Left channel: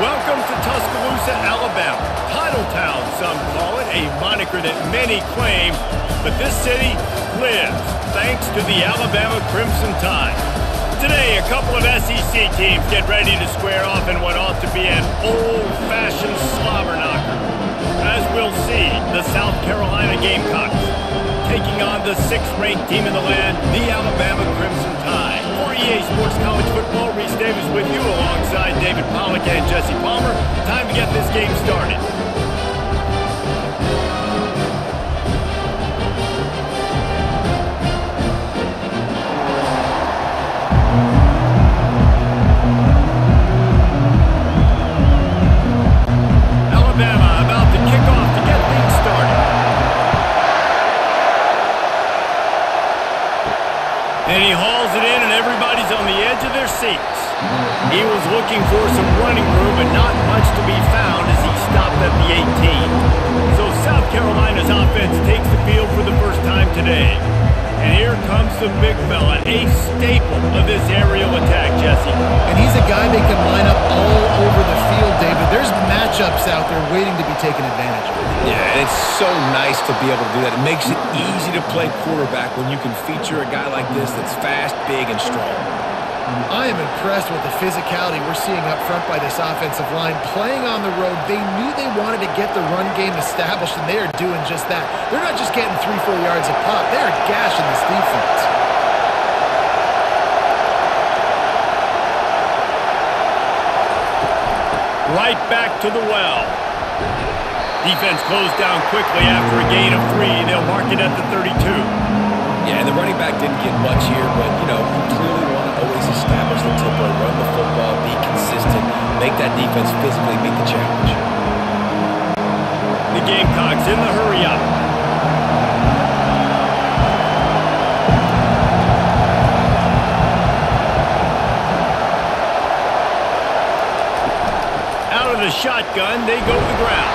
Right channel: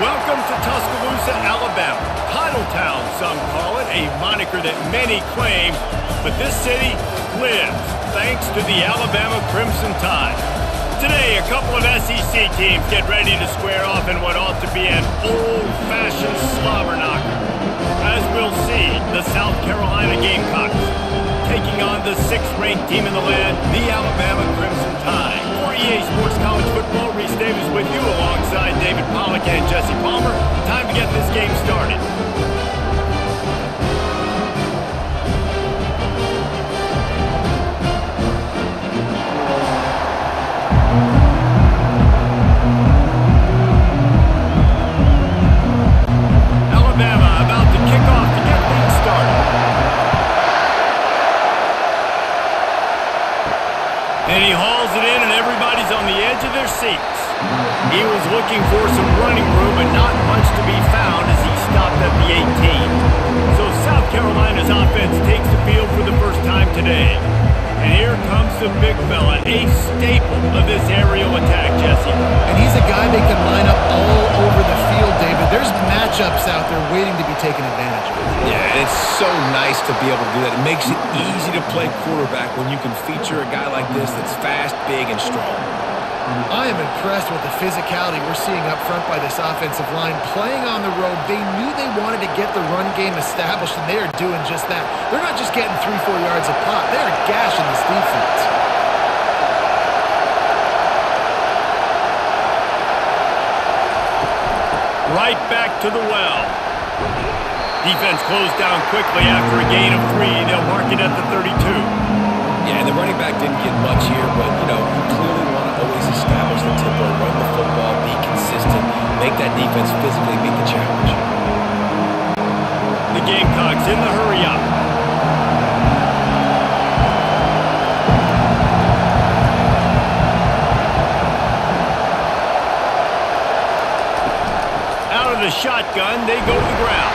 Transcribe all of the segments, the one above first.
Welcome to Tuscaloosa, Alabama. Titletown, some call it, a moniker that many claim, but this city lives thanks to the Alabama Crimson Tide. Today, a couple of SEC teams get ready to square off in what ought to be an old-fashioned slobber knocker. As we'll see, the South Carolina Gamecocks taking on the 6th-ranked team in the land, the Alabama Crimson Tide. For EA Sports College Football, Reese Davis with you alongside David Pollack and Jesse Palmer. Time to get this game started. Alabama about to kick off to get things started. And he hauls it in, and everybody's on the edge of their seats. He was looking for some running room, but not much to be found as he stopped at the 18. So South Carolina's offense takes the field for the first time today. And here comes the big fella, a staple of this aerial attack, Jesse. And he's a guy they can line up all over the field, David. There's matchups out there waiting to be taken advantage of. Yeah, and it's so nice to be able to do that. It makes it easy to play quarterback when you can feature a guy like this that's fast, big, and strong. I am impressed with the physicality we're seeing up front by this offensive line. Playing on the road, they knew they wanted to get the run game established, and they are doing just that. They're not just getting 3-4 yards a pop. They are gashing this defense. Right back to the well. Defense closed down quickly after a gain of 3. They'll mark it at the 32. Yeah, and the running back didn't get much here, but, you clearly want to always establish the tempo, run the football, be consistent, make that defense physically meet the challenge. The Gamecocks in the hurry-up. Out of the shotgun, they go to the ground.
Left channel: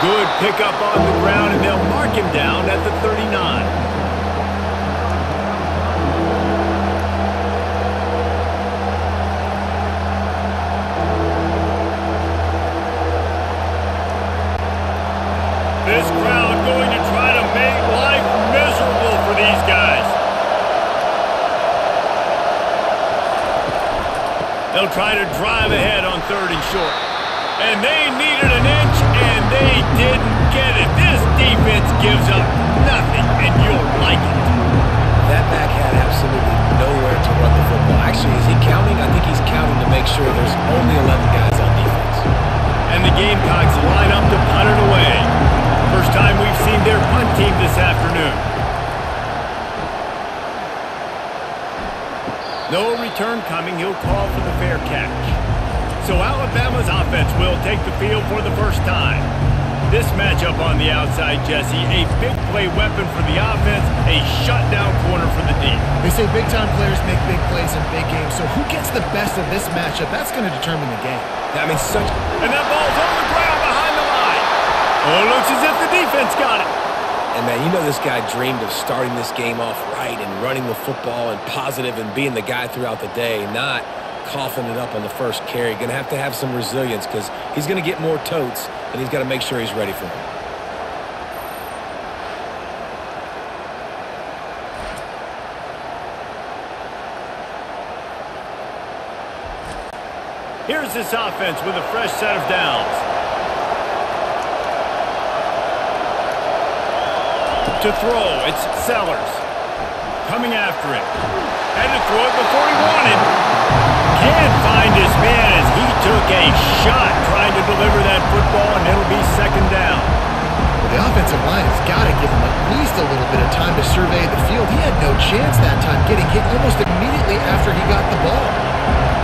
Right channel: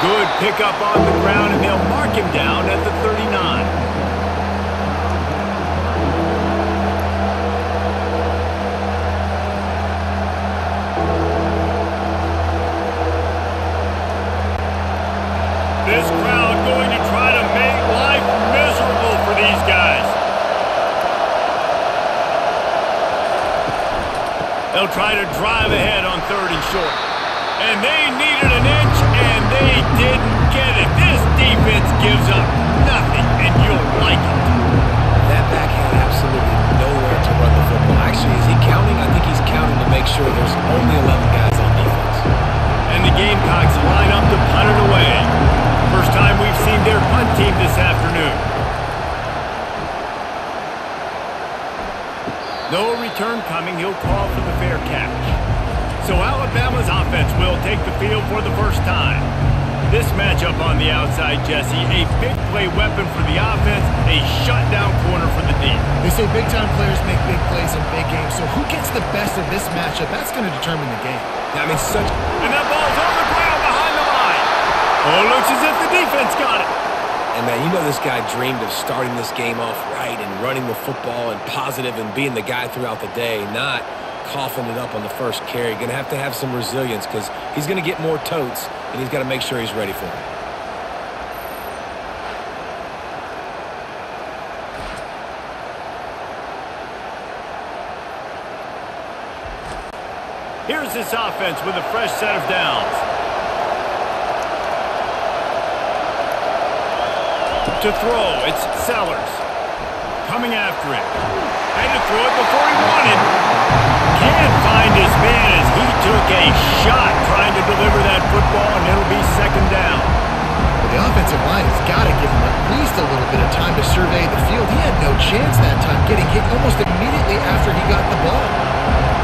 Good pickup on the ground, and they'll mark him down at the 39. This crowd going to try to make life miserable for these guys. They'll try to drive ahead on 3rd and short. And they needed an inch, and they didn't get it. This defense gives up nothing, and you'll like it. That back had absolutely nowhere to run the football. Actually, is he counting? I think he's counting to make sure there's only 11 guys on defense. And the Gamecocks line up to punt it away. First time we've seen their punt team this afternoon. No return coming. He'll call for the fair catch. So Alabama's offense will take the field for the first time. This matchup on the outside, Jesse, a big play weapon for the offense, a shutdown corner for the D. They say big-time players make big plays in big games, so who gets the best of this matchup? That's going to determine the game. Yeah, And that ball's on the ground behind the line. Oh, looks as if the defense got it. And, man, this guy dreamed of starting this game off right and running the football and positive and being the guy throughout the day, not coughing it up on the first carry. Going to have some resilience because he's going to get more totes, and he's got to make sure he's ready for it. Here's this offense with a fresh set of downs. To throw, it's Sellers. Coming after him. Had to throw it before he wanted. Can't find his man as he took a shot trying to deliver that football, and it'll be 2nd down. Well, the offensive line has got to give him at least a little bit of time to survey the field. He had no chance that time, getting hit almost immediately after he got the ball.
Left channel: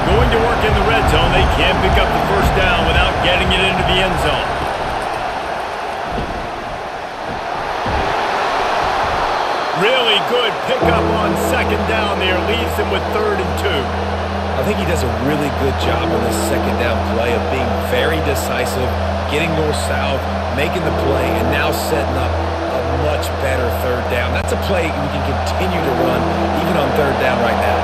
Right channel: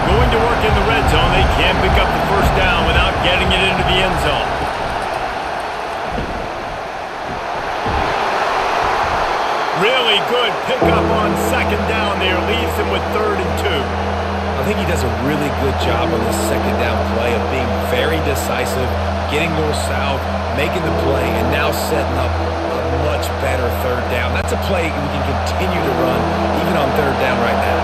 Going to work in the red zone, they can't pick up the first down without getting it into the end zone. Really good pickup on 2nd down there. Leaves him with 3rd and 2. I think he does a really good job on this 2nd down play of being very decisive, getting north-south, making the play, and now setting up a much better 3rd down. That's a play we can continue to run even on 3rd down right now.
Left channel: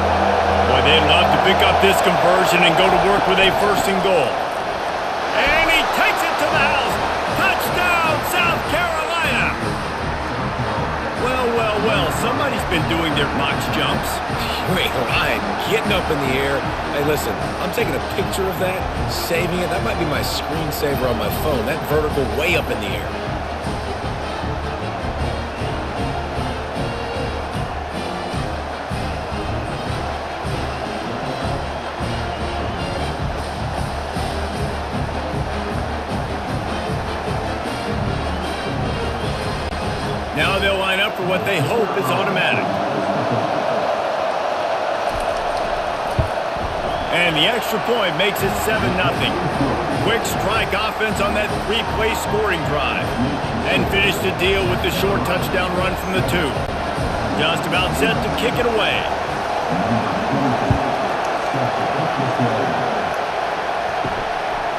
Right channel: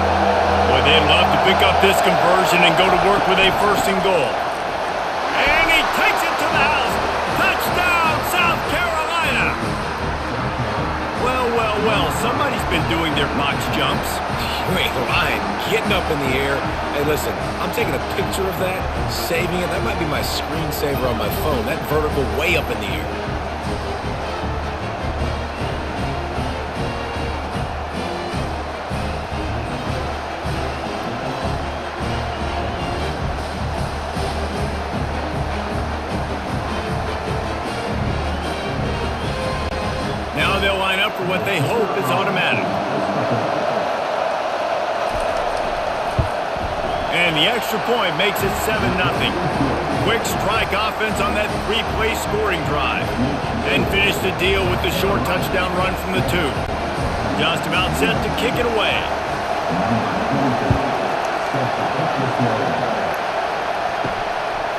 Boy, they'd love to pick up this conversion and go to work with a 1st and goal. And he takes it to the house. Touchdown, South Carolina. Well, well, well, somebody's been doing their box jumps. You ain't lying. Getting up in the air. Hey, listen, I'm taking a picture of that, saving it. That might be my screensaver on my phone. That vertical way up in the air. Now they'll line up for what they hope is automatic. And the extra point makes it 7-0. Quick strike offense on that three-play scoring drive. And finish the deal with the short touchdown run from the 2. Just about set to kick it away.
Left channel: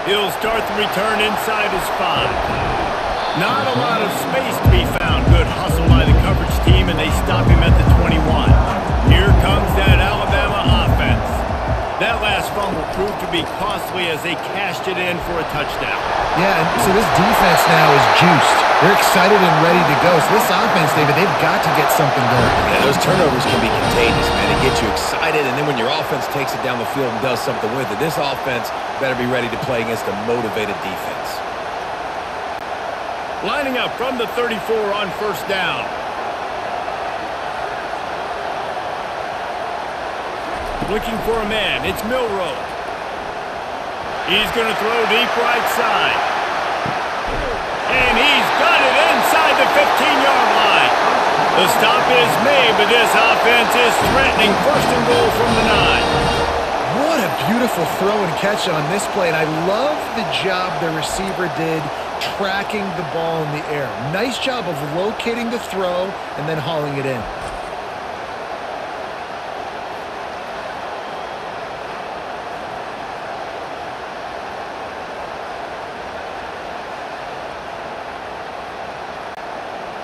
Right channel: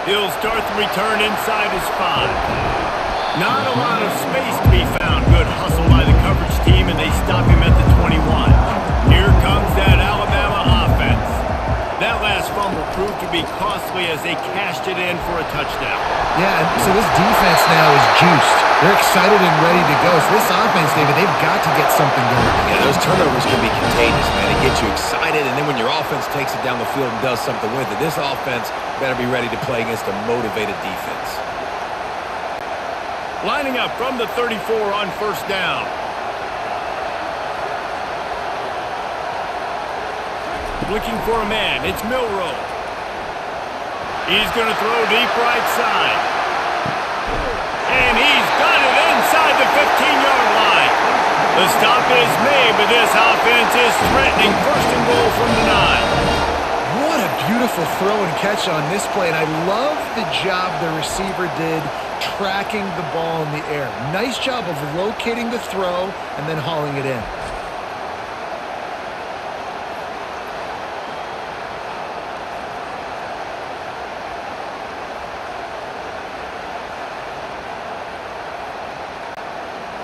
He'll start the return inside his 5. Not a lot of space to be found. Good hustle by the coverage team, and they stop him at the 21. Here comes that Alabama offense. That last fumble proved to be costly as they cashed it in for a touchdown. Yeah, and so this defense now is juiced. They're excited and ready to go. So this offense, David, they've got to get something going. Yeah, those turnovers can be contagious, man. They get you excited, and then when your offense takes it down the field and does something with it, this offense better be ready to play against a motivated defense. Lining up from the 34 on first down. Looking for a man. It's Milroe. He's going to throw deep right side. And he's got it inside the 15-yard line. The stop is made, but this offense is threatening first and goal from the 9. What a beautiful throw and catch on this play, and I love the job the receiver did tracking the ball in the air. Nice job of locating the throw and then hauling it in.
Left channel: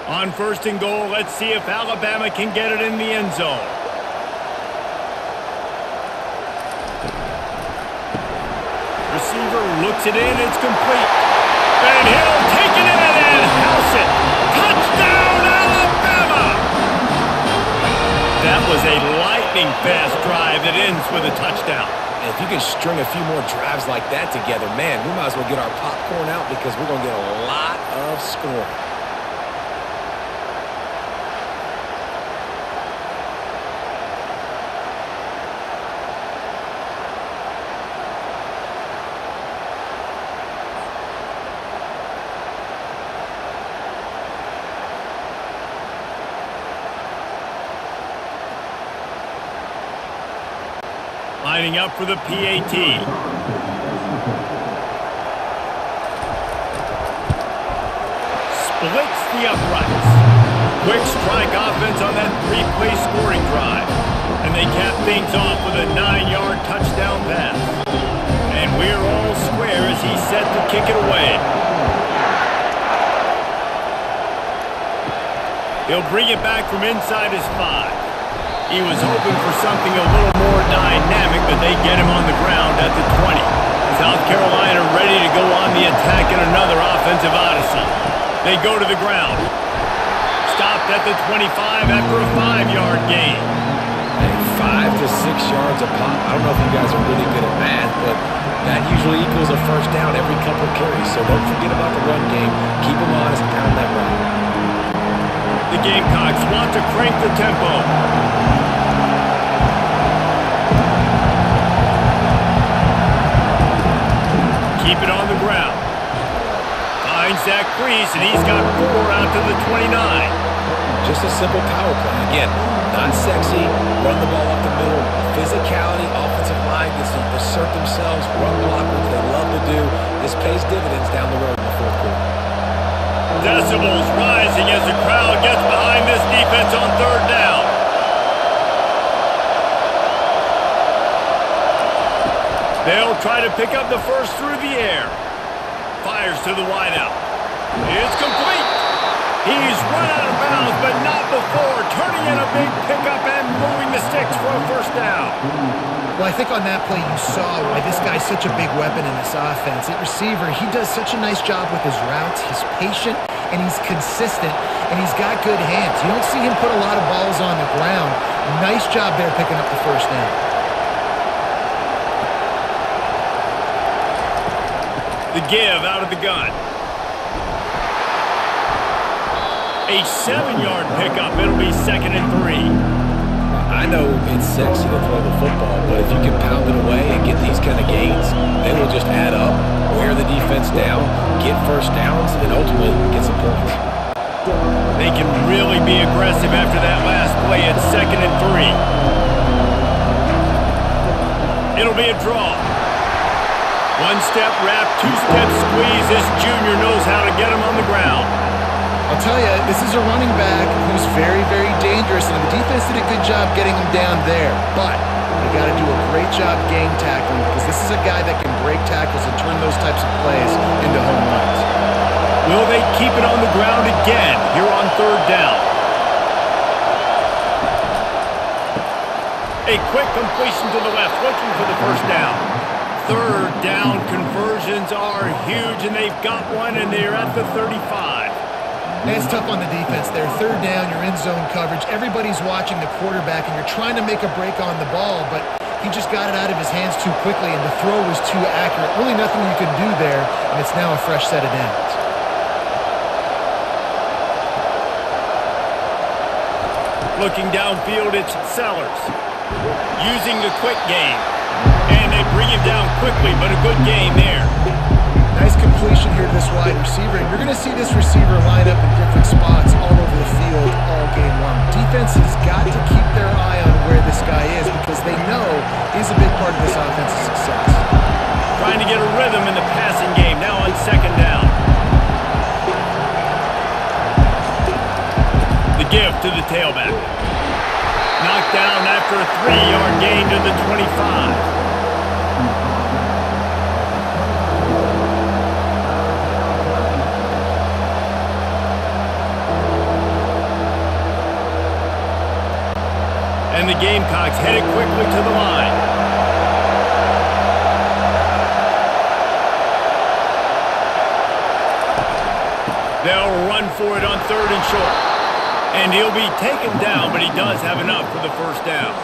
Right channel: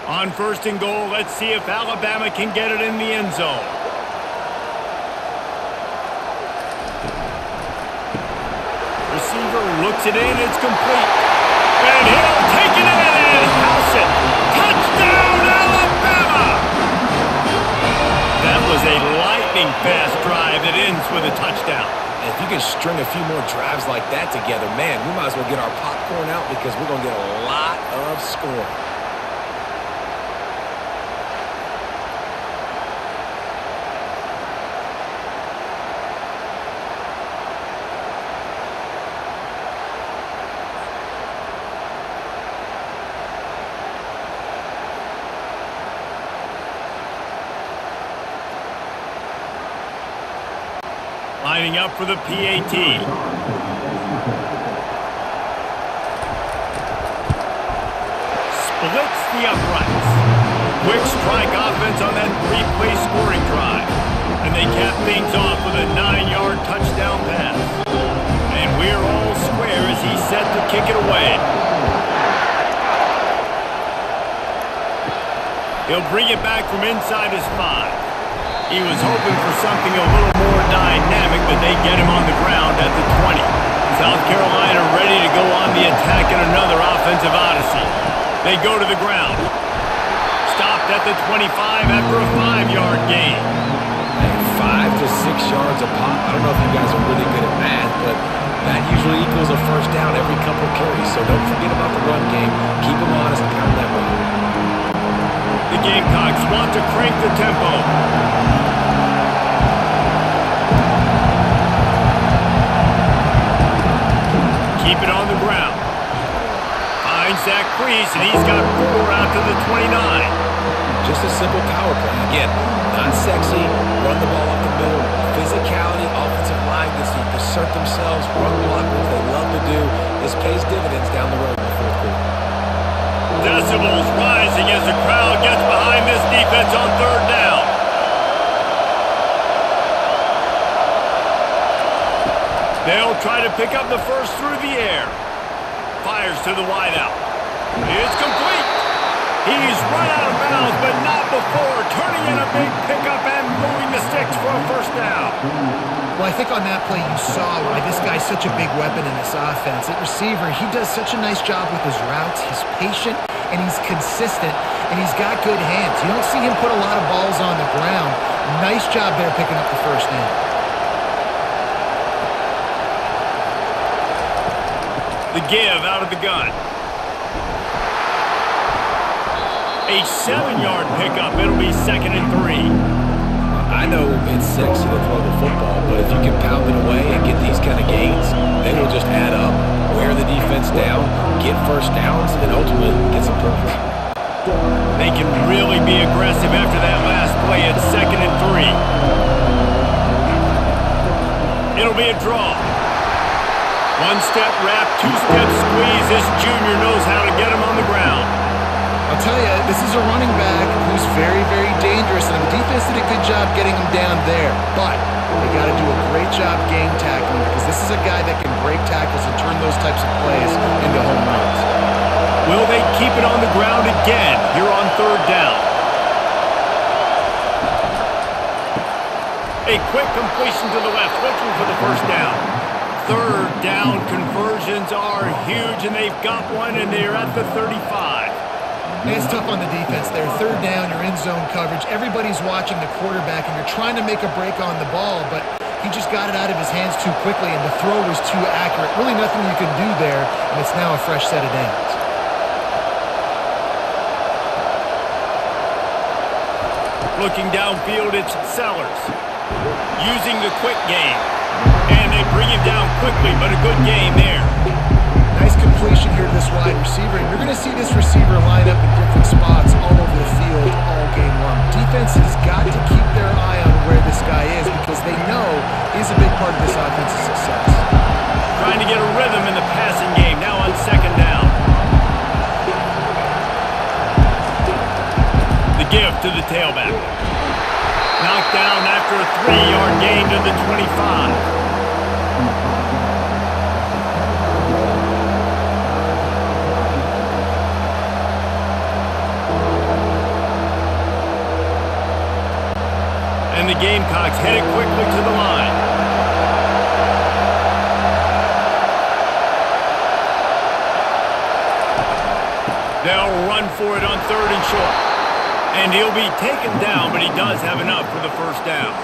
On first and goal, let's see if Alabama can get it in the end zone. Receiver looks it in, it's complete. And he'll take it in and house it. Touchdown, Alabama! That was a lightning-fast drive that ends with a touchdown. And if you can string a few more drives like that together, man, we might as well get our popcorn out because we're going to get a lot of scoring. Lining up for the PAT. Splits the uprights. Quick strike offense on that three-play scoring drive. And they cap things off with a 9-yard touchdown pass. And we're all square as he's set to kick it away. He'll bring it back from inside his 5. He was hoping for something a little more dynamic, but they get him on the ground at the 20. South Carolina ready to go on the attack in another offensive odyssey. They go to the ground. Stopped at the 25 after a 5-yard gain. Hey, 5 to 6 yards a pop. I don't know if you guys are really good at math, but that usually equals a first down every couple carries. So don't forget about the run game. Keep them honest and pound that rock. The Gamecocks want to crank the tempo. Keep it on the ground. Finds that crease, and he's got 4 out to the 29. Just a simple power play. Again, not sexy. Run the ball up the middle. Physicality, offensive line gets to assert themselves, run block, which they love to do. This pays dividends down the road in the fourth quarter. Decibels rising as the crowd gets behind this defense on third down. They'll try to pick up the first through the air. Fires to the wideout. It's complete. He's run out of bounds, but not before turning in a big pickup and moving the sticks for a first down. Well, I think on that play you saw why this guy's such a big weapon in this offense. At receiver, he does such a nice job with his routes. He's patient, and he's consistent, and he's got good hands. You don't see him put a lot of balls on the ground. Nice job there picking up the first down. The give out of the gun. A 7-yard pickup. It'll be 2nd and 3. I know it's sexy to throw the football, but if you can pound it away and get these kind of gains, they will just add up, wear the defense down, get first downs, and ultimately get some points. They can really be aggressive after that last play at 2nd and 3. It'll be a draw. 1-step wrap, 2-step squeeze. This junior knows how to get him on the ground. I'll tell you, this is a running back who's very, very dangerous, and the defense did a good job getting him down there. But they got to do a great job gang tackling because this is a guy that can break tackles and turn those types of plays into home runs. Will they keep it on the ground again here on 3rd down? A quick completion to the left, looking for the first down. 3rd down conversions are huge, and they've got one, and they're at the 35. And it's tough on the defense there. 3rd down, you're in zone coverage. Everybody's watching the quarterback, and you're trying to make a break on the ball, but he just got it out of his hands too quickly, and the throw was too accurate. Really nothing you can do there, and it's now a fresh set of downs. Looking downfield, it's Sellers. Using the quick game. And they bring him down quickly, but a good game there. Nice completion here to this wide receiver, and you're going to see this receiver line up in different spots all over the field all game long. Defense has got to keep their eye on where this guy is because they know he's a big part of this offense's success. Trying to get a rhythm in the passing game, now on 2nd down. The give to the tailback. Knocked down after a 3-yard gain to the 25. And the Gamecocks headed quickly to the line. They'll run for it on 3rd and short. And he'll be taken down, but he does have enough for the first down.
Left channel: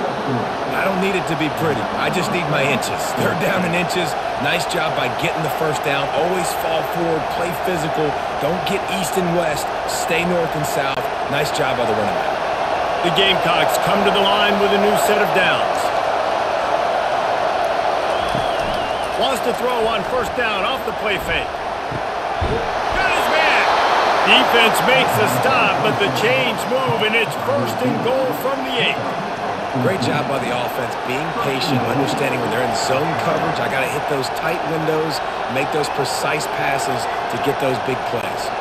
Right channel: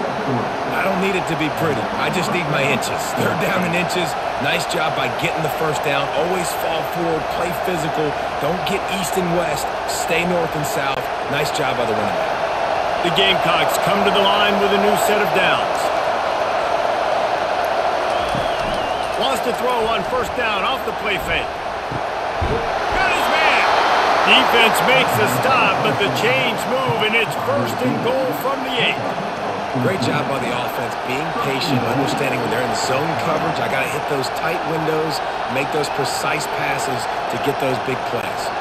I don't need it to be pretty. I just need my inches. 3rd down in inches. Nice job by getting the first down. Always fall forward, play physical. Don't get east and west. Stay north and south. Nice job by the running back. The Gamecocks come to the line with a new set of downs. Wants to throw on 1st down off the play fake. Got his man. Defense makes a stop, but the chains move, and it's 1st and goal from the 8. Great job by the offense, being patient, understanding when they're in zone coverage, I got to hit those tight windows, make those precise passes to get those big plays.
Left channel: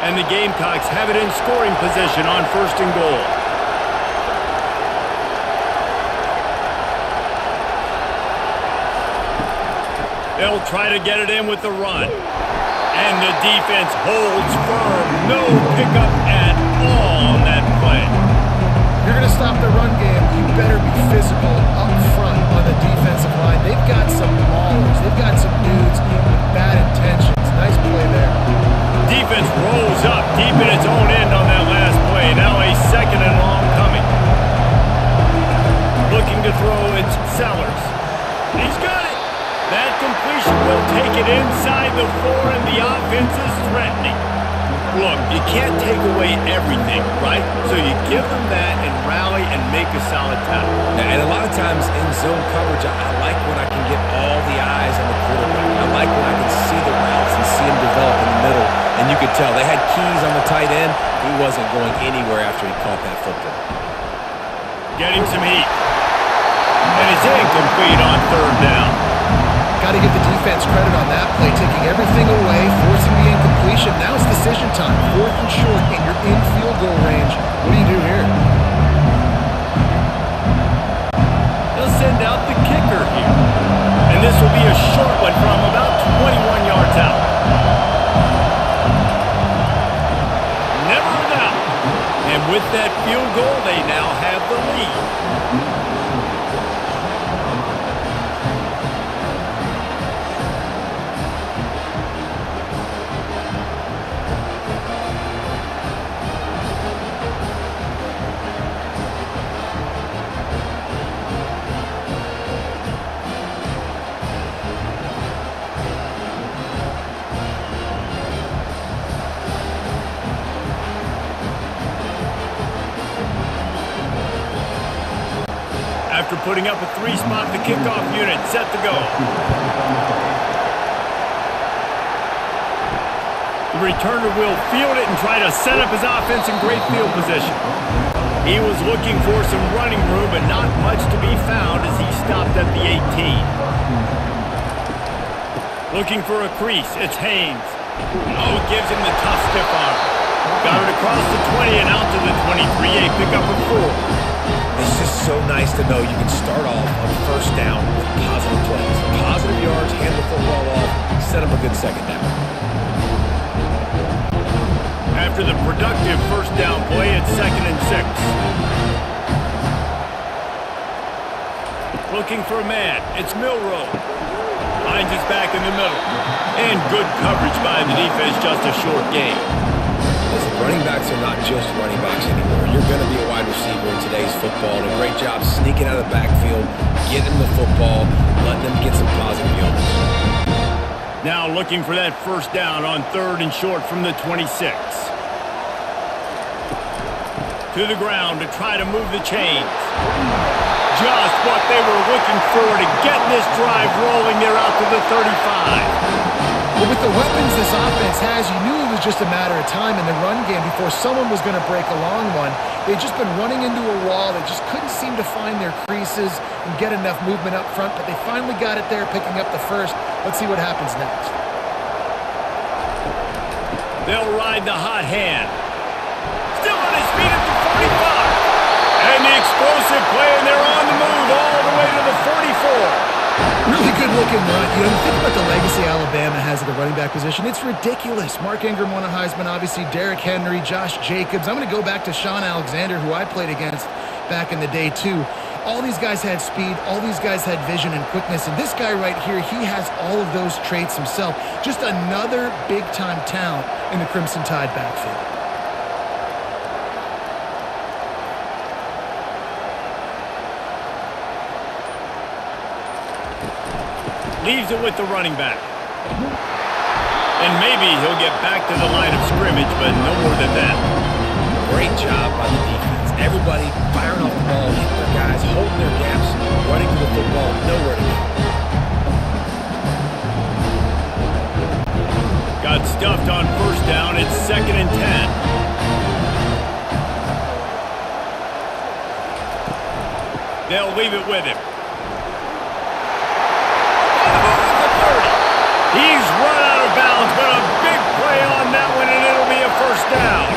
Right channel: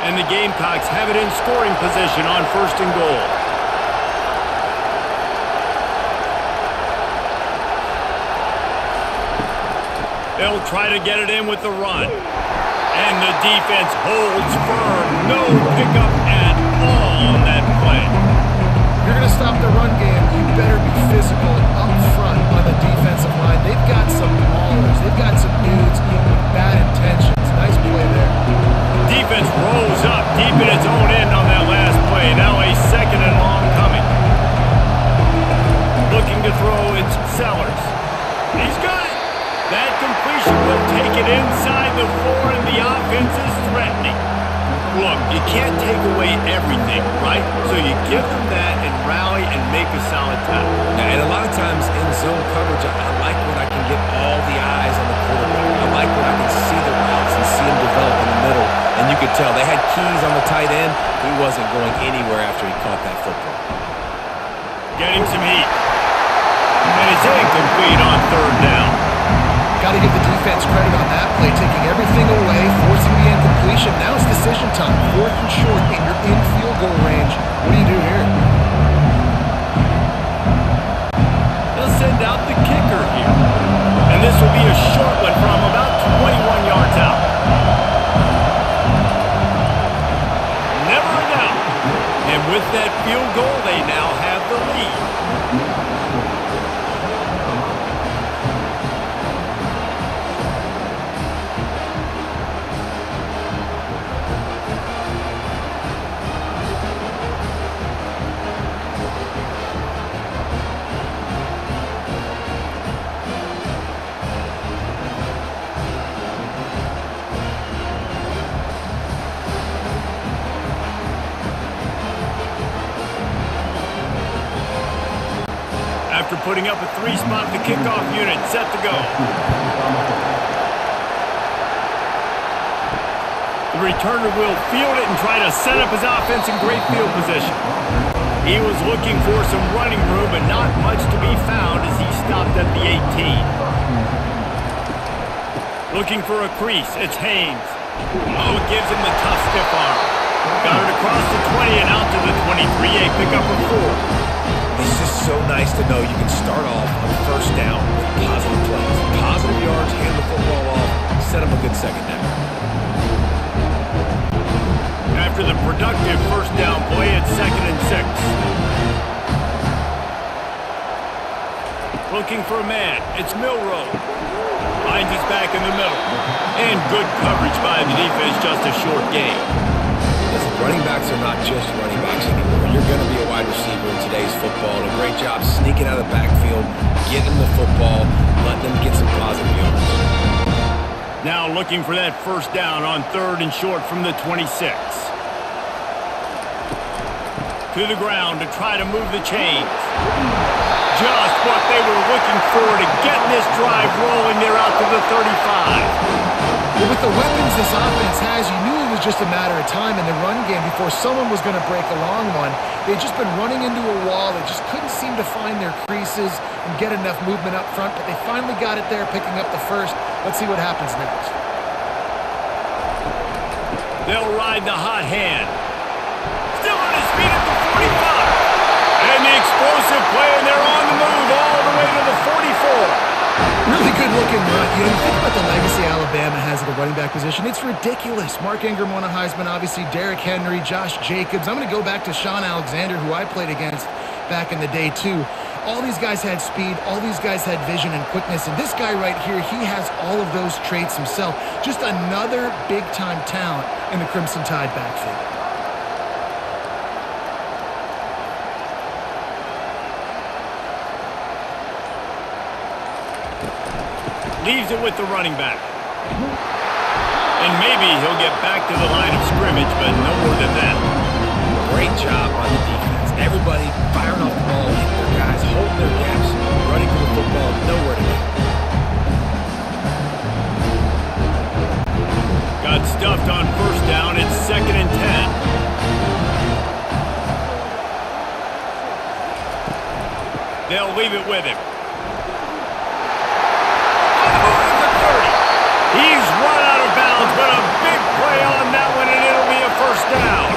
And the Gamecocks have it in scoring position on 1st and goal. They'll try to get it in with the run. And the defense holds firm. No pickup at all on that play. If you're going to stop the run game, you better be physical up front on the defensive line. They've got some maulers. They've got some dudes with bad intentions. Nice play there. Defense rolls up deep in its own end on that last play. Now a 2nd and long coming. Looking to throw, it's Sellers. He's got it. That completion will take it inside the 4, and the offense is threatening. Look, you can't take away everything, right? So you give them that and rally and make a solid tackle. Now, and a lot of times in zone coverage, I like when I can get all the eyes on the quarterback. I like when I can see the routes and see him develop in the middle. And you could tell they had keys on the tight end. He wasn't going anywhere after he caught that football. Getting some heat. And it's incomplete on 3rd down. Got to give the defense credit on that play, taking everything away, forcing the incompletion. Now it's decision time. 4th and short, and you're in field goal range. What do you do here? They'll send out the kicker here. And this will be a short one from about 21 yards out. Never With that field goal, they now have the lead. After putting up a 3-spot, the kickoff unit set to go. The returner will field it and try to set up his offense in great field position. He was looking for some running room, but not much to be found as he stopped at the 18. Looking for a crease, it's Haynes. Oh, it gives him the tough stiff arm. Got it across the 20 and out to the 23, a pickup of 4. It's just so nice to know you can start off on first down with positive plays. Positive yards, hand the football off, set up a good second down. After the productive first down play, it's 2nd and 6. Looking for a man, it's Milroe. Finds his back in the middle. And good coverage by the defense, just a short gain. Listen, running backs are not just running backs anymore. You're going to be a wide receiver in today's football. And a great job sneaking out of the backfield, getting them the football, letting them get some positive yards. Now looking for that first down on 3rd and short from the 26. To the ground to try to move the chains. Just what they were looking for to get this drive rolling. They're out to the 35. Well, with the weapons this offense has, you knew it was just a matter of time in the run game before someone was going to break a long one. They'd just been running into a wall. They just couldn't seem to find their creases and get enough movement up front, but they finally got it there, picking up the first. Let's see what happens next. They'll ride the hot hand. Still on his feet at the 45. And the explosive play, and they're on the move all the way to the 44. Really good-looking run. You think about the legacy Alabama has at the running back position. It's ridiculous. Mark Ingram won a Heisman, obviously. Derrick Henry, Josh Jacobs. I'm going to go back to Sean Alexander, who I played against back in the day, too. All these guys had speed. All these guys had vision and quickness. And this guy right here, he has all of those traits himself. Just another big-time talent in the Crimson Tide backfield. Leaves it with the running back. And maybe he'll get back to the line of scrimmage, but no more than that. Great job by the defense. Everybody firing off the ball, hitting their guys, holding their gaps, running to the football, nowhere to go. Got stuffed on first down. It's 2nd and 10. They'll leave it with him. On the move at the 30. He's run out of bounds, but a big play on that one, and it'll be a first down.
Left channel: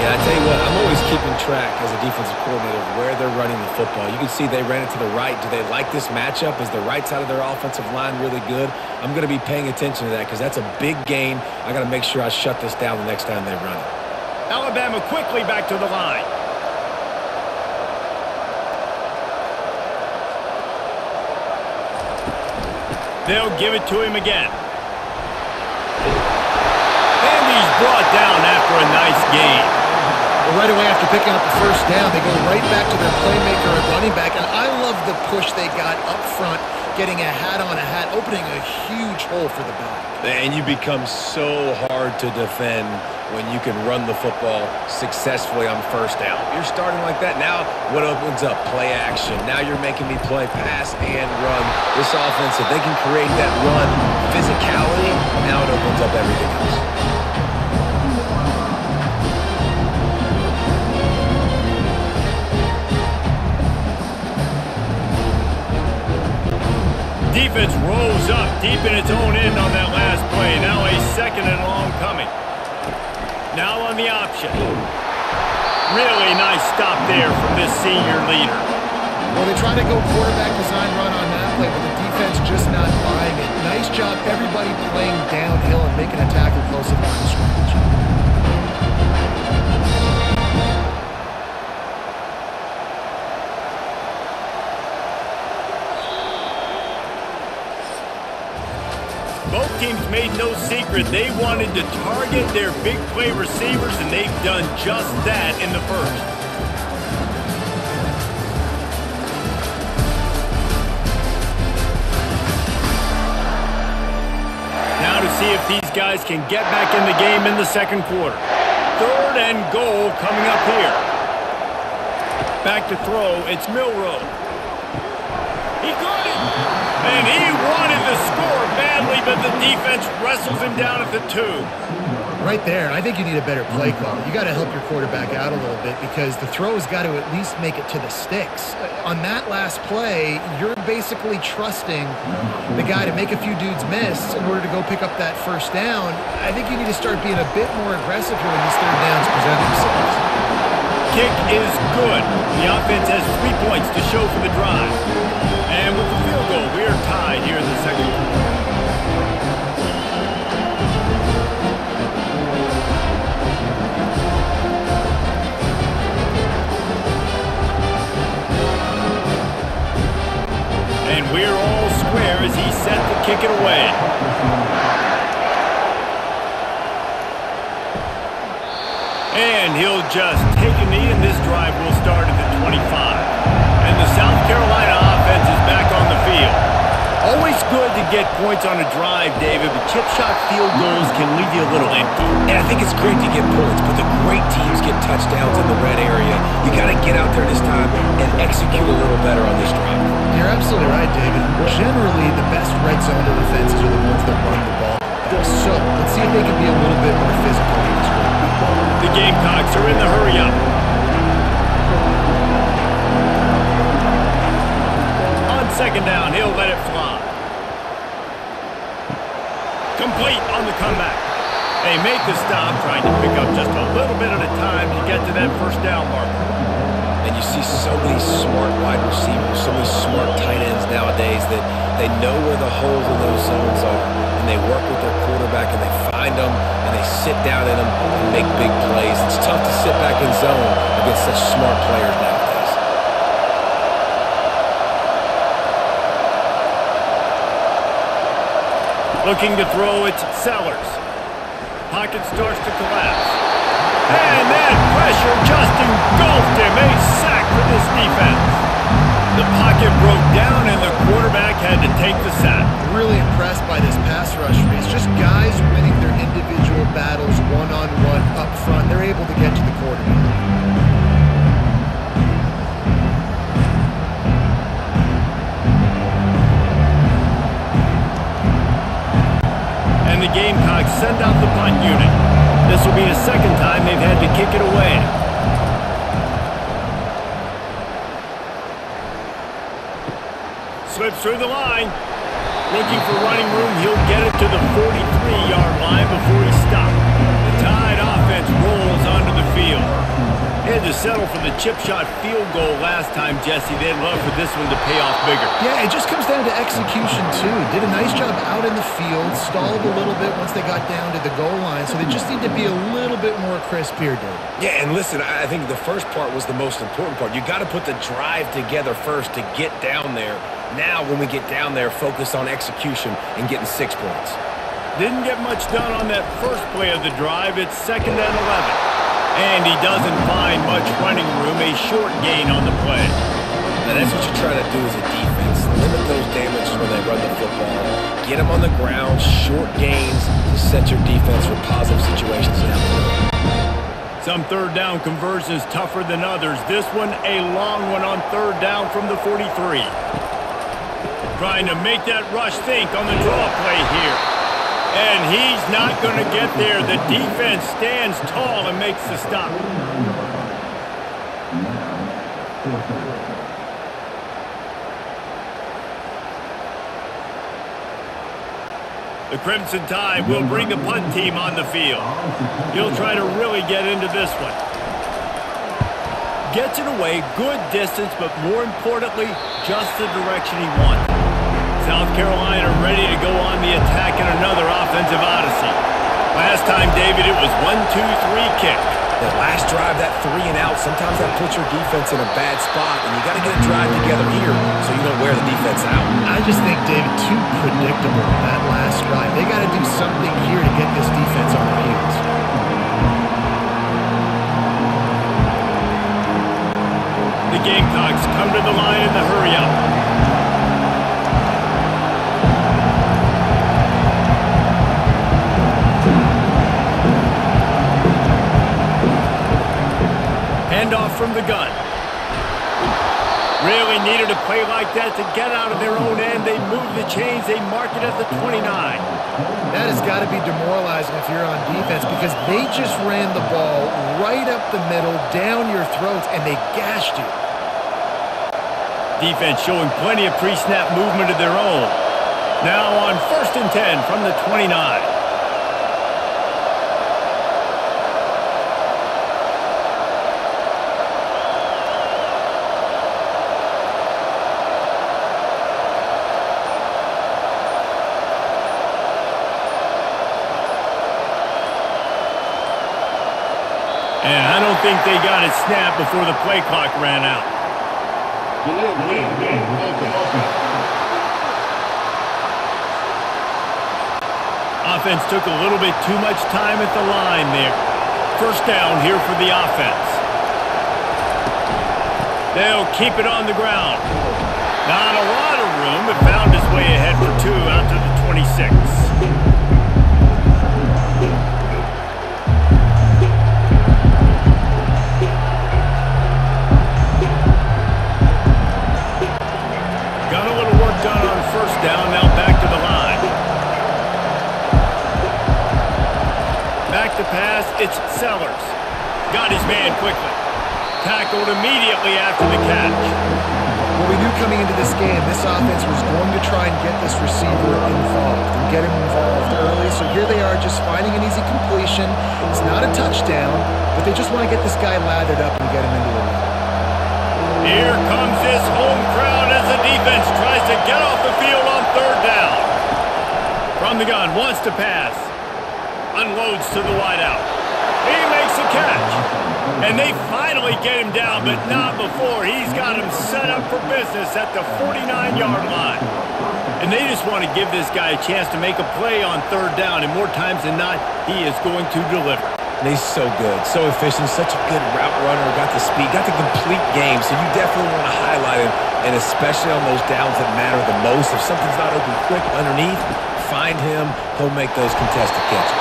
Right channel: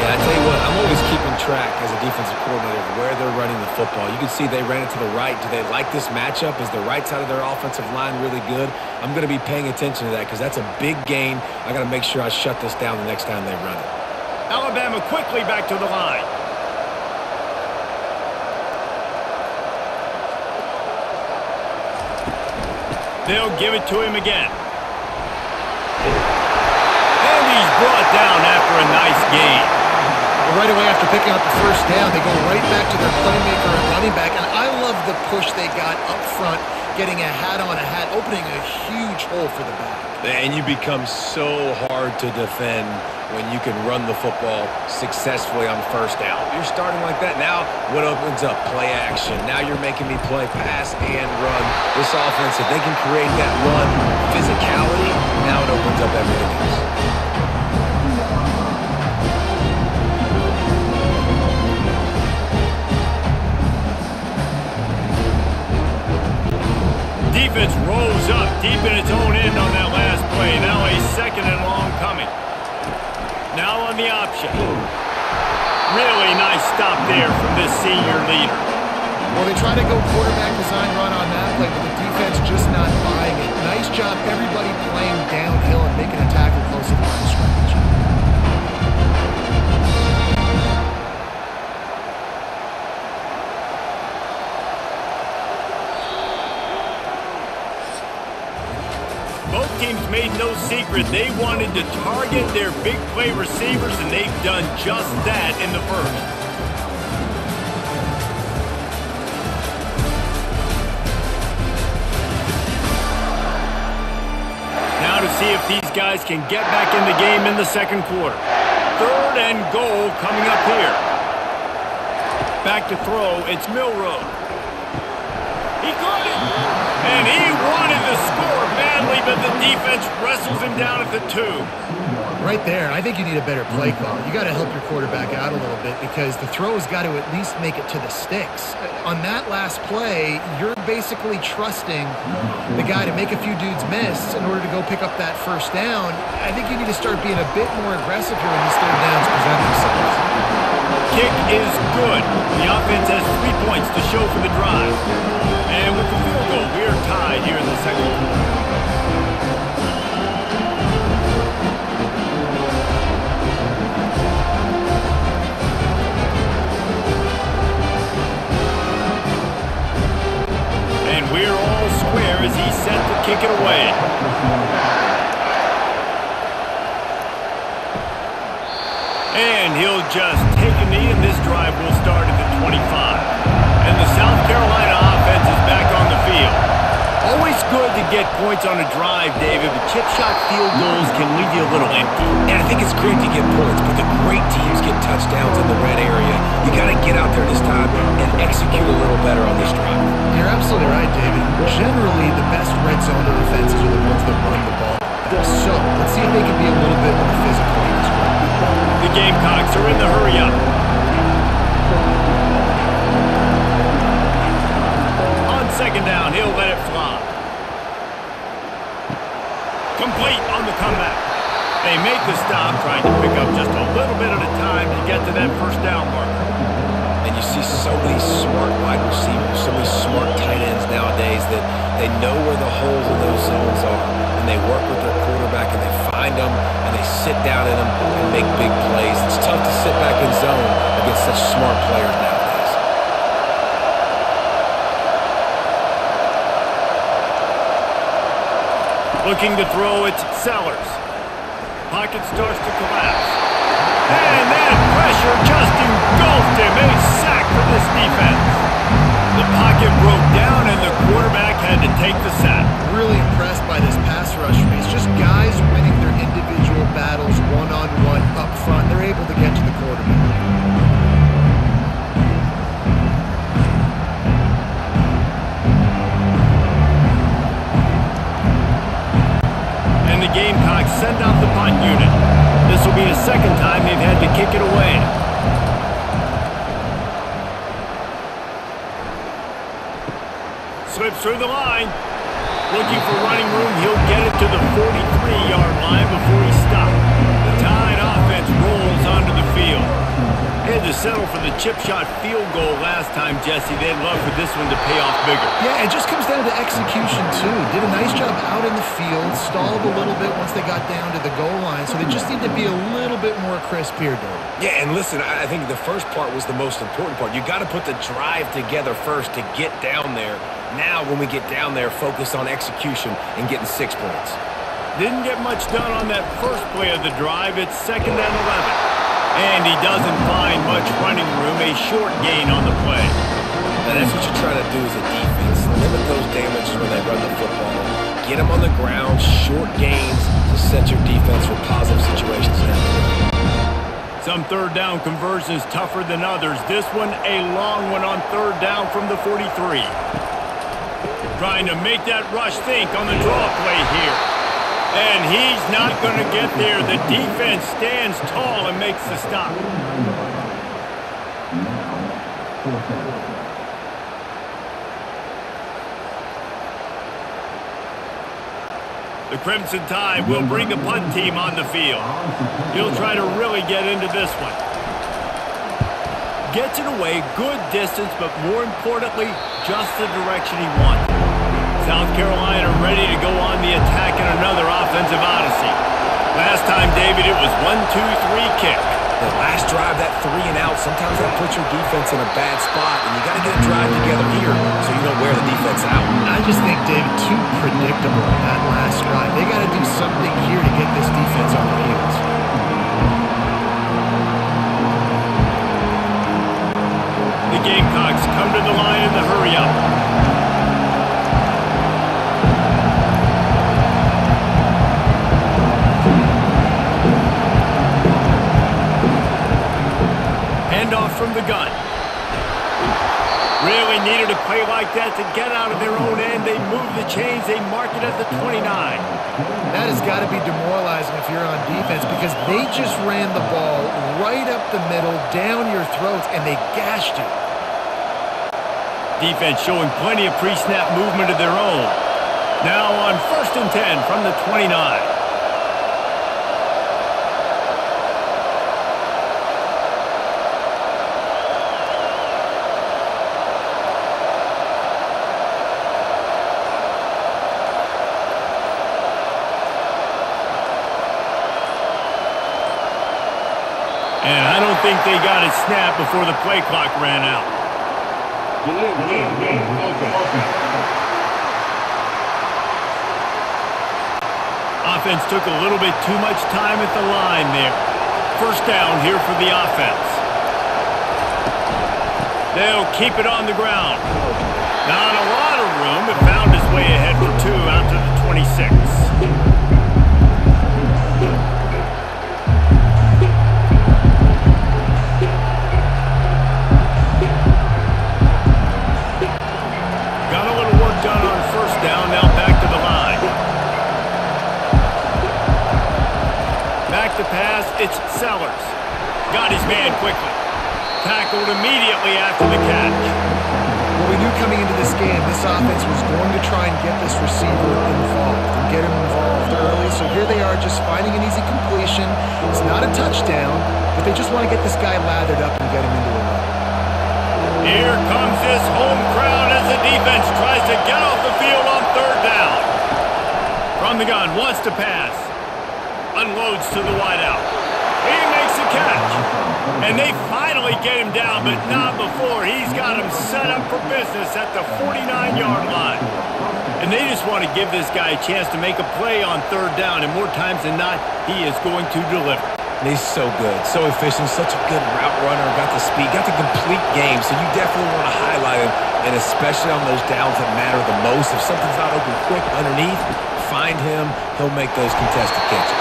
Yeah, I tell you what, I'm always keeping track as a defensive coordinator of where they're running the football. You can see they ran it to the right. Do they like this matchup? Is the right side of their offensive line really good? I'm going to be paying attention to that because that's a big gain. I got to make sure I shut this down the next time they run it. Alabama quickly back to the line. They'll give it to him again. And he's brought down after a nice gain. Well, right away after picking up the first down, they go right back to their playmaker at running back. And I love the push they got up front, getting a hat on a hat, opening a huge hole for the back. And you become so hard to defend when you can run the football successfully on first down. You're starting like that. Now what opens up? Play action. Now you're making me play pass and run. This offense, if they can create that run physicality, now it opens up everything else. Defense rose up deep in its own end on that last play. Now a 2nd and long coming. Now on the option. Really nice stop there from this senior leader. Well, they try to go quarterback design run on that play, but the defense just not buying it. Nice job, everybody playing downhill and making a tackle close to the line of scrimmage. team's made no secret. They wanted to target their big play receivers, and they've done just that in the first. Now to see if these guys can get back in the game in the second quarter. 3rd and goal coming up here. Back to throw, it's Milroe. He caught it, and he wanted to score badly, but the defense wrestles him down at the 2. Right there, I think you need a better play call. You got to help your quarterback out a little bit because the throw has got to at least make it to the sticks. On that last play, you're basically trusting the guy to make a few dudes miss in order to go pick up that first down. I think you need to start being a bit more aggressive here when these third downs present themselves. Kick is good. The offense has 3 points to show for the drive. And with the field goal, we are tied here in the second quarter. And we're all square as he set to kick it away. And he'll just take a knee, and this drive will start at the 25. And the South Carolina offense is back on the field. Always good to get points on a drive, David, but chip shot field goals can leave you a little empty. And I think it's great to get points, but the great teams get touchdowns in the red area. You got to get out there this time and execute a little better on this drive. You're absolutely right, David. Generally, the best red zone offenses are the ones that run the ball best. So let's see if they can be a little bit more physical in this drive. The Gamecocks are in the hurry-up. On second down, he'll let it fly. Complete on the comeback. They make the stop, trying to pick up just a little bit at a time to get to that first down marker. And you see so many smart wide receivers, so many smart tight ends nowadays that they know where the holes in those zones are, and they work with their quarterback, and they find them, and they sit down in them and make big plays. It's tough to sit back in zone against such smart players nowadays. Looking to throw, it's Sellers. Pocket starts to collapse. And that pressure just engulfed him. A sack for this defense. The pocket broke down, and the quarterback had to take the sack. Really impressed by this pass rush race. Just guys winning their individual battles one-on-one up front. They're able to get to the quarterback. And the Gamecocks send out the punt unit. This will be the second time they've had to kick it away. Slips through the line. Looking for running room. He'll get it to the 43-yard line before he stopped. The Tide offense rolls onto the field. They had to settle for the chip shot field goal last time, Jesse. They'd love for this one to pay off bigger. Yeah, it just comes down to execution, too. Did a nice job out in the field, stalled a little bit once they got down to the goal line, so they just need to be a little bit more crisp here, David. Yeah, and listen, I think the first part was the most important part. You got to put the drive together first to get down there. Now, when we get down there, focus on execution and getting 6 points. Didn't get much done on that first play of the drive. It's 2nd and 11. And he doesn't find much running room, a short gain on the play. Now, that's what you try to do as a defense. Limit those damages when they run the football. Get them on the ground, short gains to set your defense for positive situations down the road. Some third down conversions tougher than others. This one, a long one on third down from the 43. Trying to make that rush think on the draw play here. And he's not going to get there. The defense stands tall and makes the stop. The Crimson Tide will bring the punt team on the field. He'll try to really get into this one. Gets it away, good distance, but more importantly, just the direction he wanted. South Carolina ready to go on the attack in another offensive odyssey. Last time, David, it was 1-2-3 kick. The last drive, that 3 and out, sometimes that puts your defense in a bad spot, and you got to get a drive together here so you don't wear the defense out. I just think, David, too predictable, that last drive. They got to do something here to get this defense on their heels. The Gamecocks come to the line in the hurry-up. Handoff from the gun. Really needed a play like that to get out of their own end. They move the chains. They mark it at the 29. That has got to be demoralizing if you're on defense because they just ran the ball right up the middle, down your throats, and they gashed you. Defense showing plenty of pre-snap movement of their own. Now on 1st and 10 from the 29. And I don't think they got it snapped before the play clock ran out. Offense took a little bit too much time at the line there. 1st down here for the offense. They'll keep it on the ground. Not a lot of room, but found his way ahead for 2 out to the 26. Got a little work done on 1st down, now back to the line. Back to pass, it's Sellers. Got his man quickly. Tackled immediately after the catch. Well, we knew coming into this game, this offense was going to try and get this receiver involved and get him involved early. So here they are just finding an easy completion. It's not a touchdown, but they just want to get this guy lathered up and get him into a run. Here comes this home crowd as the defense tries to get off the field on 3rd down. From the gun, wants to pass. Unloads to the wideout. He makes a catch. And they finally get him down, but not before. He's got him set up for business at the 49-yard line. And they just want to give this guy a chance to make a play on 3rd down. And more times than not, he is going to deliver. And he's so good, so efficient, such a good route runner, got the speed, got the complete game, so you definitely want to highlight him, and especially on those downs that matter the most. If something's not open quick underneath, find him. He'll make those contested catches.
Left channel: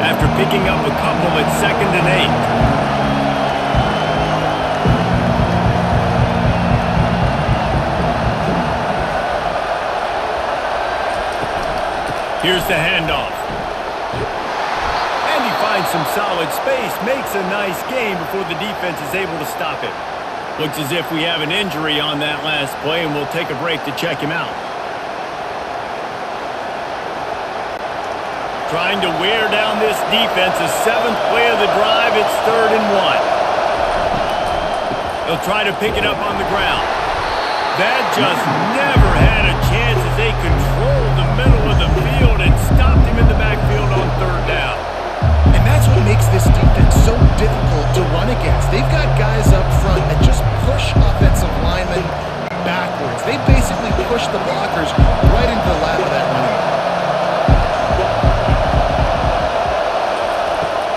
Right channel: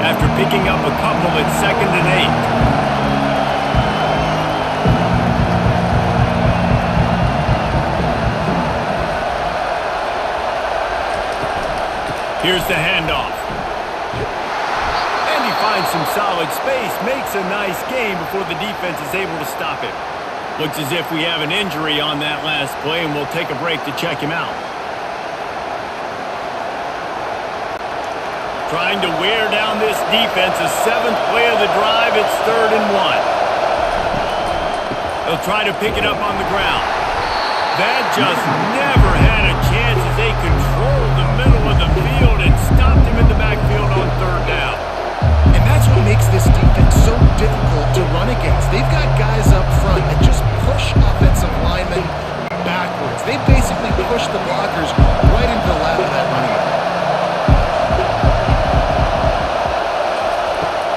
After picking up a couple at 2nd and 8. Here's the handoff. And he finds some solid space, makes a nice gain before the defense is able to stop him. Looks as if we have an injury on that last play, and we'll take a break to check him out. Trying to wear down this defense. The 7th play of the drive. It's 3rd and 1. They'll try to pick it up on the ground. That just never had a chance as they controlled the middle of the field and stopped him in the backfield on 3rd down. And that's what makes this defense so difficult to run against. They've got guys up front that just push offensive linemen backwards. They basically push the blockers right into the lap of that running back.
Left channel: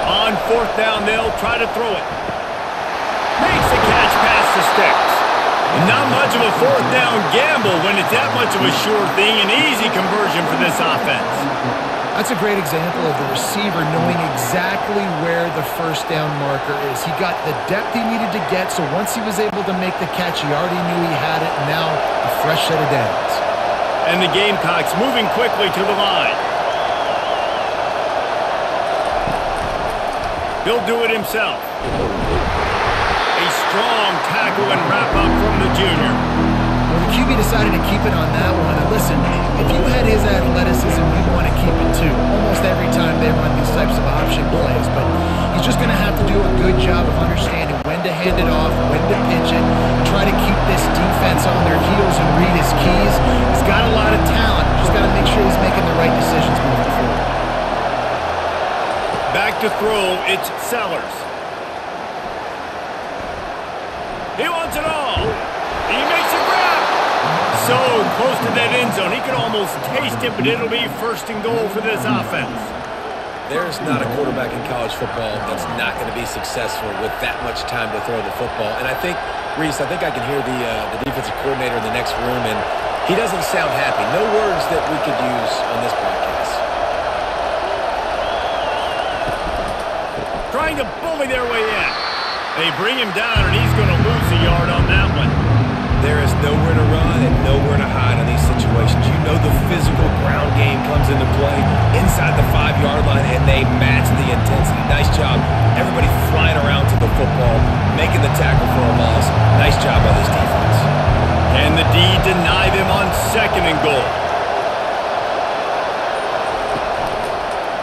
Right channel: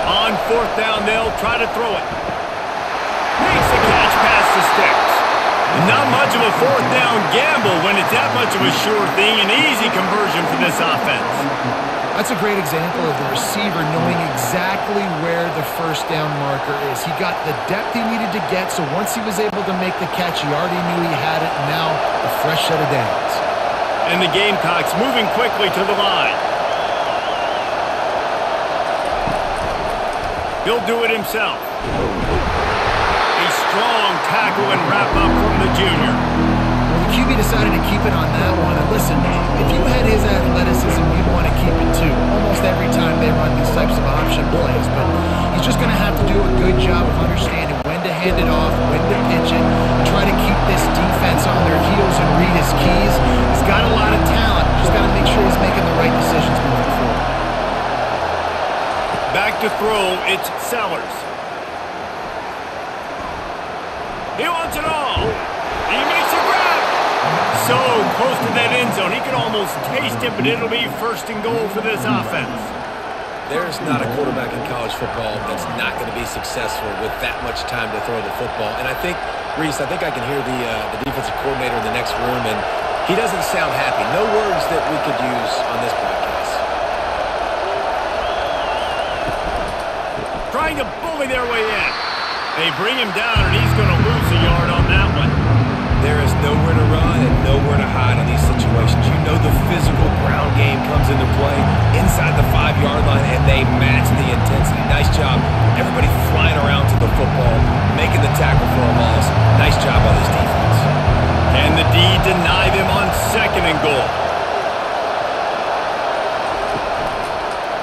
On 4th down, they'll try to throw it. Makes the catch past the sticks. Not much of a 4th down gamble when it's that much of a sure thing. An easy conversion for this offense. That's a great example of the receiver knowing exactly where the 1st down marker is. He got the depth he needed to get, so once he was able to make the catch, he already knew he had it, and now a fresh set of downs. And the Gamecocks moving quickly to the line. He'll do it himself. A strong tackle and wrap up from the junior. Well, the QB decided to keep it on that one. And listen, if you had his athleticism, you'd want to keep it too. Almost every time they run these types of option plays, but he's just going to have to do a good job of understanding when to hand it off, when to pitch it, try to keep this defense on their heels and read his keys. He's got a lot of talent. Just got to make sure he's making the right decisions moving forward. Back to throw, it's Sellers. He wants it all. He makes a grab. So close to that end zone. He could almost taste it, but it'll be first and goal for this offense. There's not a quarterback in college football that's not going to be successful with that much time to throw the football. And I think, Reese, I think I can hear the defensive coordinator in the next room, and he doesn't sound happy. No words that we could use on this broadcast. Trying to bully their way in. They bring him down, and he's going to lose a yard on that one. There is nowhere to run and nowhere to hide on these situations. You know the physical ground game comes into play inside the 5-yard line, and they match the intensity. Nice job. Everybody flying around to the football, making the tackle for a loss. Nice job by this defense. And the D deny them on second and goal.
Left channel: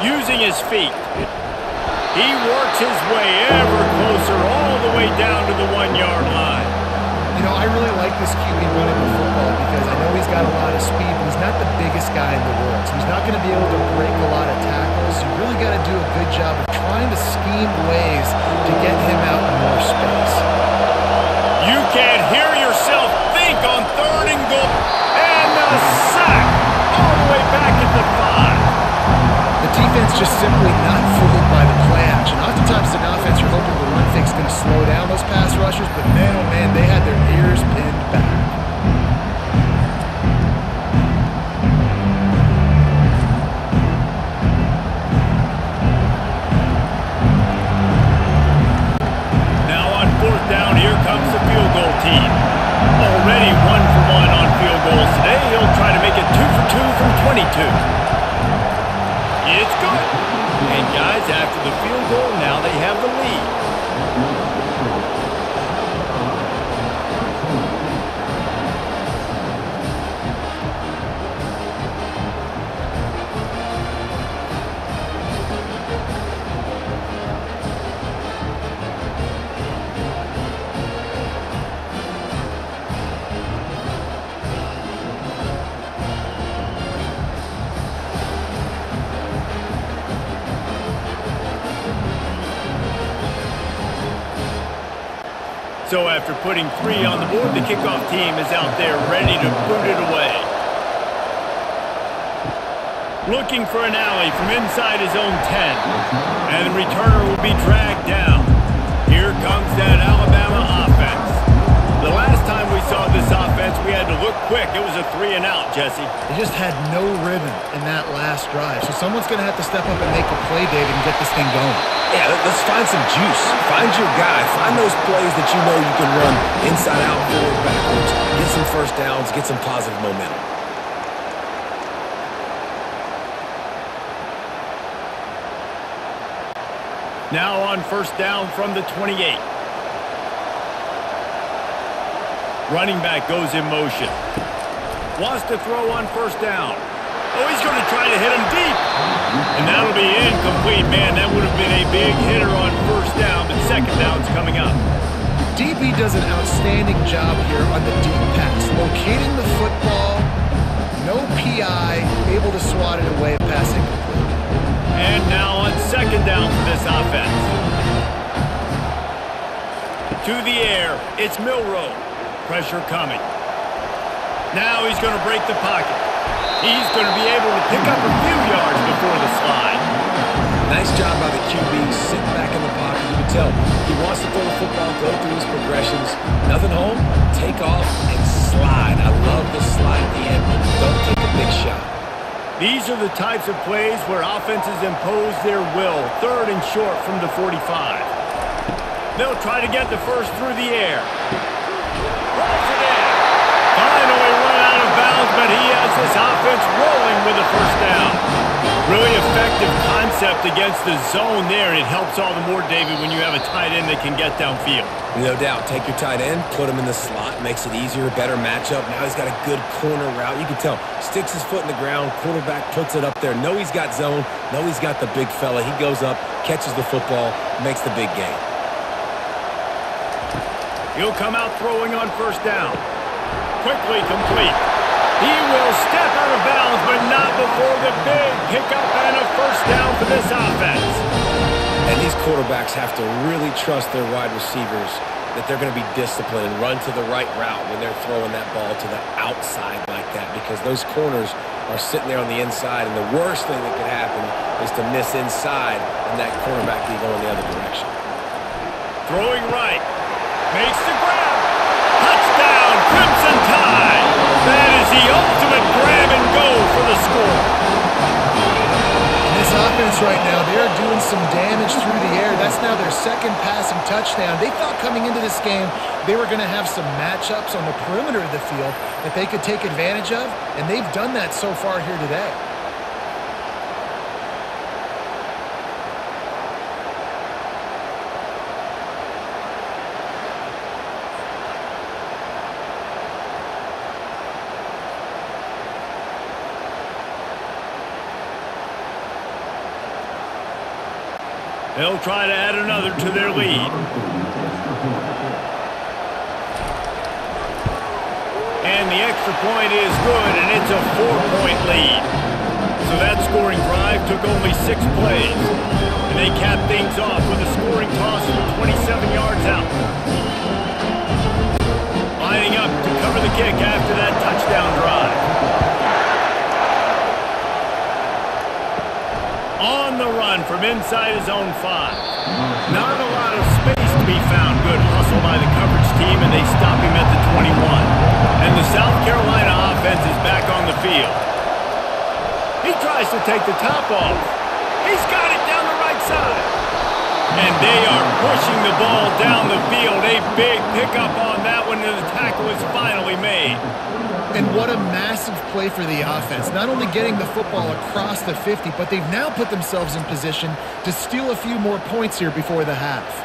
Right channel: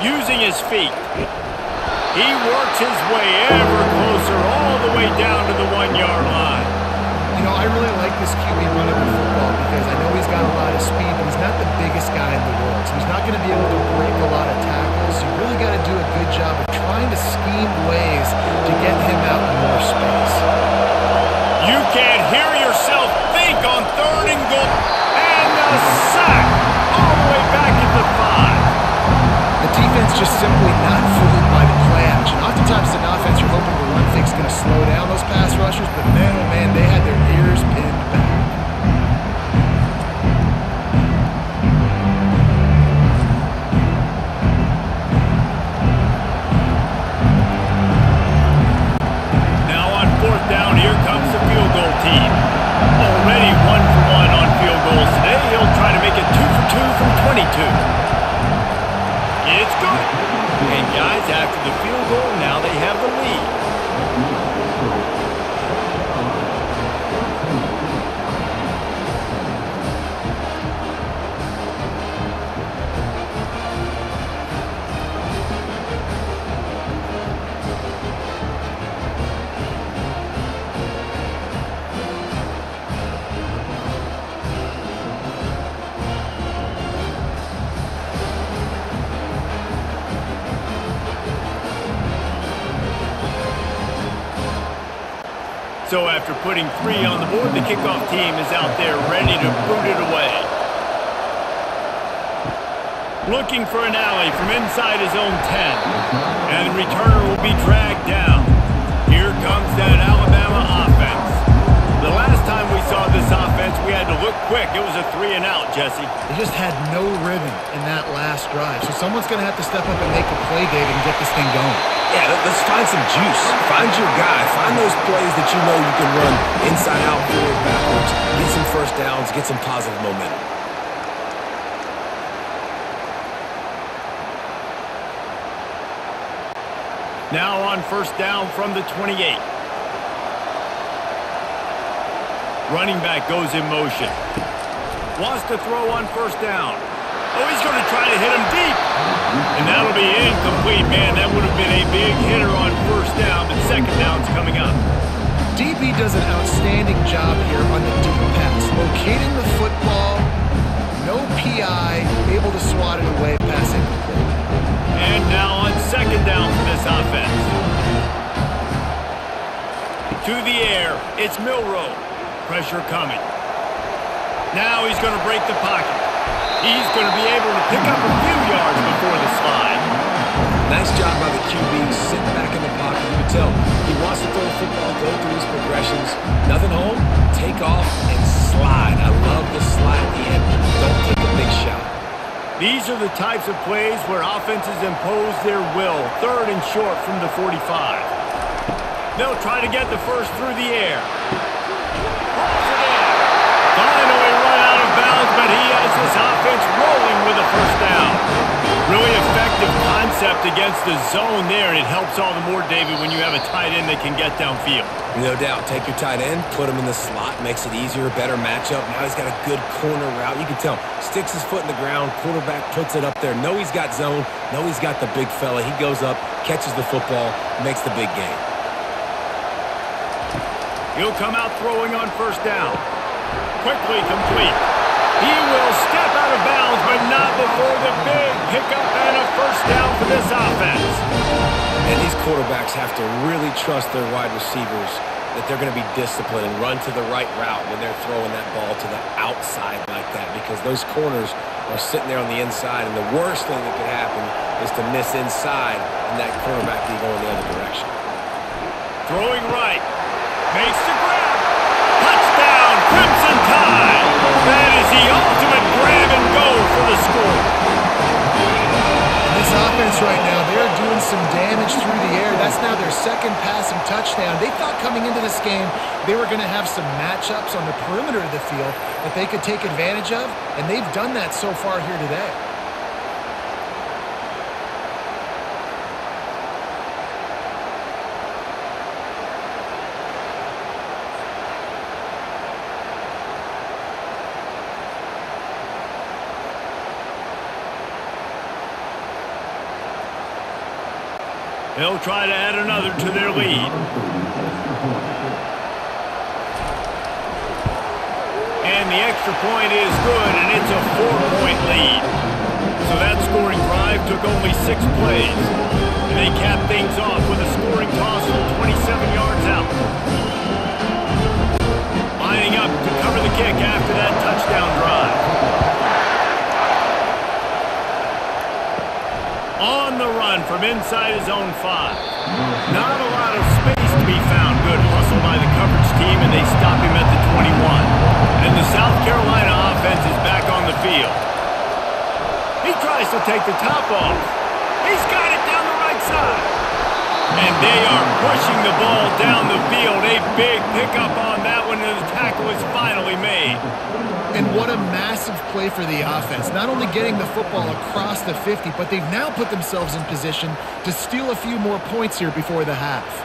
Using his feet. He works his way ever closer all the way down to the 1-yard line. You know, I really like this QB running the football because I know he's got a lot of speed, but he's not the biggest guy in the world. So he's not going to be able to break a lot of tackles. You really got to do a good job of trying to scheme ways to get him out in more space. You can't hear yourself think on third and goal. And the sack all the way back at the 5. The defense just simply not fooled by the play action. Oftentimes, as an offense, you're hoping the run fake is going to slow down those pass rushers, but man, oh man, they had their ears pinned back. Now on fourth down, here comes the field goal team. Already 1 for 1 on field goals today. He'll try to make it 2 for 2 from 22. It's good. And guys, after the field goal, now they have the lead. So after putting 3 on the board, the kickoff team is out there ready to boot it away. Looking for an alley from inside his own 10. And the returner will be dragged down. Here comes that Alabama offense. The last time we saw this offense, we had to look quick. It was a 3-and-out, Jesse. They just had no rhythm in that last drive. So someone's going to have to step up and make a play, David, and get this thing going. Yeah, let's find some juice. Find your guy. Find those plays that you know you can run inside out, forward, backwards. Get some first downs. Get some positive momentum. Now on first down from the 28. Running back goes in motion. Wants to throw on first down. Oh, he's going to try to hit him deep. And that'll be incomplete. Man, that would have been a big hitter on first down, but second down's coming up. DB does an outstanding job here on the deep pass. Locating the football, no PI, able to swat it away, pass incomplete. And now on second down for this offense. To the air, it's Milroe. Pressure coming. Now he's going to break the pocket. He's going to be able to pick up a few yards before the slide. Nice job by the QB, sitting back in the pocket. You can tell he wants to throw the football, go through his progressions. Nothing home, take off, and slide. I love the slide at the end. Don't take a big shot. These are the types of plays where offenses impose their will. Third and short from the 45. They'll try to get the first through the air. Pulls it in. Finally run out of bounds, but he has this offense rolling with a first down. Really effective concept against the zone there, and it helps all the more, David, when you have a tight end that can get downfield. No doubt. Take your tight end, put him in the slot, makes it easier, better matchup. Now he's got a good corner route. You can tell, sticks his foot in the ground, quarterback puts it up there. Know he's got zone, know he's got the big fella. He goes up, catches the football, makes the big gain. He'll come out throwing on first down. Quickly complete. He will step out of bounds, but not before the big pickup and a first down for this offense. And these quarterbacks have to really trust their wide receivers that they're going to be disciplined and run to the right route when they're throwing that ball to the outside like that, because those corners are sitting there on the inside, and the worst thing that could happen is to miss inside and that cornerback can go in the other direction. Throwing right. Makes the grab. Touchdown, Crimson Tide. That is the ultimate grab and go for the score. And this offense right now, they're doing some damage through the air. That's now their second passing touchdown. They thought coming into this game they were going to have some matchups on the perimeter of the field that they could take advantage of, and they've done that so far here today. They'll try to add another to their lead. And the extra point is good, and it's a 4-point lead. So that scoring drive took only 6 plays. And they capped things off with a scoring toss from 27 yards out. Lining up to cover the kick after that touchdown drive. On the run from inside his own 5. Not a lot of space to be found. Good hustle by the coverage team, and they stop him at the 21. And the South Carolina offense is back on the field. He tries to take the top off. He's got it down the right side. And they are pushing the ball down the field. A big pickup on that one, and the tackle is finally made. And what a massive play for the offense. Not only getting the football across the 50, but they've now put themselves in position to steal a few more points here before the half.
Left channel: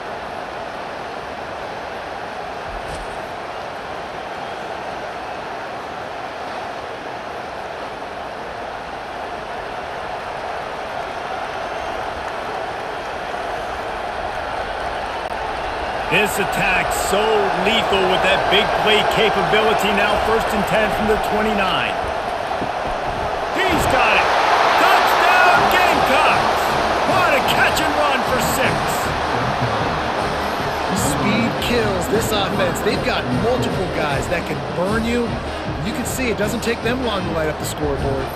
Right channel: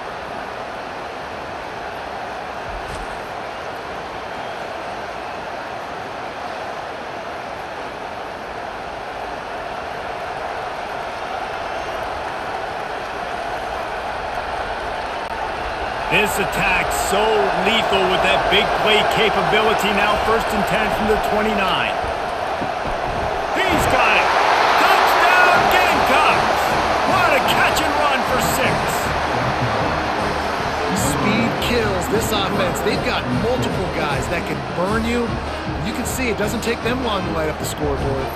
This attack so lethal with that big play capability. Now 1st and 10 from the 29. He's got it. Touchdown Gamecocks. What a catch and run for 6. Speed kills this offense. They've got multiple guys that can burn you. You can see it doesn't take them long to light up the scoreboard.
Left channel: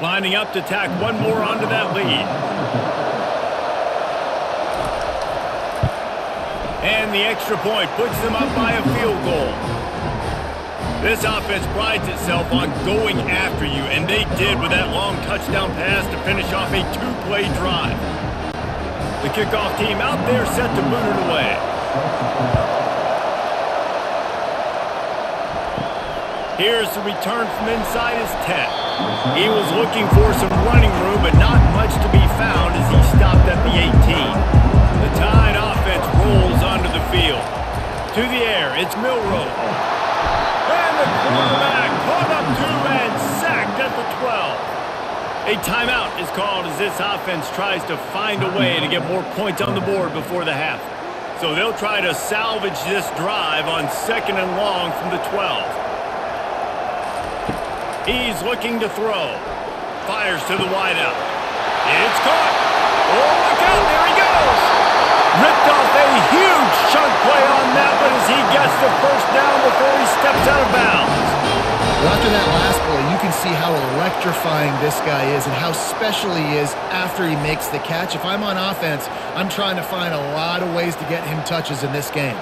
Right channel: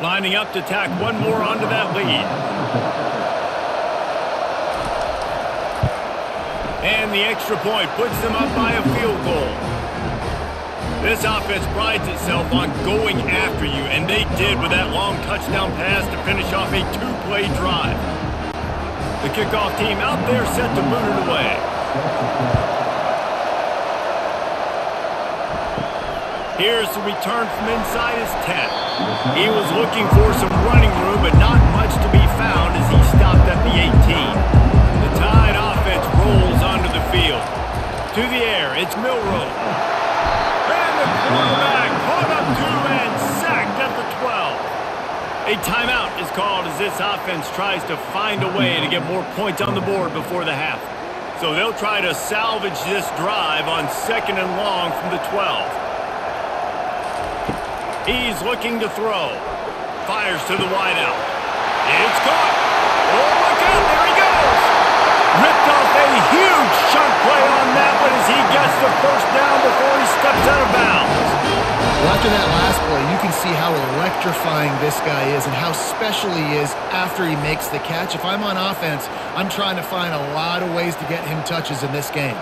Lining up to tack one more onto that lead. And the extra point puts them up by a field goal. This offense prides itself on going after you, and they did with that long touchdown pass to finish off a 2-play drive. The kickoff team out there set to boot it away. Here's the return from inside his 10. He was looking for some running room, but not much to be found as he stopped at the 18. The Tide offense rolls onto the field. To the air, it's Milroe. And the quarterback caught up to and sacked at the 12. A timeout is called as this offense tries to find a way to get more points on the board before the half. So they'll try to salvage this drive on 2nd and long from the 12. He's looking to throw. Fires to the wideout. It's caught. Oh, look out. There he goes. Ripped off a huge chunk play on that one as he gets the first down before he steps out of bounds. Well, after that last play, you can see how electrifying this guy is and how special he is after he makes the catch. If I'm on offense, I'm trying to find a lot of ways to get him touches in this game.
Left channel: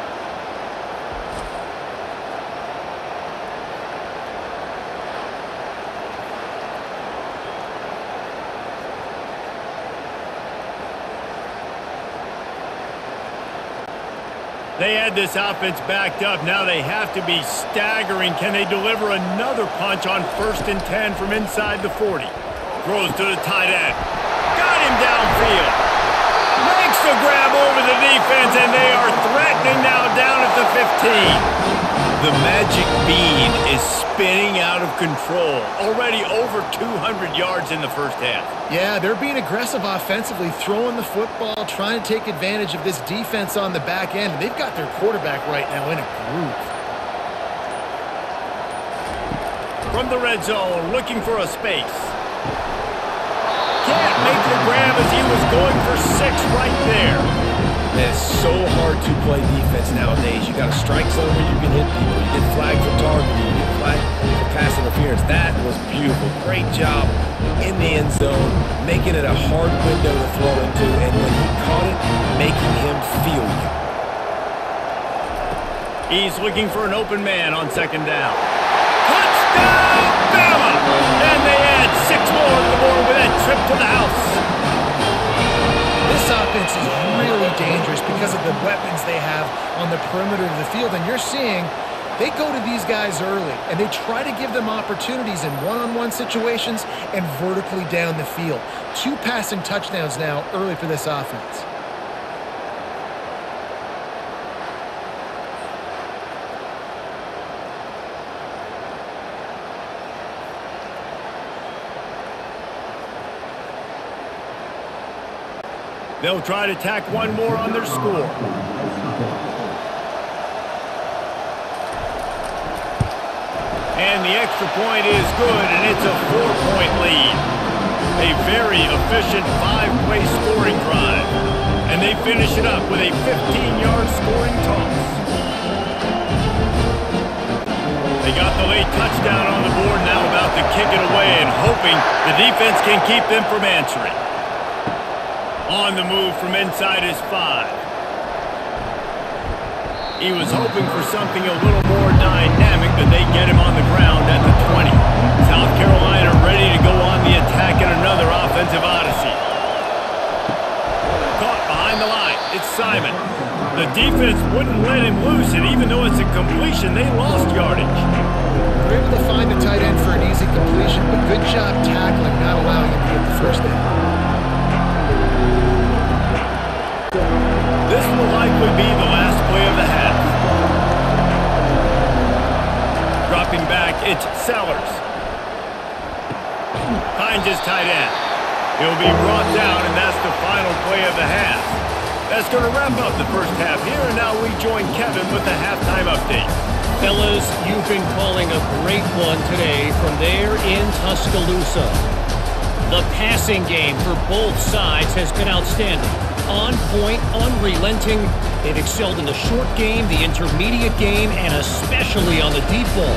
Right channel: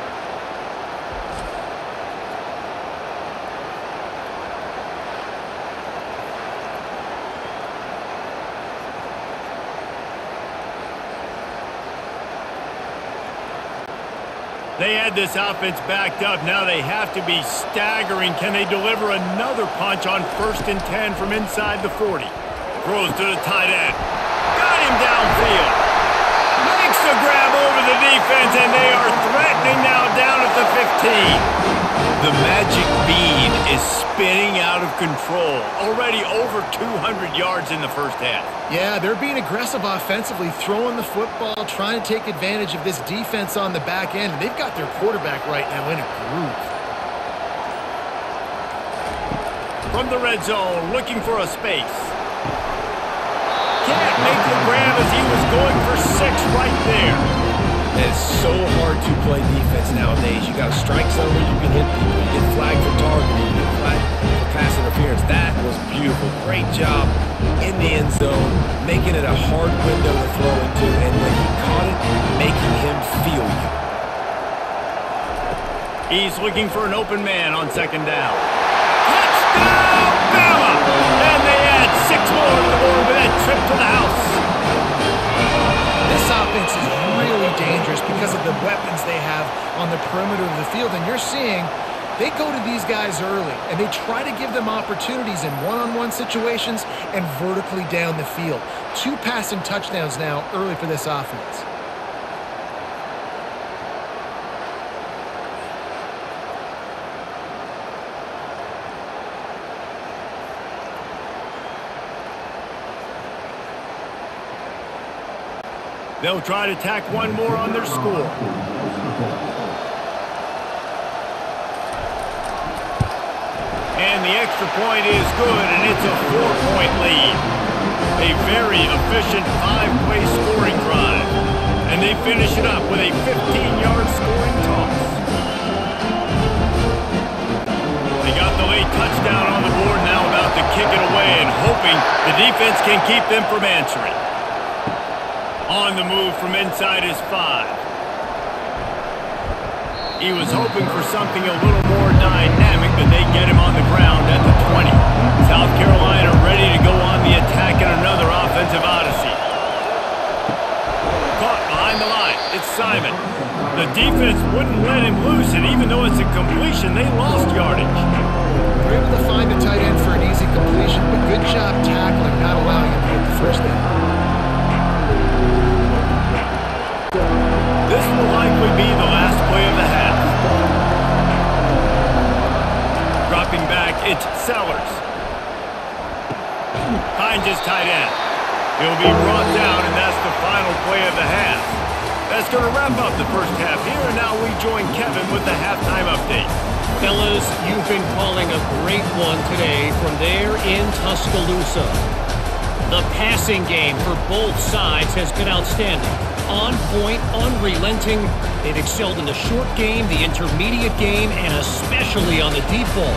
They had this offense backed up. Now they have to be staggering. Can they deliver another punch on 1st and 10 from inside the 40? Throws to the tight end. Got him downfield. Makes the grab over the defense, and they are threatening now down at the 15. The magic bean is spinning out of control. Already over 200 yards in the first half. Yeah, they're being aggressive offensively, throwing the football, trying to take advantage of this defense on the back end. And they've got their quarterback right now in a groove. From the red zone, looking for a space. Can't make the grab as he was going for 6 right there. And it's so hard to play defense nowadays. You got a strike zone where you can hit people. You get flagged for targeting. You get flagged for pass interference. That was beautiful. Great job in the end zone, making it a hard window to throw into. And when he caught it, making him feel you. He's looking for an open man on 2nd down. Touchdown, Bama! And they add 6 more to the board with that trip to the house. This offense is really dangerous because of the weapons they have on the perimeter of the field. And you're seeing they go to these guys early, and they try to give them opportunities in one-on-one situations and vertically down the field. 2 passing touchdowns now early for this offense. They'll try to tack one more on their score. And the extra point is good, and it's a 4-point lead. A very efficient 5-play scoring drive. And they finish it up with a 15-yard scoring toss. They got the late touchdown on the board, now about to kick it away and hoping the defense can keep them from answering. On the move from inside his 5. He was hoping for something a little more dynamic, but they get him on the ground at the 20. South Carolina ready to go on the attack in another offensive odyssey. Caught behind the line. It's Simon. The defense wouldn't let him loose, and even though it's a completion, they lost yardage. They're able to find the tight end for an easy completion, but good job tackling, not allowing him to get the first down. This will likely be the last play of the half. Dropping back, it's Sellers. Finds his tight end. He'll be brought down, and that's the final play of the half. That's going to wrap up the first half here, and now we join Kevin with the halftime update. Fellas, you've been calling a great one today from there in Tuscaloosa. The passing game for both sides has been outstanding. On point, unrelenting. They've excelled in the short game, the intermediate game, and especially on the deep ball.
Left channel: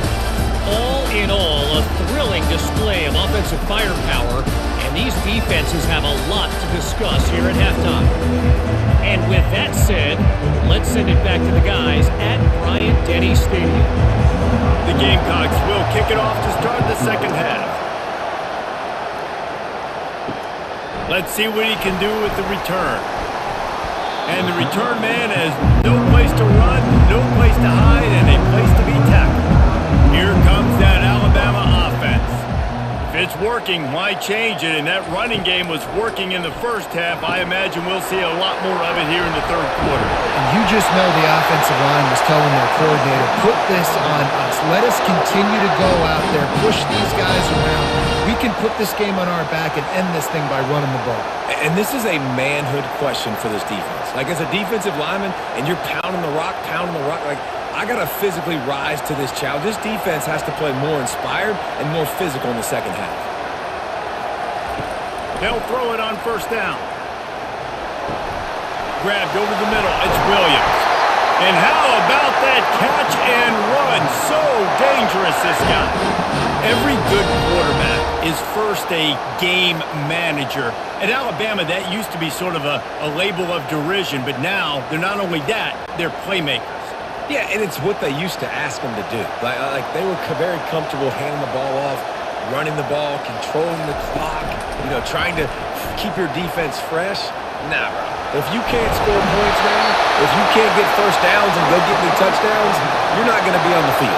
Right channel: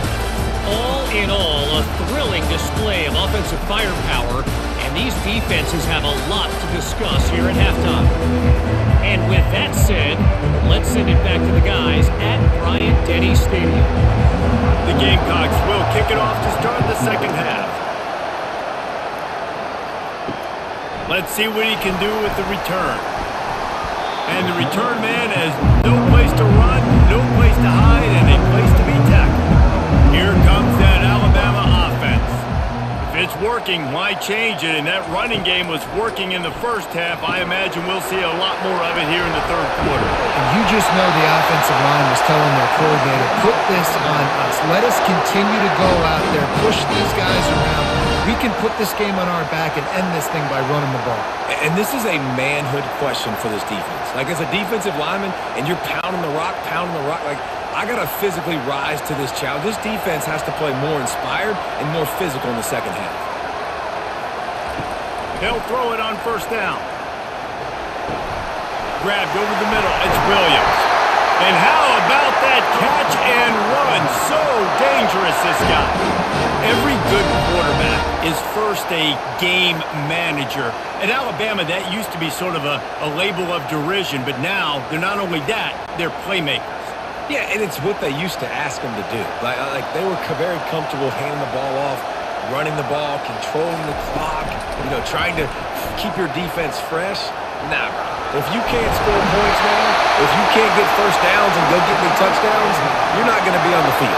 All in all, a thrilling display of offensive firepower, and these defenses have a lot to discuss here at halftime. And with that said, let's send it back to the guys at Bryant-Denny Stadium. The Gamecocks will kick it off to start the second half. Let's see what he can do with the return. And the return man has no place to run, no place to hide, and a place to be tackled. Here comes that Alabama offense. If it's working, why change it? And that running game was working in the first half. I imagine we'll see a lot more of it here in the third quarter. And you just know the offensive line was telling their coordinator, put this on us. Let us continue to go out there, push these guys around. We can put this game on our back and end this thing by running the ball. And this is a manhood question for this defense. Like, as a defensive lineman, and you're pounding the rock, like, I got to physically rise to this challenge. This defense has to play more inspired and more physical in the second half. They'll throw it on first down. Grabbed over the middle. It's Williams. And how about that catch and run? So dangerous, this guy. Every good quarterback is first a game manager. At Alabama, that used to be sort of a label of derision, but now they're not only that, they're playmakers. Yeah, and it's what they used to ask them to do. Like they were very comfortable handing the ball off, running the ball, controlling the clock, trying to keep your defense fresh. Nah, bro. If you can't score points now, if you can't get first downs and go get me touchdowns, you're not going to be on the field.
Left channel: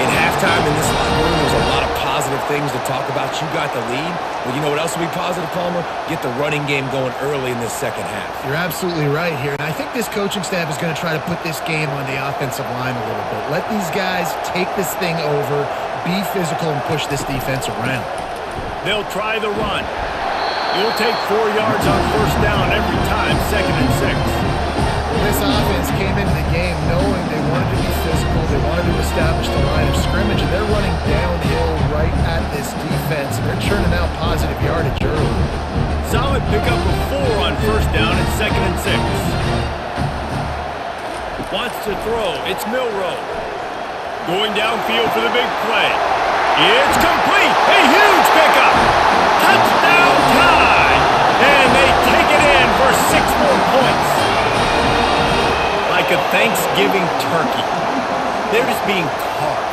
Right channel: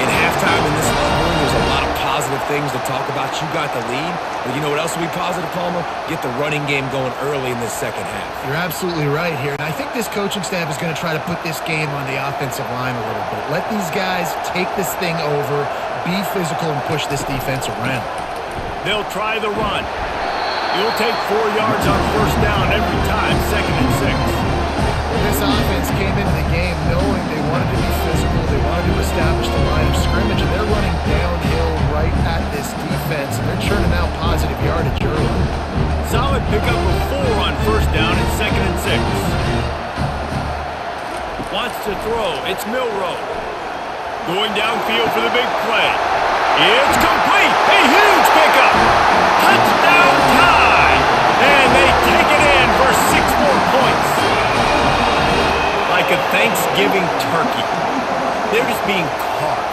In halftime in this locker room, there's a lot of positive things to talk about. You got the lead. But you know what else will be positive, Palmer? Get the running game going early in this second half. You're absolutely right here. And I think this coaching staff is going to try to put this game on the offensive line a little bit. Let these guys take this thing over, be physical, and push this defense around. They'll try the run. You'll take 4 yards on first down every time, 2nd and 6. Well, this offense came into the game knowing they wanted to be physical, they wanted to establish the line of scrimmage, and they're running downhill right at this defense, and they're churning out positive yardage early. Solid pickup of 4 on first down and 2nd and 6. Wants to throw. It's Milroe. Going downfield for the big play. It's complete. A huge pickup. Touchdown tie. And they take it in for 6 more points. Like a Thanksgiving turkey. They're just being carved.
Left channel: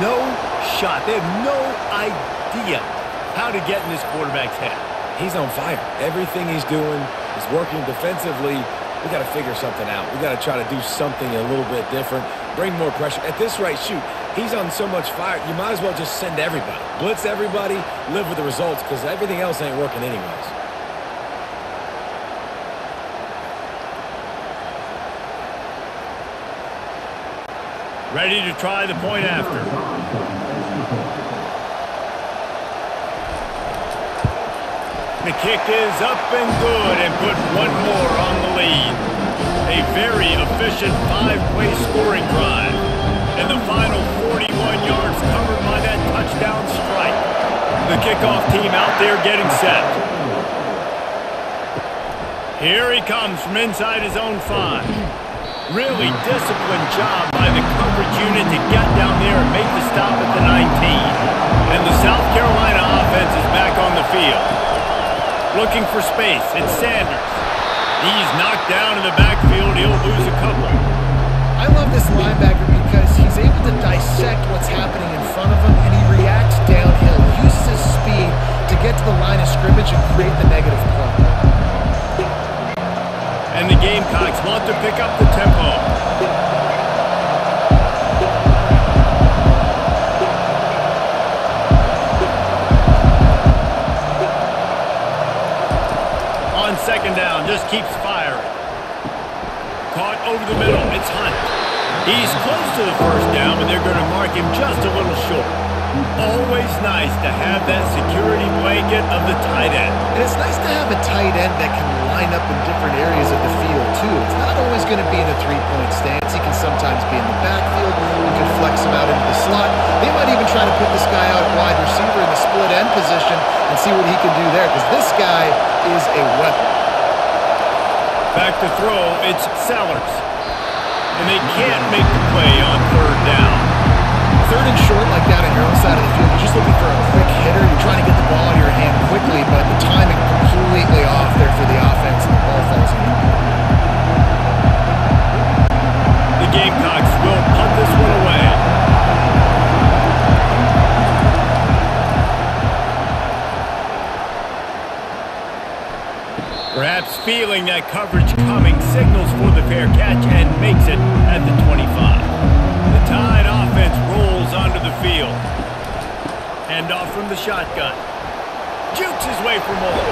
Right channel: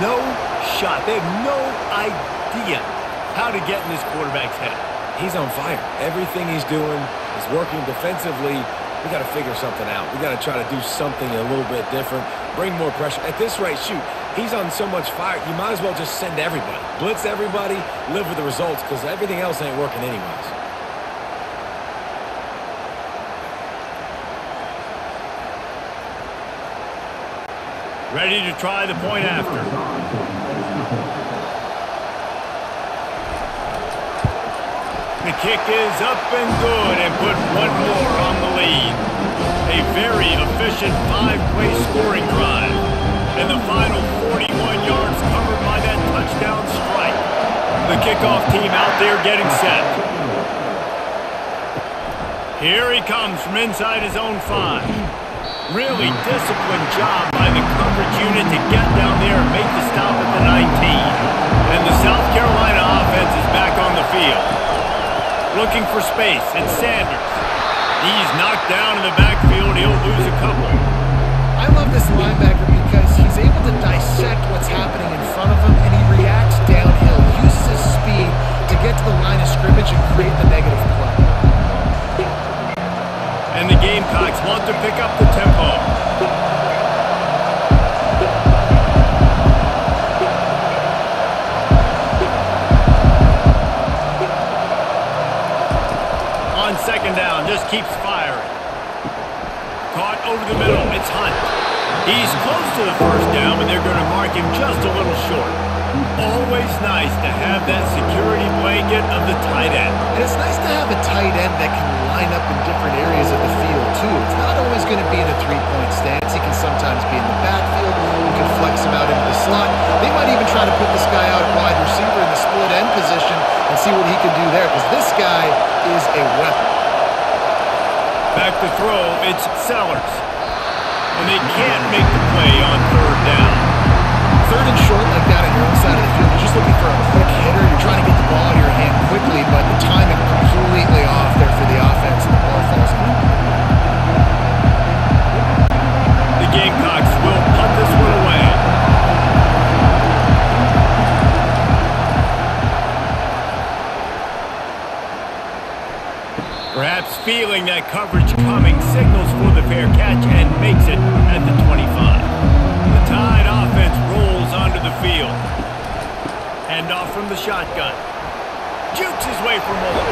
No shot. They have no idea how to get in this quarterback's head. He's on fire. Everything he's doing is working defensively. We got to figure something out. We got to try to do something a little bit different. Bring more pressure. At this rate, shoot, he's on so much fire, you might as well just send everybody. Blitz everybody, live with the results, because everything else ain't working anyways. Ready to try the point after. The kick is up and good and put 1 more on the lead. A very efficient 5-play scoring drive. And the final 41 yards covered by that touchdown strike. The kickoff team out there getting set. Here he comes from inside his own 5. Really disciplined job by the coverage unit to get down there and make the stop at the 19. And the South Carolina offense is back on the field. Looking for space. It's Sanders. He's knocked down in the backfield. He'll lose a couple. I love this linebacker because he's able to dissect what's happening in front of him, and he reacts downhill, uses his speed to get to the line of scrimmage and create the negative play. And the Gamecocks want to pick up the tempo. On second down, just keeps firing. Caught over the middle, it's Hunt. He's close to the first down, but they're going to mark him just a little short. Always nice to have that security blanket of the tight end. And it's nice to have a tight end that can line up in different areas of the field, too. It's not always going to be in a 3-point stance. He can sometimes be in the backfield. You can flex him out into the slot. They might even try to put this guy out at wide receiver in the split end position and see what he can do there, because this guy is a weapon. Back to throw, it's Sellers. And they can't make the play on third down. Third and short like that on your own side of the field, you're just looking for a quick hitter. You're trying to get the ball out of your hand quickly, but the timing completely off there for the offense, and the ball falls in. The Gamecocks will punt this one away. Perhaps feeling that coverage coming, signals for the fair catch and makes it at the 25. The Tide offense rolls onto the field. Handoff from the shotgun. Jukes his way for more.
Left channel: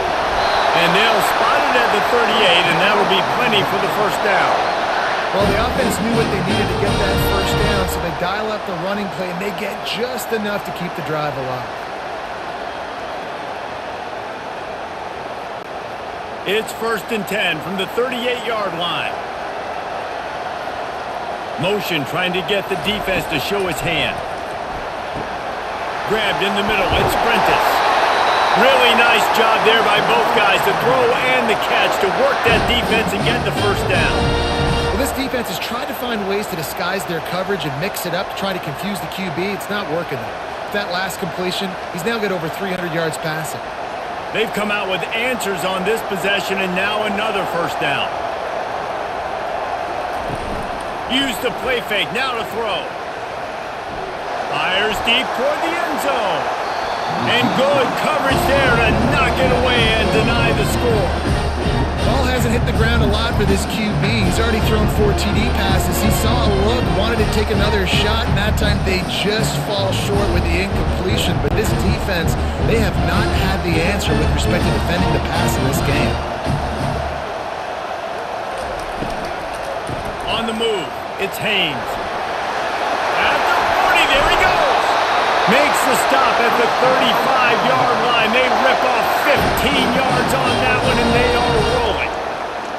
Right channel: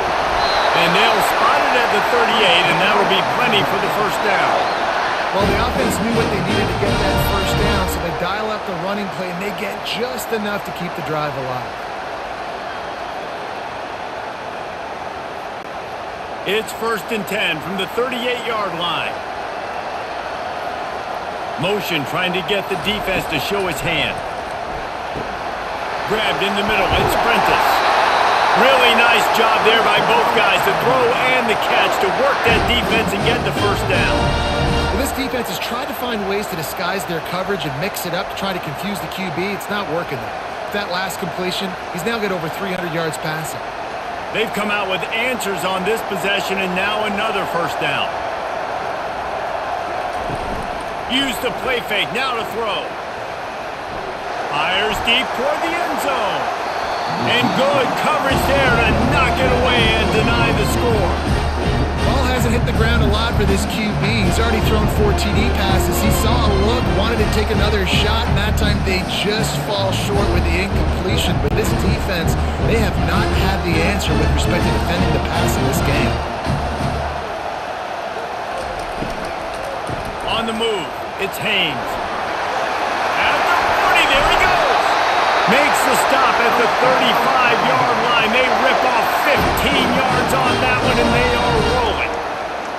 And they'll spot it at the 38, and that'll be plenty for the first down. Well, the offense knew what they needed to get that first down, so they dial up the running play, and they get just enough to keep the drive alive. It's 1st and 10 from the 38-yard line. Motion trying to get the defense to show his hand. Grabbed in the middle. It's Prentice. Really nice job there by both guys to throw and the catch to work that defense and get the first down. Well, this defense has tried to find ways to disguise their coverage and mix it up to try to confuse the QB. It's not working, though. With that last completion, he's now got over 300 yards passing. They've come out with answers on this possession, and now another first down. Use the play fake, now to throw. Fires deep toward the end zone. And good coverage there to knock it away and deny the score. hasn't hit the ground a lot for this QB. He's already thrown 4 TD passes. He saw a look, wanted to take another shot, and that time they just fall short with the incompletion. But this defense, they have not had the answer with respect to defending the pass in this game. On the move, it's Haynes. At the 40, there he goes. Makes the stop at the 35-yard line. They rip off 15 yards on that one, and they are rolling.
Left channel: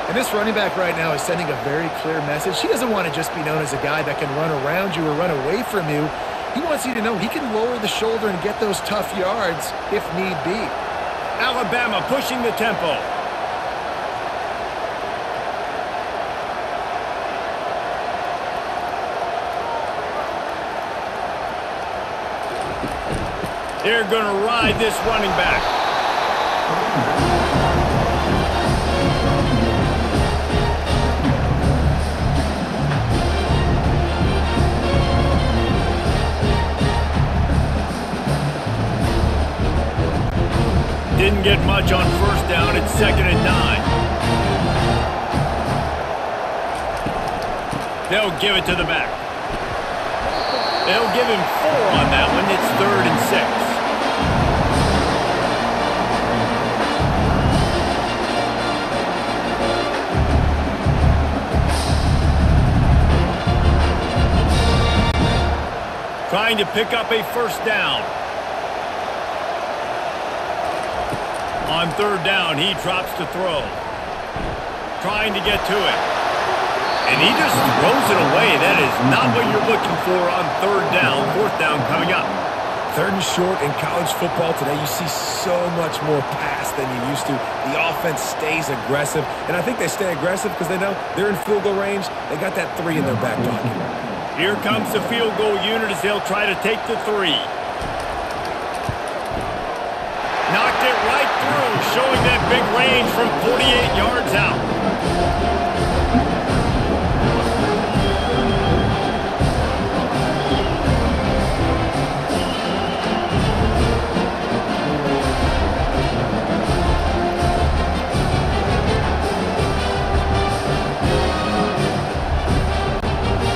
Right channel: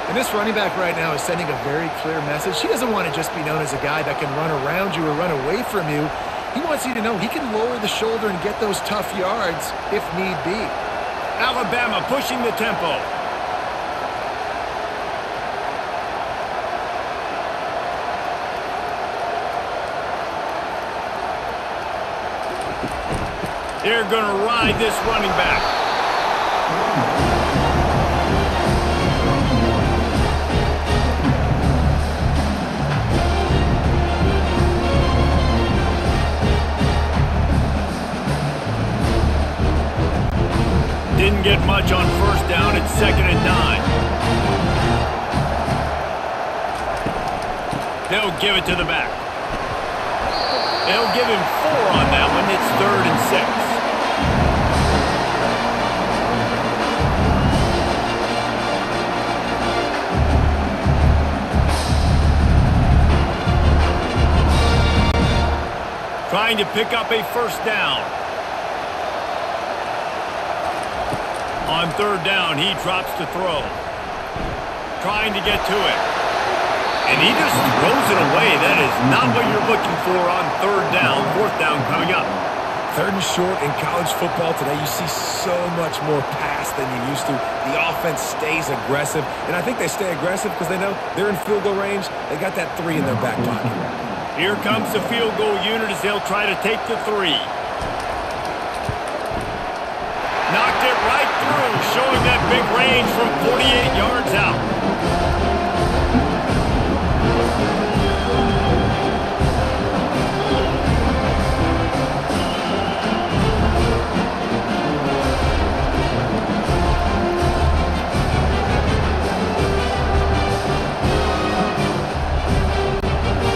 And this running back right now is sending a very clear message. He doesn't want to just be known as a guy that can run around you or run away from you. He wants you to know he can lower the shoulder and get those tough yards if need be. Alabama pushing the tempo. They're going to ride this running back. Didn't get much on first down. It's 2nd and 9. They'll give it to the back. They'll give him 4 on that one. It's 3rd and 6. Trying to pick up a first down. On 3rd down, he drops to throw. Trying to get to it. And he just throws it away. That is not what you're looking for on 3rd down. 4th down coming up. 3rd and short in college football today, you see so much more pass than you used to. The offense stays aggressive, and I think they stay aggressive because they know they're in field goal range. They got that 3 in their back pocket. Here comes the field goal unit as they'll try to take the 3. Knocked it right through, showing that big range from 48 yards out.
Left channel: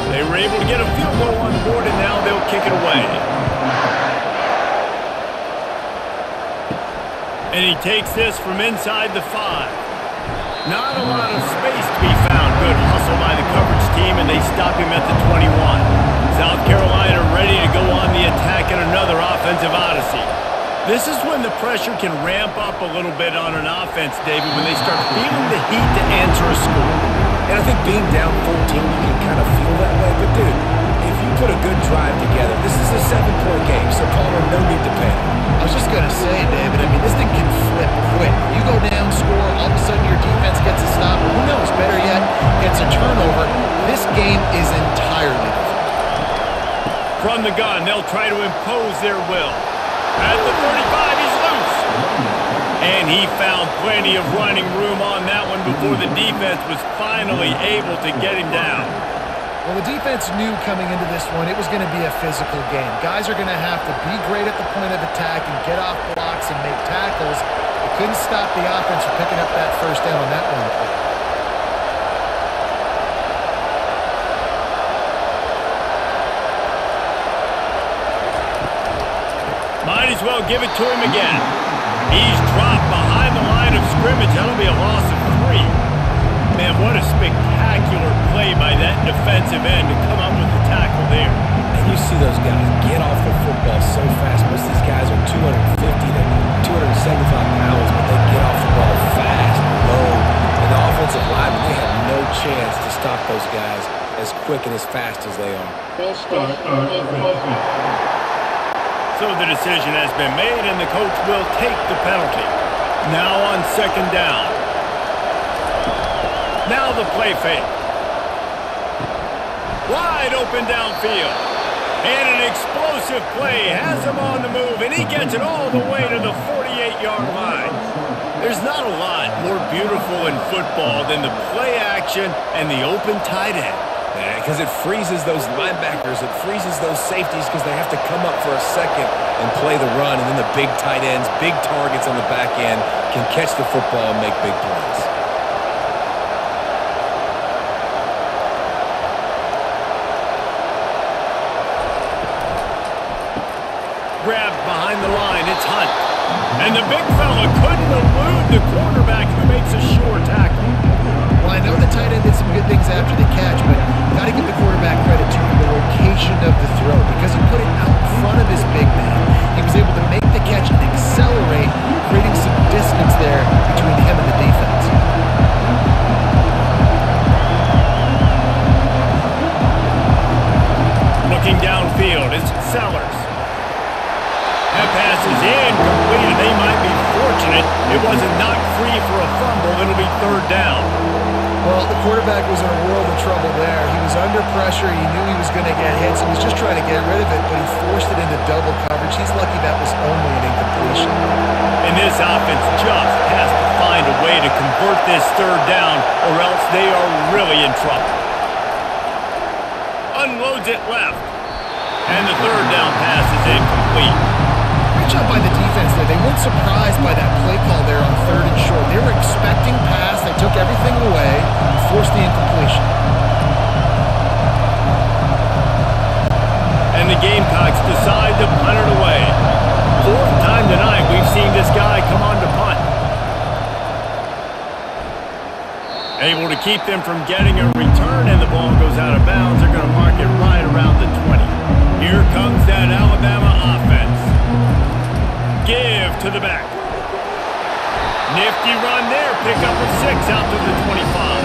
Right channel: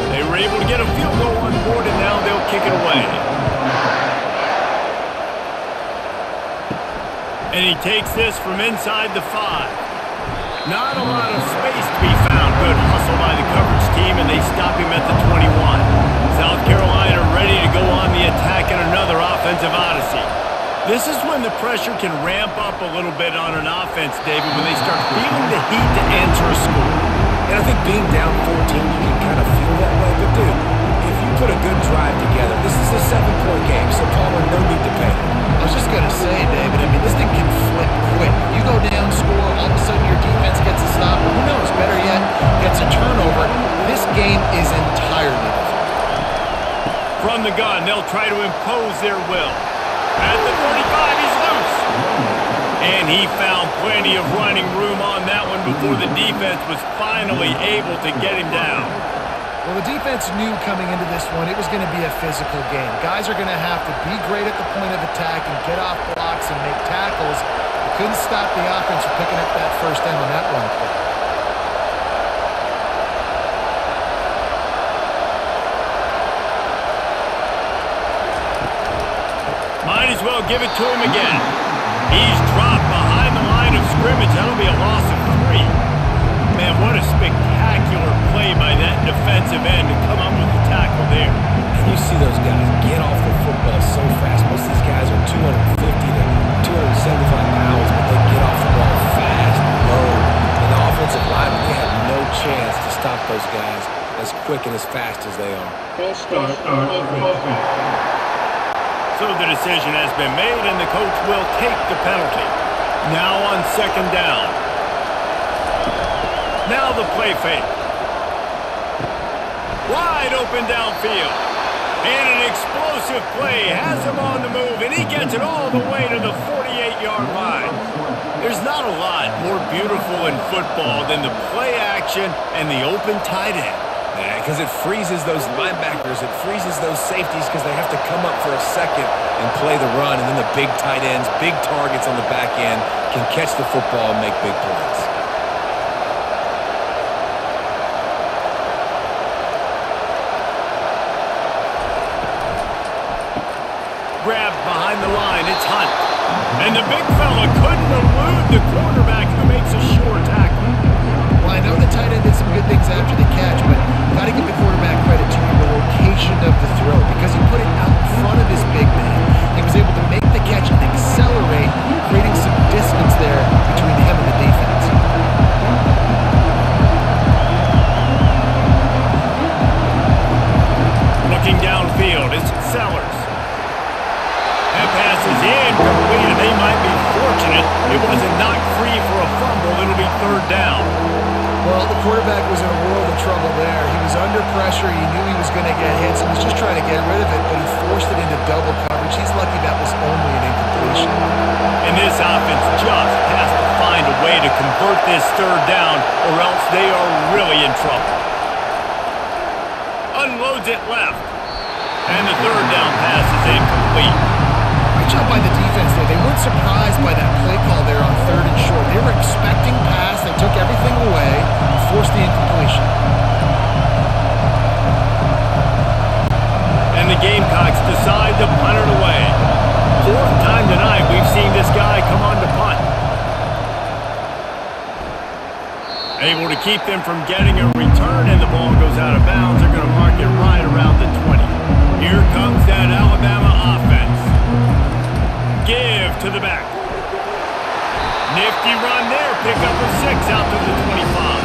They were able to get a field goal on board, and now they'll kick it away. And he takes this from inside the 5. Not a lot of space to be found. Good hustle by the coverage team, and they stop him at the 21. South Carolina ready to go on the attack in another offensive odyssey. This is when the pressure can ramp up a little bit on an offense, David, when they start feeling the heat to answer a score. And I think being down 14, you can kind of feel that way. But, dude, if you put a good drive together, this is a 7-point game, so Palmer, no need to panic. I was just going to say, David, I mean, this thing can flip quick. You go down, score, all of a sudden your defense gets a stop, or who knows, better yet, gets a turnover. This game is entirely different. From the gun, they'll try to impose their will. At the 35, he's loose. And he found plenty of running room on that one before the defense was finally able to get him down. Well, the defense knew coming into this one it was going to be a physical game. Guys are going to have to be great at the point of attack and get off blocks and make tackles. They couldn't stop the offense from picking up that first down on that one play. Might as well give it to him again. He's dropped behind the line of scrimmage. That'll be a loss of 3. Man, what a spectacular play by that defensive end to come up with the tackle there. And you see those guys get off the football so fast. Most of these guys are 250 to 275 pounds, but they get off the ball fast, low. And the offensive linemen, they have no chance to stop those guys as quick and as fast as they are. So the decision has been made, and the coach will take the penalty. Now on 2nd down. Now the play fake. Wide open downfield. And an explosive play has him on the move, and he gets it all the way to the 48-yard line. There's not a lot more beautiful in football than the play action and the open tight end. Yeah, because it freezes those linebackers. It freezes those safeties because they have to come up for a second and play the run. And then the big tight ends, big targets on the back end can catch the football and make big plays. grabbed behind the line. It's Hunt. And the big fella couldn't elude the quarterback who makes a sure tackle. Well, I know the tight end did some good things after the catch, but got to give the quarterback credit to the location of the throw because he put it out in front of his big man. He was able to make the catch and accelerate, creating some distance there between him and the defense. Looking downfield, it's Sellers. That pass is incomplete, and they might be fortunate it wasn't knocked free for a fumble. It'll be third down. Well, the quarterback was in a world of trouble there. He was under pressure. He knew he was going to get hit, so he's just trying to get rid of it, but he forced it into double coverage. He's lucky that was only an incompletion. And this offense just has to find a way to convert this third down, or else they are really in trouble. Unloads it left. And the third down pass is incomplete. Great job by the defense there. They weren't surprised by that play call there on third and short. They were expecting pass. They took everything away and forced the incompletion. And the Gamecocks decide to punt it away. Fourth time tonight we've seen this guy come on to punt. Able to keep them from getting a return, and the ball goes out of bounds. They're going to mark it right around the 20. Here comes that Alabama offense. Give to the back. Nifty run there. Pickup of 6 out to the 25.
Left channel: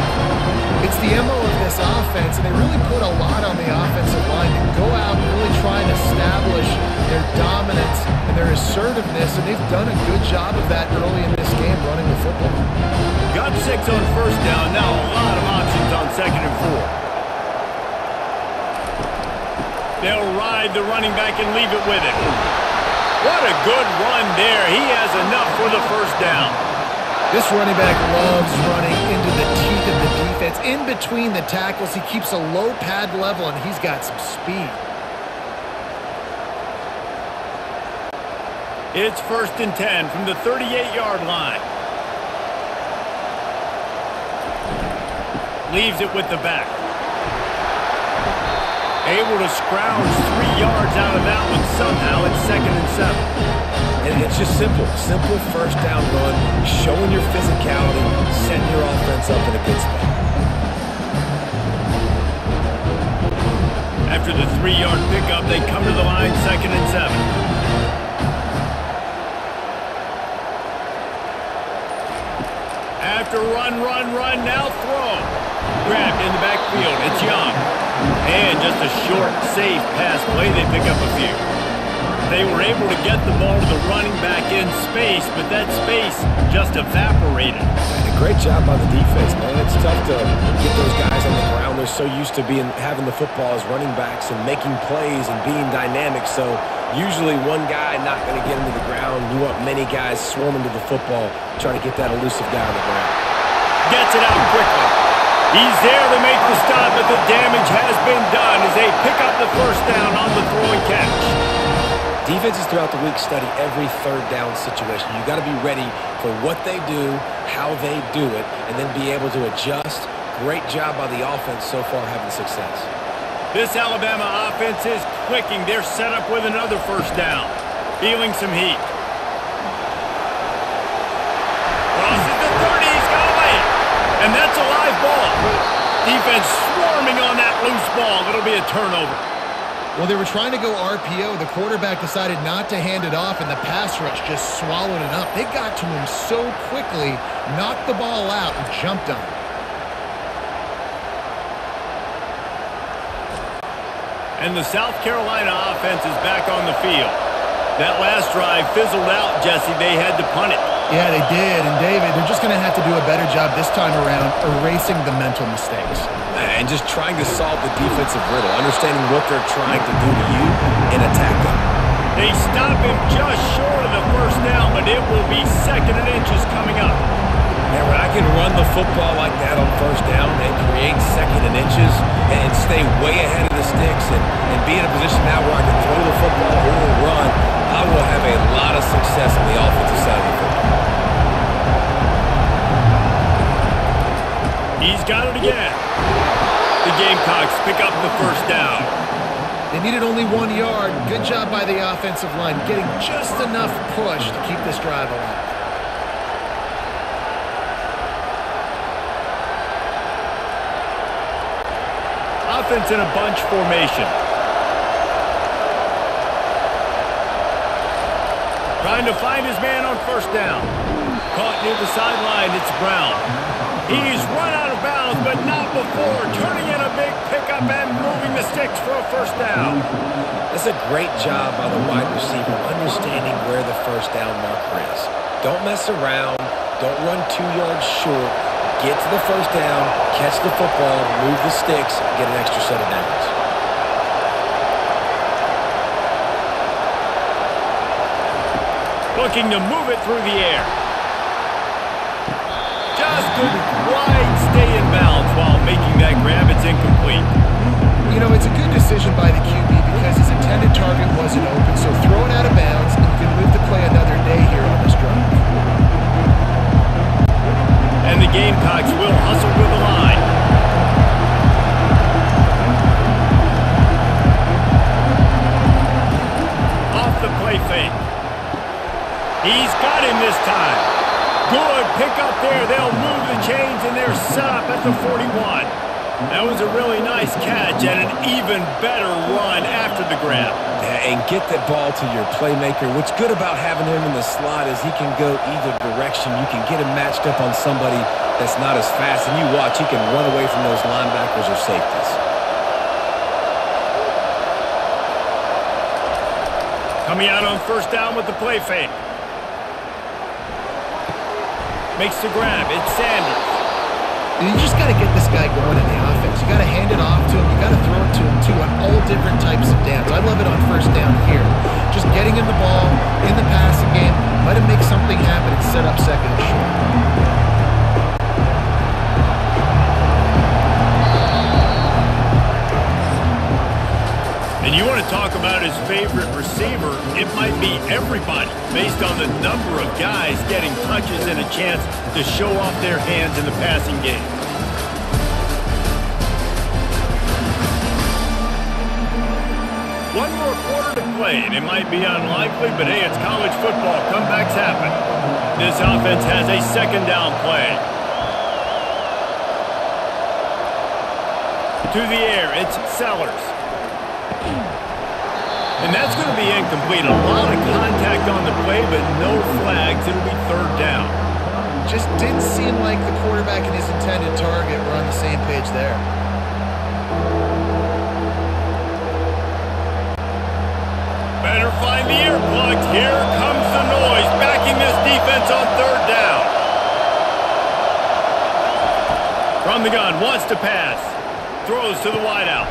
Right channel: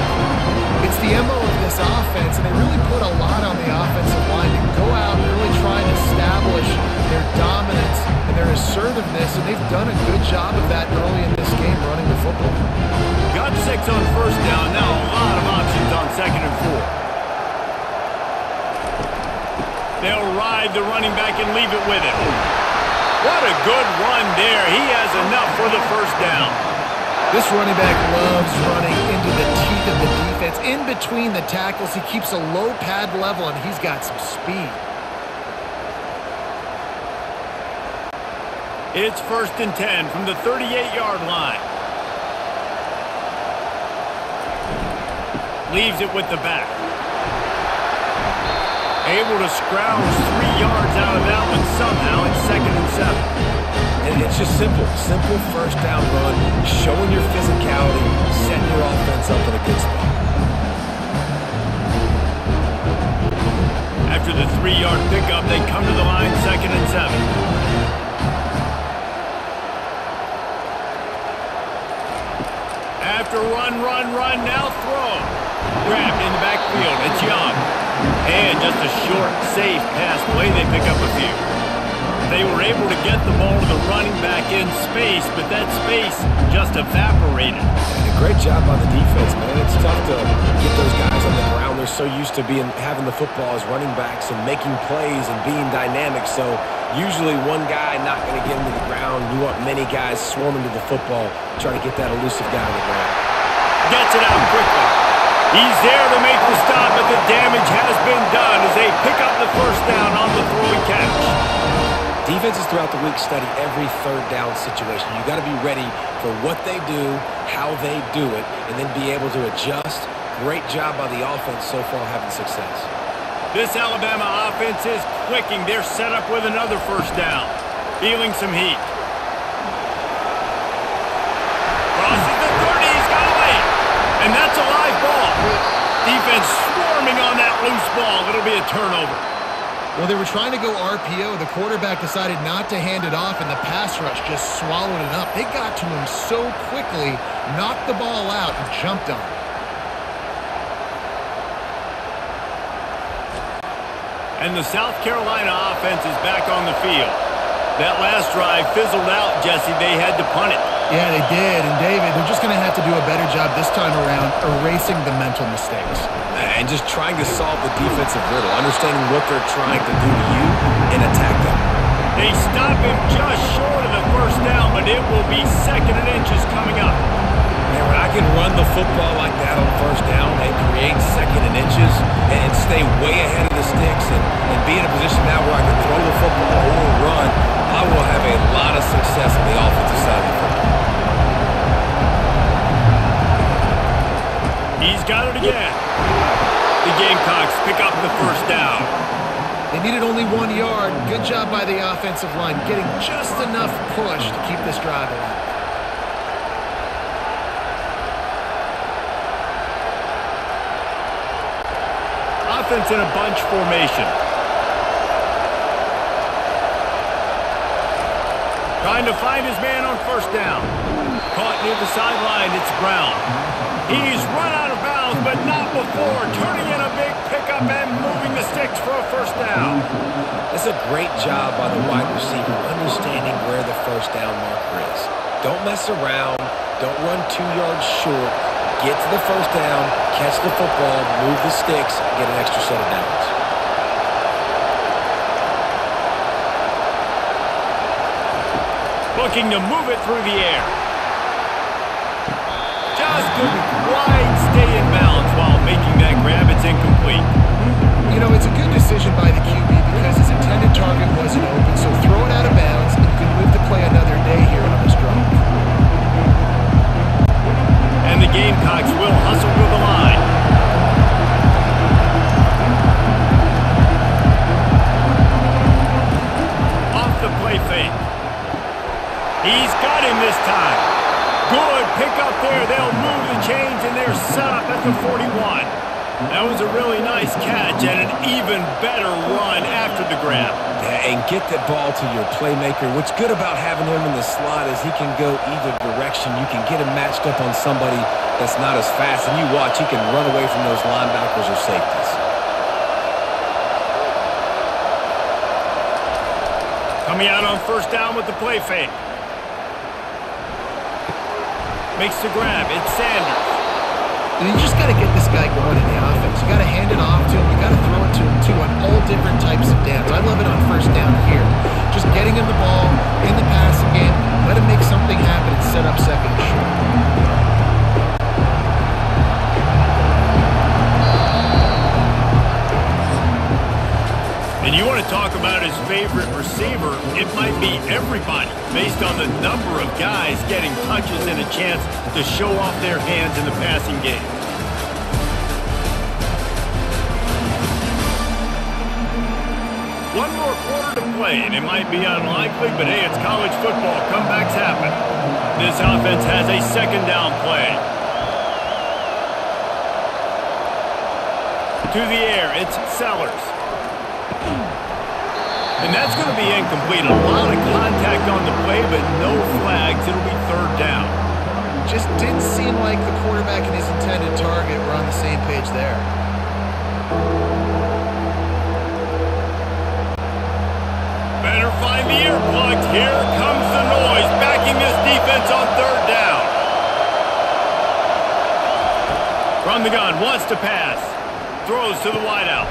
It's the MO of this offense, and they really put a lot on the offensive line to go out and really try and establish their dominance and their assertiveness, and they've done a good job of that early in this game running the football. Got 6 on first down. Now a lot of options on second and 4. They'll ride the running back and leave it with it. What a good run there. He has enough for the first down. This running back loves running into the teeth of the defense. In between the tackles, he keeps a low pad level, and he's got some speed. It's first and 10 from the 38-yard line. Leaves it with the back. Able to scrounge 3 yards out of that one somehow. It's second and 7. And it's just simple first down run, showing your physicality, setting your offense up in a good spot. After the 3-yard pickup, they come to the line, second and 7. After run, now throw. Grabbed in the backfield. It's Young. And just a short, safe pass play. They pick up a few. They were able to get the ball to the running back in space, but that space just evaporated. And a great job by the defense, man. It's tough to get those guys on the ground. They're so used to having the football as running backs and making plays and being dynamic. So usually one guy not going to get into the ground. You want many guys swarming to the football, try to get that elusive guy on the ground. Gets it out quickly. He's there to make the stop, but the damage has been done as they pick up the first down on the throw and catch. Defenses throughout the week study every third down situation. You got to be ready for what they do, how they do it, and then be able to adjust. Great job by the offense so far having success. This Alabama offense is clicking. They're set up with another first down. Feeling some heat. Crosses the 30. He's got a lane. And that's a live ball. Defense swarming on that loose ball. It'll be a turnover. Well, they were trying to go RPO. The quarterback decided not to hand it off, and the pass rush just swallowed it up. They got to him so quickly, knocked the ball out, and jumped on him. And the South Carolina offense is back on the field. That last drive fizzled out, Jesse. They had to punt it. Yeah, they did. And, David, they're just going to have to do a better job this time around erasing the mental mistakes. And just trying to solve the defensive riddle, understanding what they're trying to do to you and attack them. They stop him just short of the first down, but it will be second and inches coming up. Man, when I can run the football like that on first down and create second and inches and stay way ahead of the sticks and be in a position now where I can throw the football or run, I will have a lot of success on the offensive side of the football. He's got it again. The Gamecocks pick up the first down. They needed only 1 yard. Good job by the offensive line, getting just enough push to keep this drive alive. Offense in a bunch formation. Trying to find his man on first down. Caught near the sideline, it's Brown. He's run out of bounds, but not before. Turning in a big pickup and moving the sticks for a first down. That's a great job by the wide receiver, understanding where the first down marker is. Don't mess around. Don't run 2 yards short. Get to the first down, catch the football, move the sticks, get an extra set of downs. Looking to move it through the air. Just couldn't quite stay in bounds while making that grab. It's incomplete. You know, it's a good decision by the QB because his intended target wasn't open, so throw it out of bounds, and you can live to play another day here on this drive. And the Gamecocks will hustle to the line. Off the play fake. He's got him this time. Good pick up there. They'll move the chains, and they're set up at the 41. That was a really nice catch and an even better run after the grab. Yeah, and get that ball to your playmaker. What's good about having him in the slot is he can go either direction. You can get him matched up on somebody that's not as fast, and you watch, he can run away from those linebackers or safeties. Coming out on first down with the play fake. Makes the grab. It's Sanders. You just got to get this guy going in the offense. You got to hand it off to him. You got to throw it to him, too, on all different types of downs. I love it on first down here. Just getting him the ball in the passing game, let him make something happen and set up second and short. And you want to talk about his favorite receiver, it might be everybody, based on the number of guys getting touches and a chance to show off their hands in the passing game. One more quarter to play, and it might be unlikely, but hey, it's college football. Comebacks happen. This offense has a second down play. To the air, it's Sellers. And that's going to be incomplete. A lot of contact on the play, but no flags. It'll be third down. Just didn't seem like the quarterback and his intended target were on the same page there. Better find the earplugs. Here comes the noise, backing this defense on third down. From the gun, wants to pass. Throws to the wideout.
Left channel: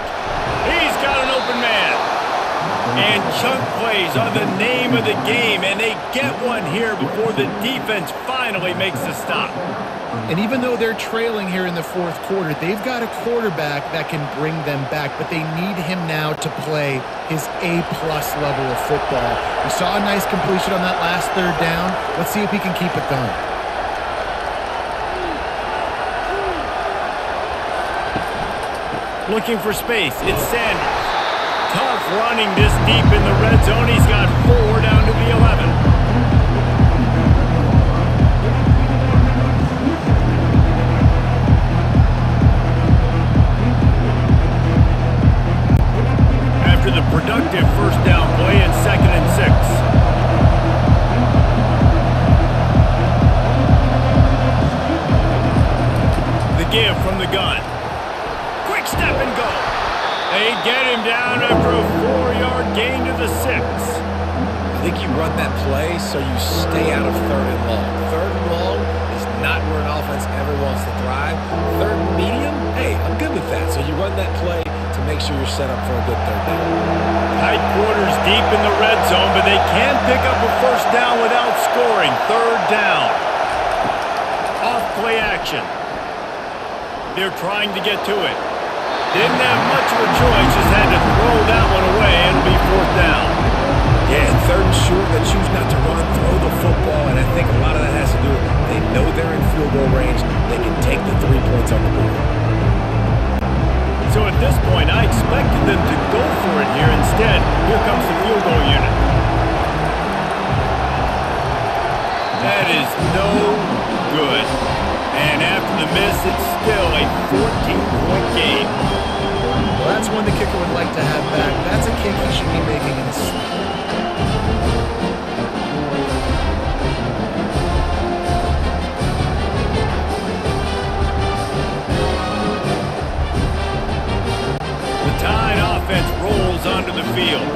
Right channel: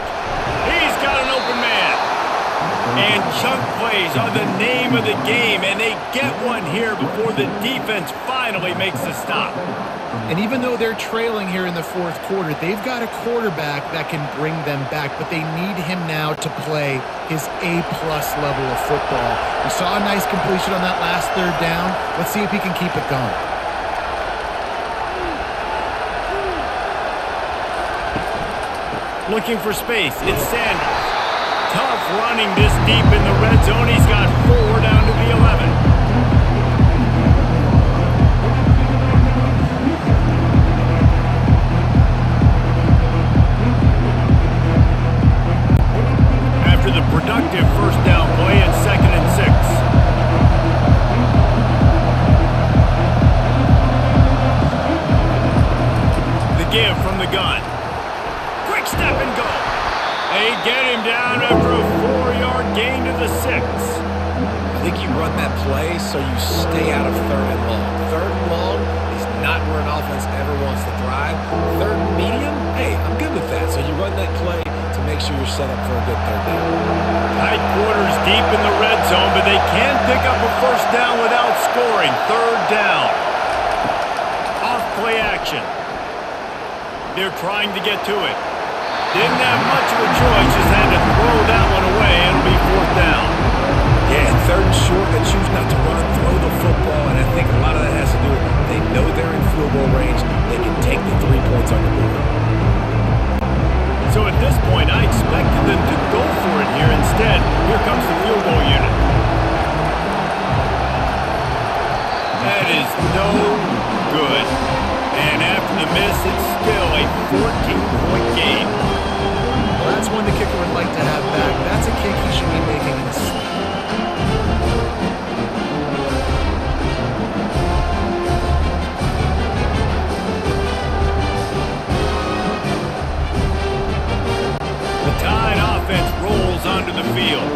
He's got an open man. And chunk plays are the name of the game, and they get one here before the defense finally makes the stop. And even though they're trailing here in the fourth quarter, they've got a quarterback that can bring them back, but they need him now to play his A-plus level of football. We saw a nice completion on that last third down. Let's see if he can keep it going. Looking for space, it's Sanders. Tough running this deep in the red zone. He's got 4 down to the 11. After the productive first down play, it's 2nd and 6. The give from the gun. Quick step and go. They get him down after a 4-yard gain to the 6. I think you run that play so you stay out of third and long. Third and long is not where an offense ever wants to thrive. Third and medium, hey, I'm good with that. So you run that play to make sure you're set up for a good third down. Tight quarters deep in the red zone, but they can pick up a first down without scoring. Third down. Off play action. They're trying to get to it. Didn't have much of a choice, just had to throw that one away. It'll be 4th down. Yeah, and 3rd and short, they choose not to run, throw the football, and I think a lot of that has to do with they know they're in field goal range. They can take the 3 points on the board. So at this point, I expected them to go for it here. Instead, here comes the field goal unit. That is no good. And after the miss, it's still a 14-point game. Well, that's one the kicker would like to have back. That's a kick he should be making in his sleep. The Tide offense rolls onto the field.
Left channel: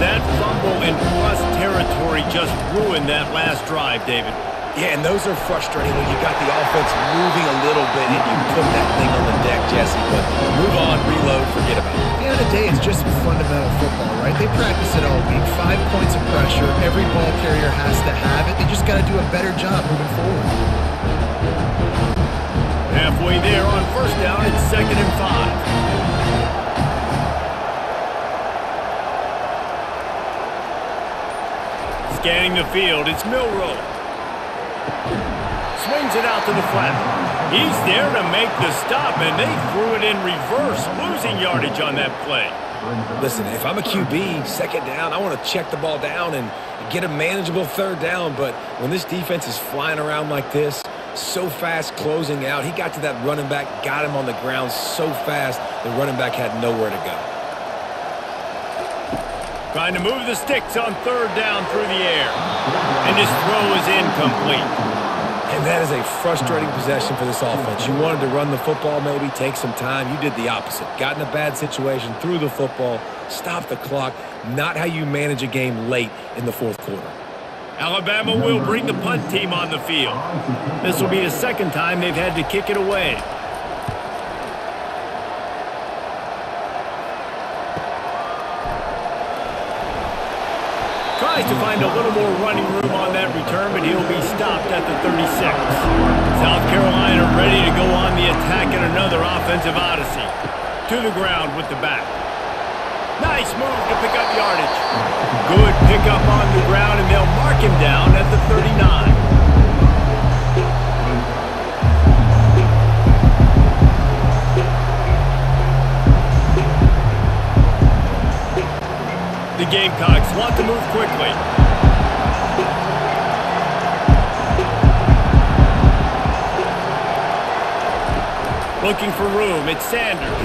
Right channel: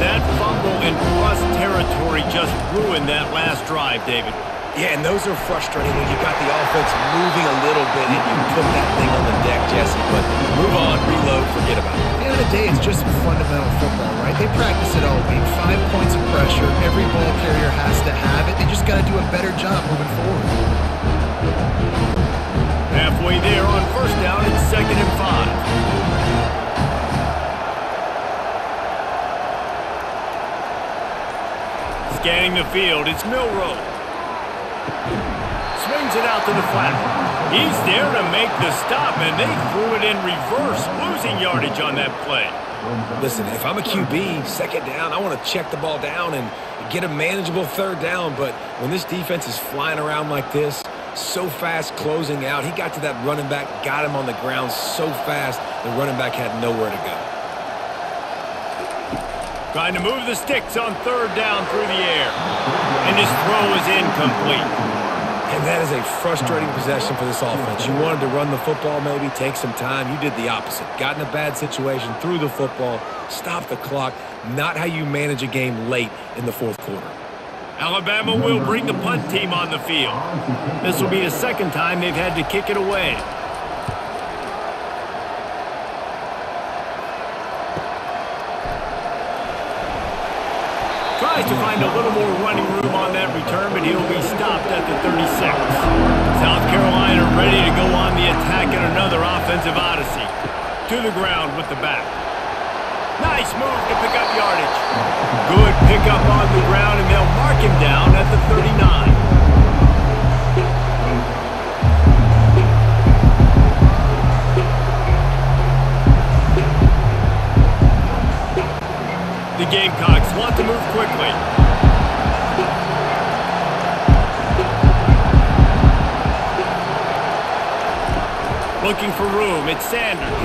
That fumble in plus territory just ruined that last drive, David. Yeah, and those are frustrating when you got the offense moving a little bit and you put that thing on the deck, Jesse. But move on, reload, forget about it. At the end of the day, it's just fundamental football, right? They practice it all week. 5 points of pressure. Every ball carrier has to have it. They just got to do a better job moving forward. Halfway there on first down, it's 2nd and 5. Scanning the field, it's Milroe. Swings it out to the flat. He's there to make the stop, and they threw it in reverse, losing yardage on that play. Listen, if I'm a QB, 2nd down, I want to check the ball down and get a manageable 3rd down. But when this defense is flying around like this, so fast closing out, he got to that running back, got him on the ground so fast, the running back had nowhere to go. Trying to move the sticks on 3rd down through the air. And his throw is incomplete. And that is a frustrating possession for this offense. You wanted to run the football, maybe take some time. You did the opposite. Got in a bad situation, threw the football, stopped the clock. Not how you manage a game late in the 4th quarter. Alabama will bring the punt team on the field. This will be the 2nd time they've had to kick it away. Tries to find a little more running room on that return, but he'll be stopped at the 36. South Carolina ready to go on the attack in another offensive odyssey. To the ground with the back. Nice move to pick up yardage. Good pickup on the ground, and they'll mark him down at the 39. The Gamecocks want to move quickly. Looking for room, it's Sanders.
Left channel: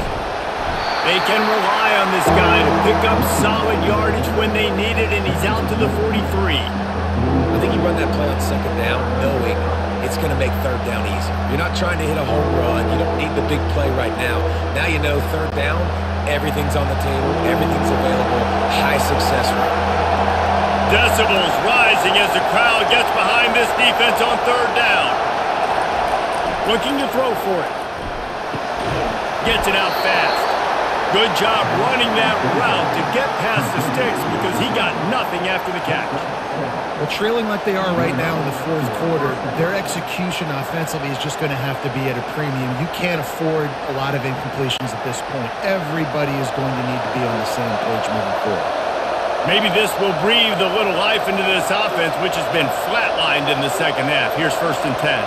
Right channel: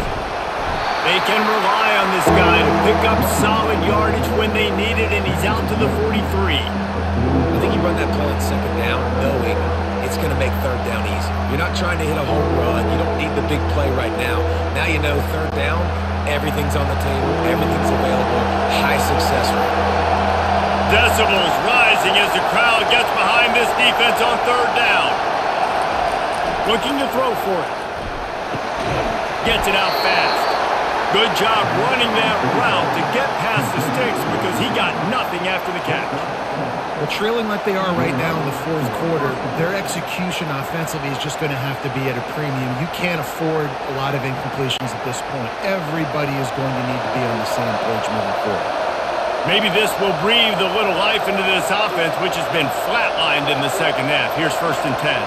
They can rely on this guy to pick up solid yardage when they need it, and he's out to the 43. I think you run that play on 2nd down knowing it's going to make 3rd down easy. You're not trying to hit a home run. You don't need the big play right now. Now you know 3rd down, everything's on the table, everything's available, high success rate. Decibels rising as the crowd gets behind this defense on 3rd down. Looking to throw for it. Gets it out fast. Good job running that route to get past the sticks because he got nothing after the catch. Well, trailing like they are right now in the 4th quarter, their execution offensively is just going to have to be at a premium. You can't afford a lot of incompletions at this point. Everybody is going to need to be on the same page moving forward. Maybe this will breathe a little life into this offense, which has been flatlined in the 2nd half. Here's 1st and 10.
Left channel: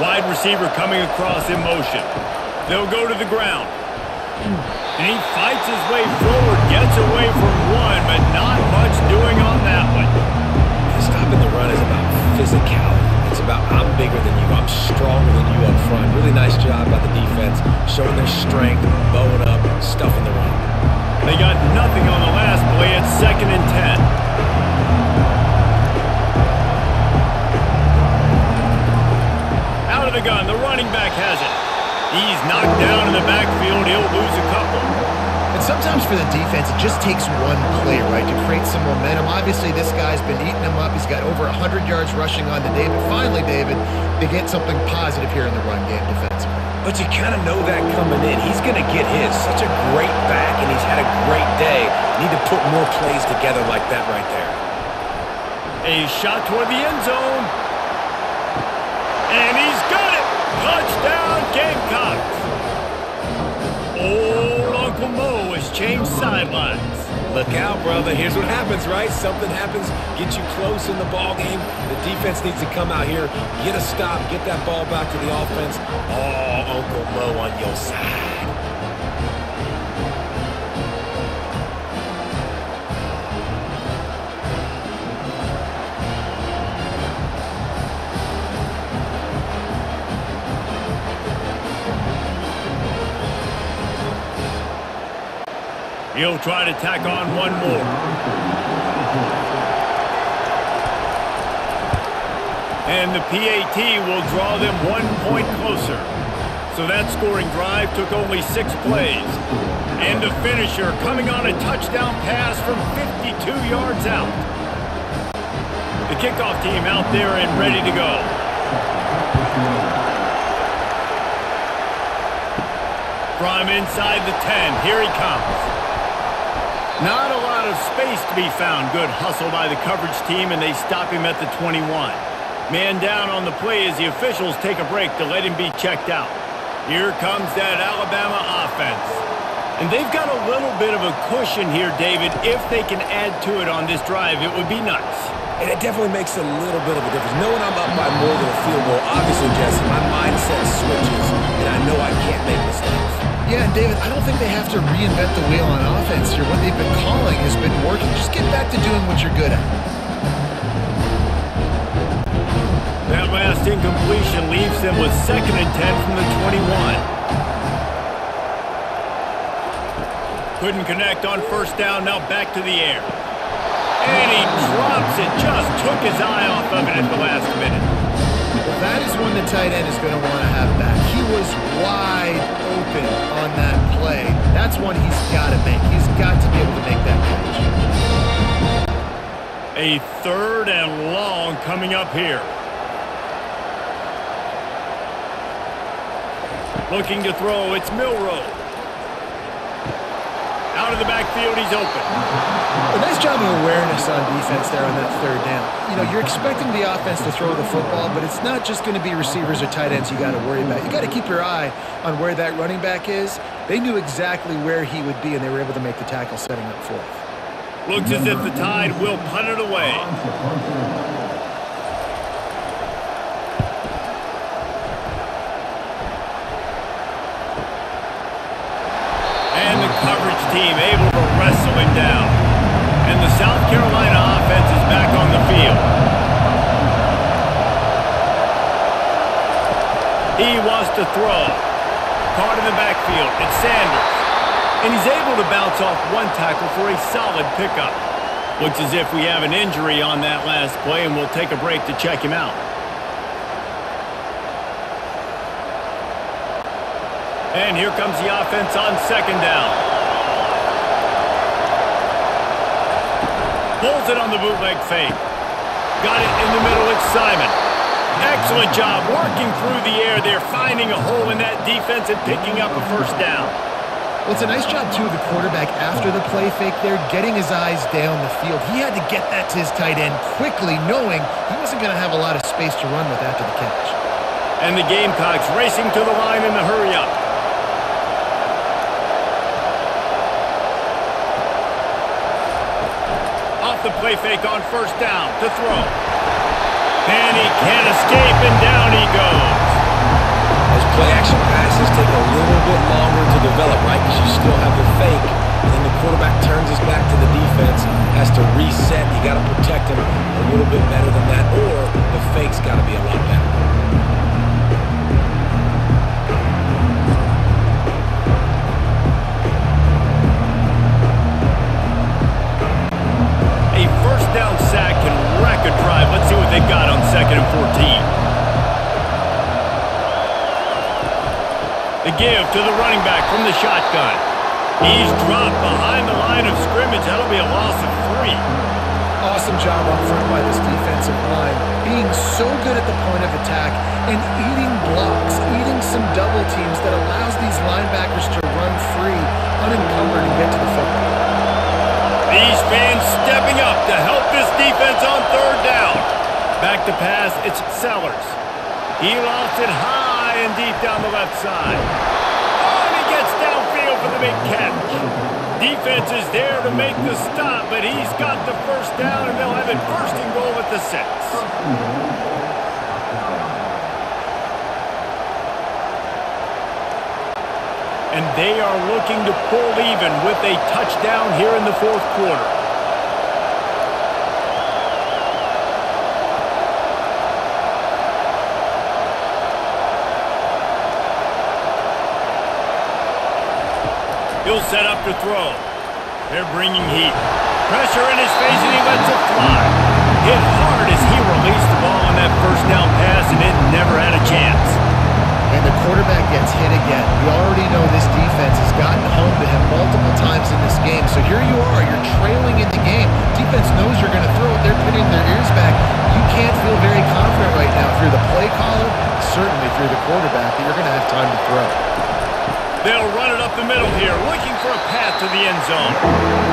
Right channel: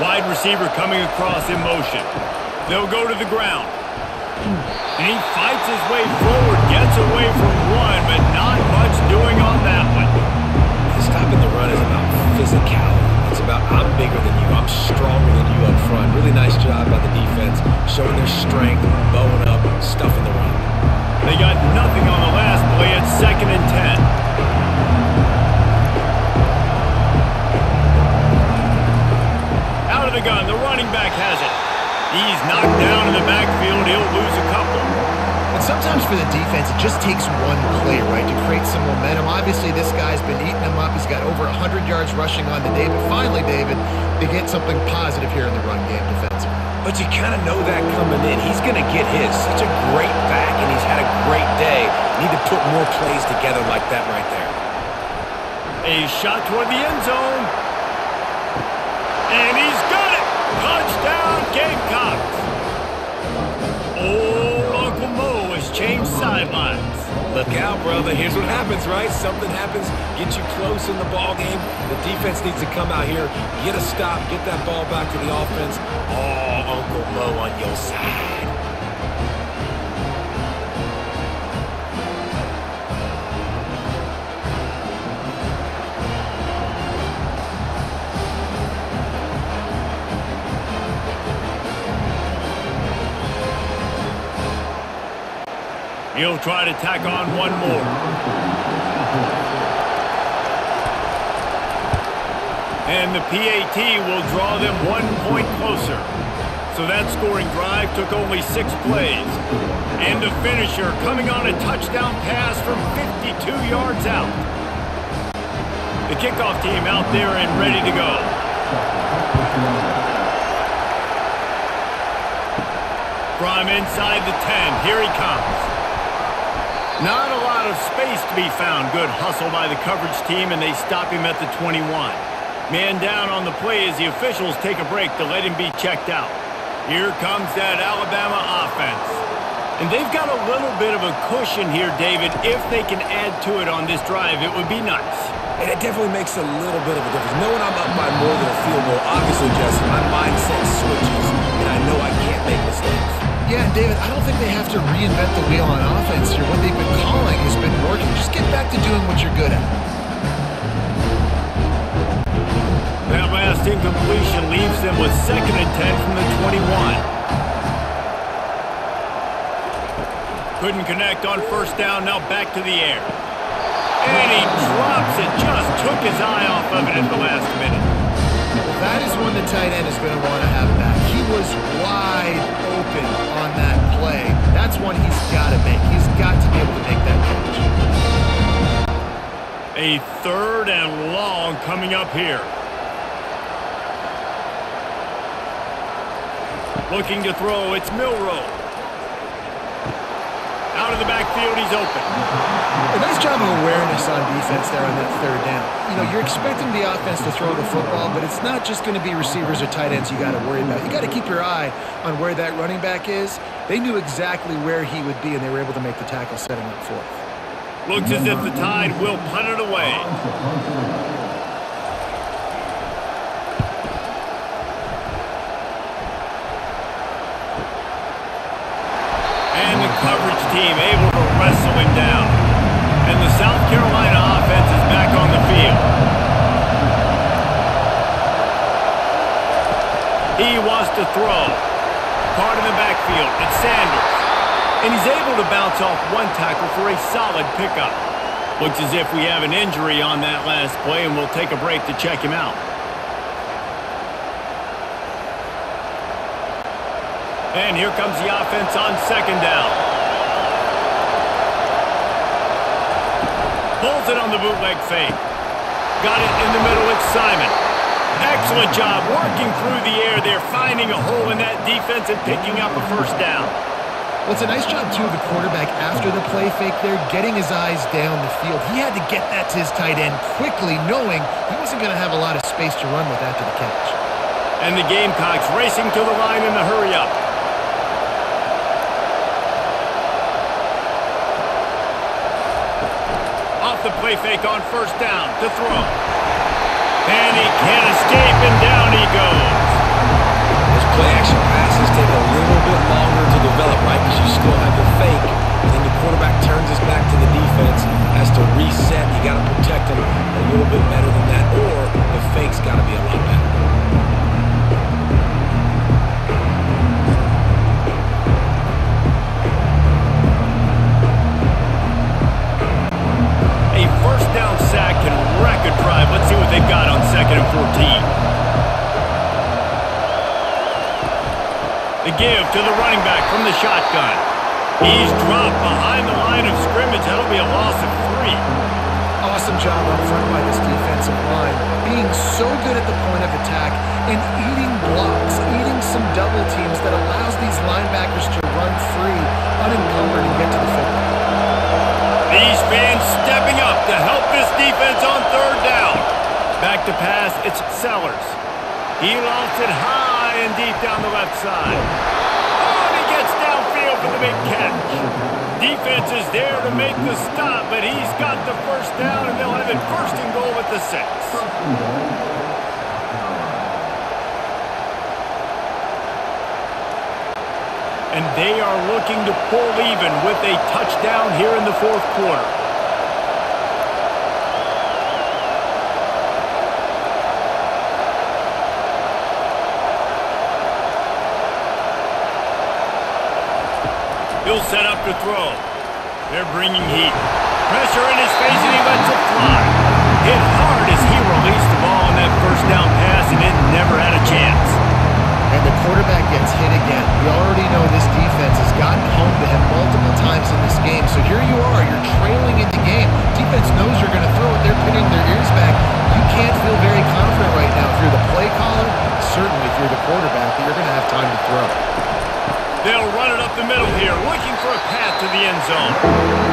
Wide receiver coming across in motion. They'll go to the ground. And he fights his way forward, gets away from one, but not much doing on that one. Stopping the run is about physicality. It's about I'm bigger than you, I'm stronger than you up front. Really nice job by the defense, showing their strength, bowing up, stuffing the run. They got nothing on the last play. It's 2nd and 10. Out of the gun, the running back has it. He's knocked down in the backfield. He'll lose a couple. And sometimes for the defense, it just takes one play, right, to create some momentum. Obviously, this guy's been eating him up. He's got over 100 yards rushing on the day. But finally, David, they get something positive here in the run game defensively. But you kind of know that coming in. He's going to get his. Such a great back, and he's had a great day. Need to put more plays together like that right there. A shot toward the end zone. And he's got it. Touchdown, Gamecocks. Old Uncle Mo has changed sidelines. Look out, brother. Here's what happens, right? Something happens, get you close in the ball game. The defense needs to come out here, get a stop, get that ball back to the offense. Oh, Uncle Mo on your side. He'll try to tack on one more. And the PAT will draw them 1 point closer. So that scoring drive took only 6 plays. And the finisher coming on a touchdown pass from 52 yards out. The kickoff team out there and ready to go. From inside the 10, here he comes. Not a lot of space to be found. Good hustle by the coverage team, and they stop him at the 21. Man down on the play as the officials take a break to let him be checked out. Here comes that Alabama offense. And they've got a little bit of a cushion here, David. If they can add to it on this drive, it would be nice. And it definitely makes a little bit of a difference. Knowing I'm up by more than a field goal, obviously, Jesse, my mindset switches, and I know I can't make mistakes. Yeah, and David, I don't think they have to reinvent the wheel on offense here. What they've been calling has been working. Just get back to doing what you're good at. That last incompletion leaves them with 2nd and 10 from the 21. Couldn't connect on first down, now back to the air. And he drops it, just took his eye off of it at the last minute. Well, that is one the tight end is going to want to have back. He was wide open on that play. That's one he's got to make. He's got to be able to make that catch. A 3rd and long coming up here. Looking to throw, it's Milroe. Out of the backfield, he's open. A nice job of awareness on defense there on that 3rd down. You know, you're expecting the offense to throw the football, but it's not just going to be receivers or tight ends you got to worry about. You got to keep your eye on where that running back is. They knew exactly where he would be, and they were able to make the tackle setting up 4th. Looks as if the Tide will punt it away. And the coverage team able to wrestle him down. And the South Carolina offense is back on the field. He wants to throw. Caught in the backfield. It's Sanders. And he's able to bounce off one tackle for a solid pickup. Looks as if we have an injury on that last play, and we'll take a break to check him out. And here comes the offense on 2nd down. Pulls it on the bootleg fake. Got it in the middle, it's Simon. Excellent job working through the air there, finding a hole in that defense and picking up a 1st down. Well, it's a nice job, too, of the quarterback after the play fake there, getting his eyes down the field. He had to get that to his tight end quickly, knowing he wasn't going to have a lot of space to run with after the catch. And the Gamecocks racing to the line in the hurry-up. Off the play fake on 1st down to throw. And he can't escape, and down he goes. Those play-action passes take a little bit longer to develop, right? Because you still have the fake, and then the quarterback turns his back to the defense, has to reset. You got to protect him a little bit better than that, or the fake's got to be a lot better. A 1st down sack can wreck a drive. Let's see what they've got on 2nd and 14. The give to the running back from the shotgun. He's dropped behind the line of scrimmage. That'll be a loss of 3. Awesome job up front by this defensive line, being so good at the point of attack and eating blocks, eating some double teams that allows these linebackers to run free, unencumbered, and get to the football. These fans stepping up to help this defense on 3rd down. Back to pass, it's Sellers. He lofts it high and deep down the left side. Oh, and he gets downfield for the big catch. Defense is there to make the stop, but he's got the 1st down, and they'll have it 1st and goal at the 6. And they are looking to pull even with a touchdown here in the 4th quarter. He'll set up to throw. They're bringing heat. Pressure in his face, and he lets it fly. Hit hard as he released the ball on that first down pass, and it never had a chance. And the quarterback gets hit again. We already know this defense has gotten home to him multiple times in this game. So here you are. You're trailing in the game. Defense knows you're going to throw it. They're pinning their ears back. You can't feel very confident right now if you're the play caller, certainly if you're the quarterback, that you're going to have time to throw. They'll run it up the middle here, looking for a path to the end zone.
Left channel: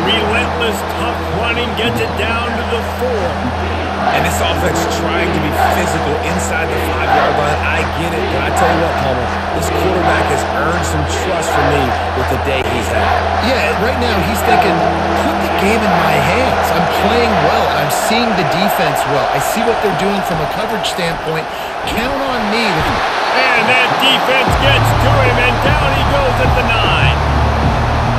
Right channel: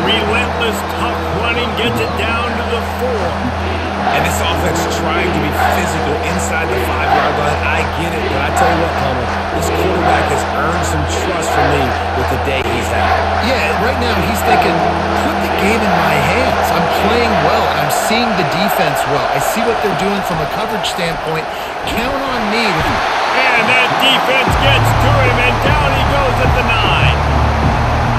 Relentless, tough running gets it down to the 4. And this offense trying to be physical inside the 5-yard line. I get it, but I tell you what, Palmer, this quarterback has earned some trust from me with the day he's had. Yeah, right now he's thinking, put the game in my hands. I'm playing well, and I'm seeing the defense well. I see what they're doing from a coverage standpoint. Count on me to... And that defense gets to him, and down he goes at the 9.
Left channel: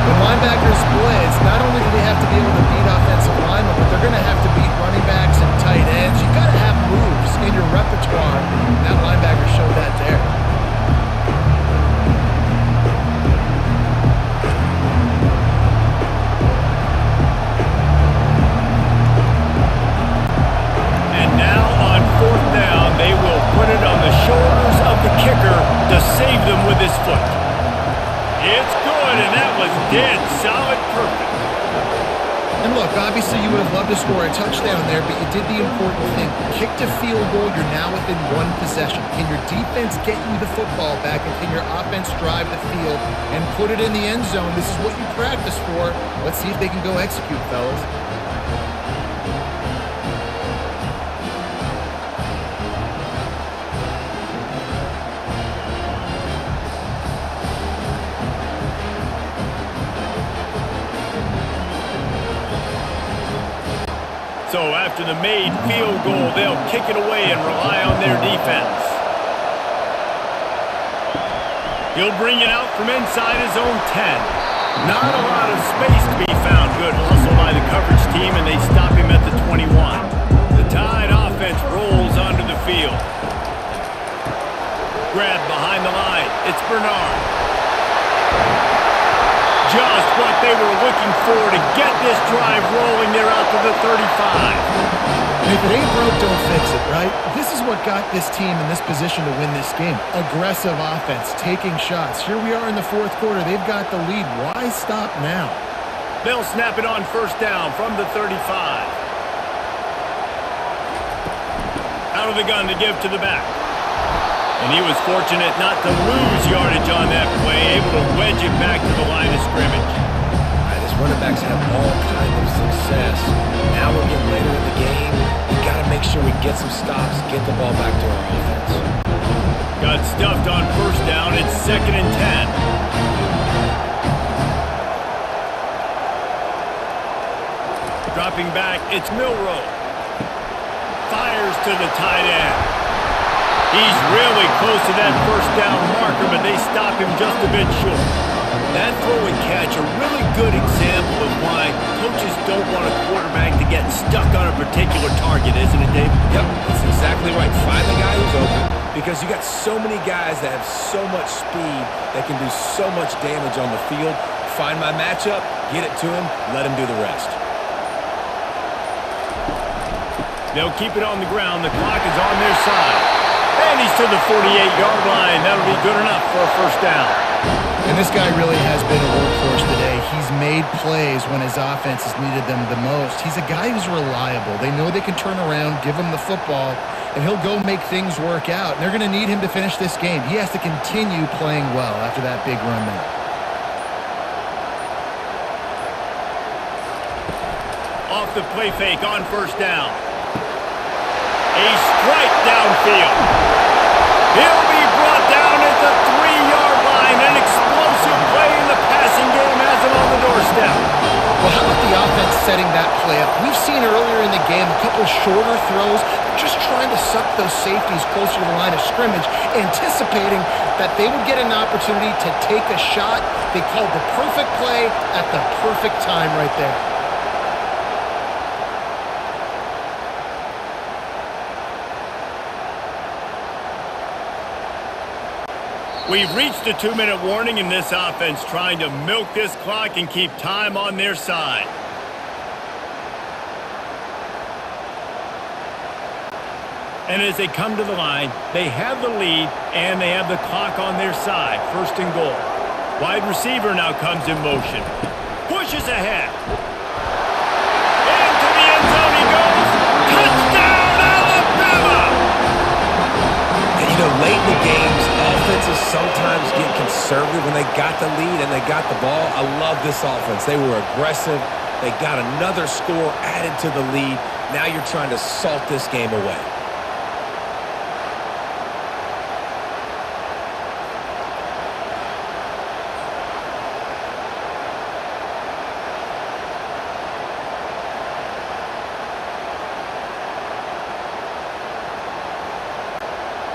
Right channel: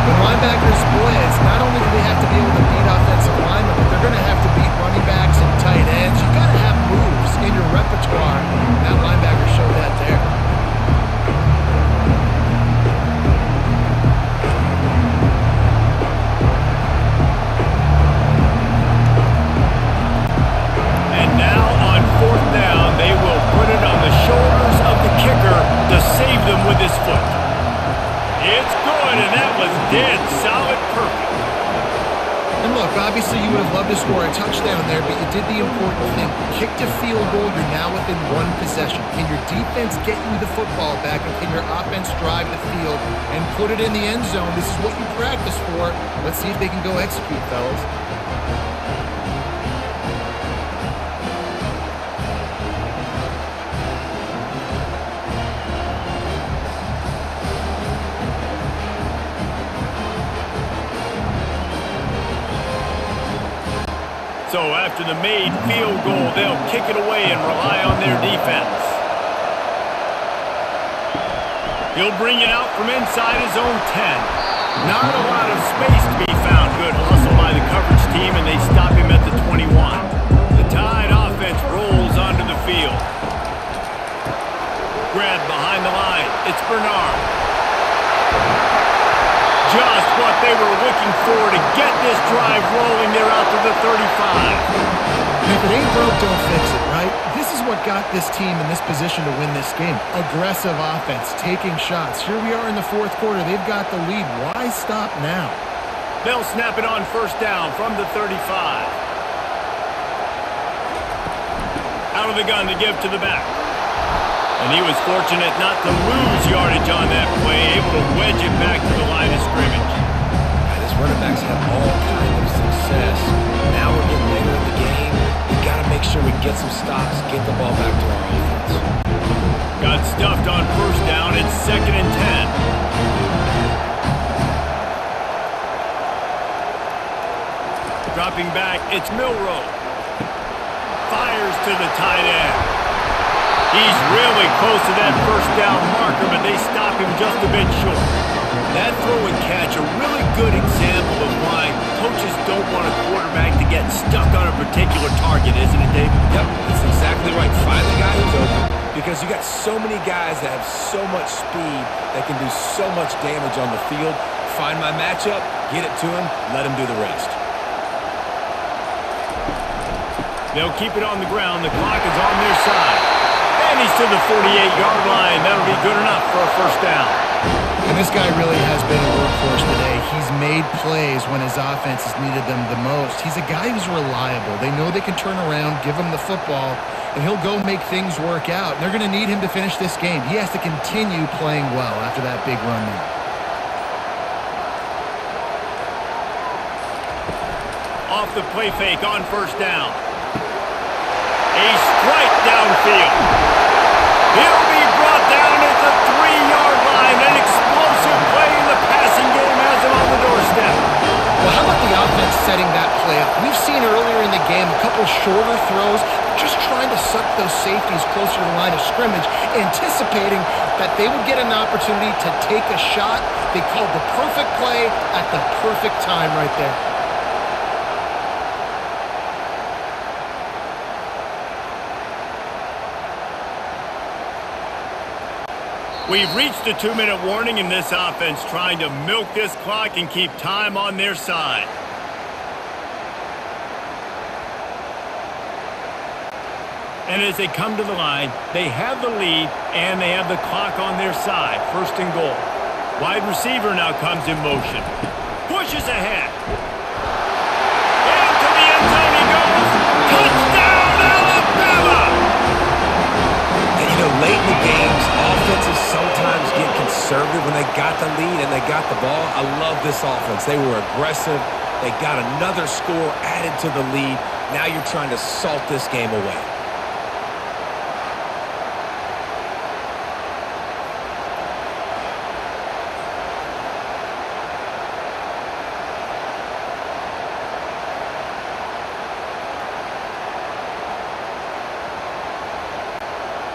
When linebackers blitz, not only do they have to be able to beat offensive linemen, but they're going to have to beat running backs and tight ends. You've got to have moves in your repertoire. And that linebacker showed that there. And now on 4th down, they will put it on the shoulders of the kicker to save them with his foot. It's good, and that was dead solid perfect. And look, obviously you would have loved to score a touchdown there, but you did the important thing. Kicked a field goal, you're now within one possession. Can your defense get you the football back, and can your offense drive the field and put it in the end zone? This is what you practice for. Let's see if they can go execute, fellas. So after the made field goal, they'll kick it away and rely on their defense. He'll bring it out from inside his own 10. Not a lot of space to be found. Good hustle by the coverage team, and they stop him at the 21. The Tide offense rolls onto the field. Grabbed behind the line. It's Bernard. Just what they were looking for to get this drive rolling. They're out to the 35. And if it ain't broke, don't fix it, right? This is what got this team in this position to win this game. Aggressive offense, taking shots. Here we are in the 4th quarter. They've got the lead. Why stop now? They'll snap it on 1st down from the 35. Out of the gun to give to the back. And he was fortunate not to lose yardage on that play, able to wedge it back to the line of scrimmage. All right, this running backs have all kind of success. Now we're getting later in the game. We got to make sure we get some stops, get the ball back to our offense. Got stuffed on 1st down. It's 2nd and 10. Dropping back, it's Milroe. Fires to the tight end. He's really close to that 1st down marker, but they stop him just a bit short. That throw and catch, a really good example of why coaches don't want a quarterback to get stuck on a particular target, isn't it, David? Yep, that's exactly right. Find the guy who's open, because you got so many guys that have so much speed that can do so much damage on the field. Find my matchup, get it to him, let him do the rest. They'll keep it on the ground. The clock is on their side. And he's to the 48-yard line. That'll be good enough for a 1st down. And this guy really has been a workhorse today. He's made plays when his offense has needed them the most. He's a guy who's reliable. They know they can turn around, give him the football, and he'll go make things work out. And they're going to need him to finish this game. He has to continue playing well after that big run there. Off the play fake on 1st down. A strike downfield. He'll be brought down at the 3-yard line. An explosive play in the passing game has him on the doorstep. Well, how about the offense setting that play up? We've seen earlier in the game a couple shorter throws. They're just trying to suck those safeties closer to the line of scrimmage, anticipating that they would get an opportunity to take a shot. They called the perfect play at the perfect time right there. We've reached the 2-minute warning in this offense, trying to milk this clock and keep time on their side. And as they come to the line, they have the lead and they have the clock on their side. First and goal. Wide receiver now comes in motion. Pushes ahead. Into the end zone he goes. Touchdown, Alabama! And you know, late in the games, offenses sometimes get conservative when they got the lead and they got the ball. I love this offense. They were aggressive. They got another score added to the lead. Now you're trying to salt this game away.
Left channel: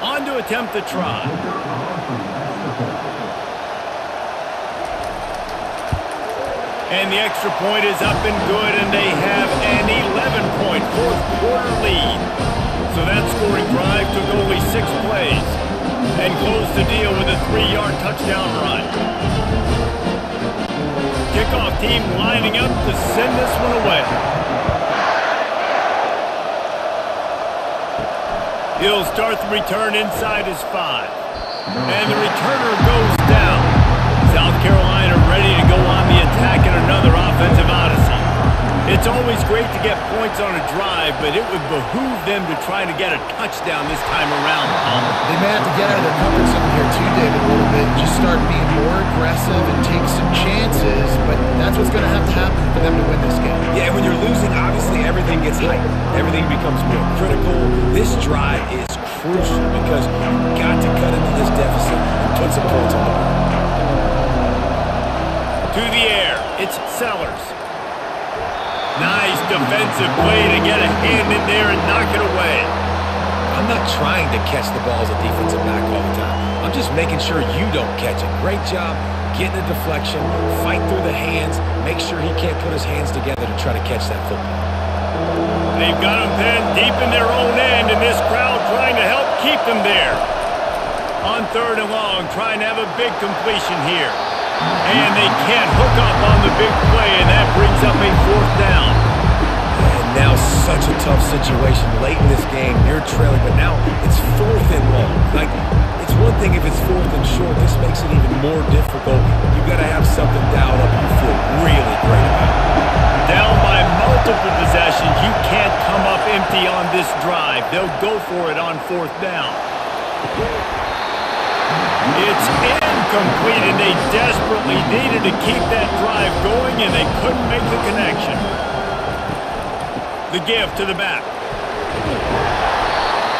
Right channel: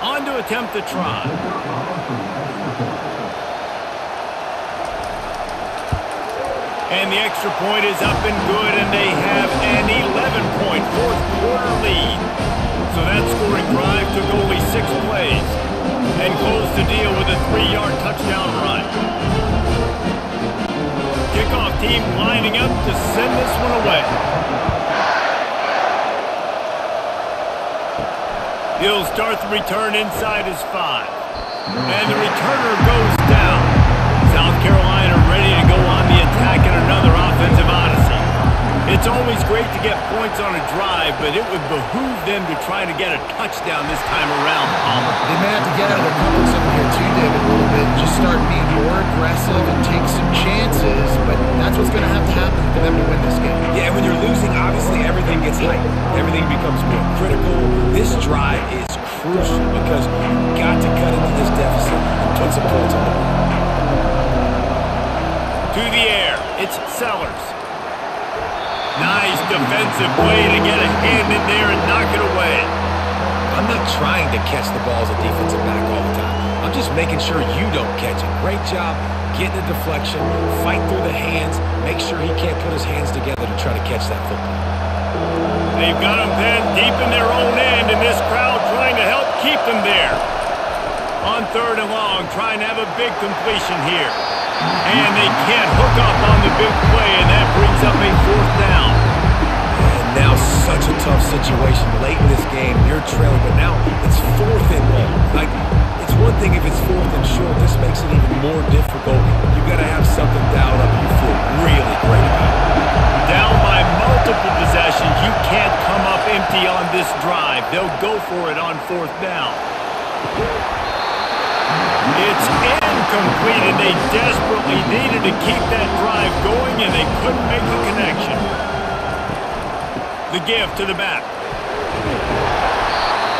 On to attempt the try. And the extra point is up and good, and they have an 11-point fourth-quarter lead. So that scoring drive took only 6 plays and closed the deal with a 3-yard touchdown run. Kickoff team lining up to send this one away. He'll start the return inside his 5. And the returner goes down. South Carolina ready to go on the attack in another offensive odyssey. It's always great to get points on a drive, but it would behoove them to try to get a touchdown this time around, Palmer. They may have to get out of their comfort zone here too, David, a little bit. Just start being more aggressive and take some chances, but that's what's going to happen for them to win this game. Yeah, and when you're losing, obviously everything gets heightened. Everything becomes more critical. This drive is crucial because you've got to cut into this deficit and put some points on the board. To the air, it's Sellers. Nice defensive play to get a hand in there and knock it away. I'm not trying to catch the ball as a defensive back all the time. I'm just making sure you don't catch it. Great job getting a deflection, fight through the hands, make sure he can't put his hands together to try to catch that football. They've got him then deep in their own end, and this crowd trying to help keep them there. On 3rd and long, trying to have a big completion here. And they can't hook up on the big play, and that brings up a 4th down. And now such a tough situation late in this game. You're trailing, but now it's 4th and long. Like, it's one thing if it's 4th and short. This makes it even more difficult. You've got to have something dialed up you feel really great about. Down by multiple possessions, you can't come up empty on this drive. They'll go for it on 4th down. It's incomplete, and they desperately needed to keep that drive going, and they couldn't make the connection. The give to the back.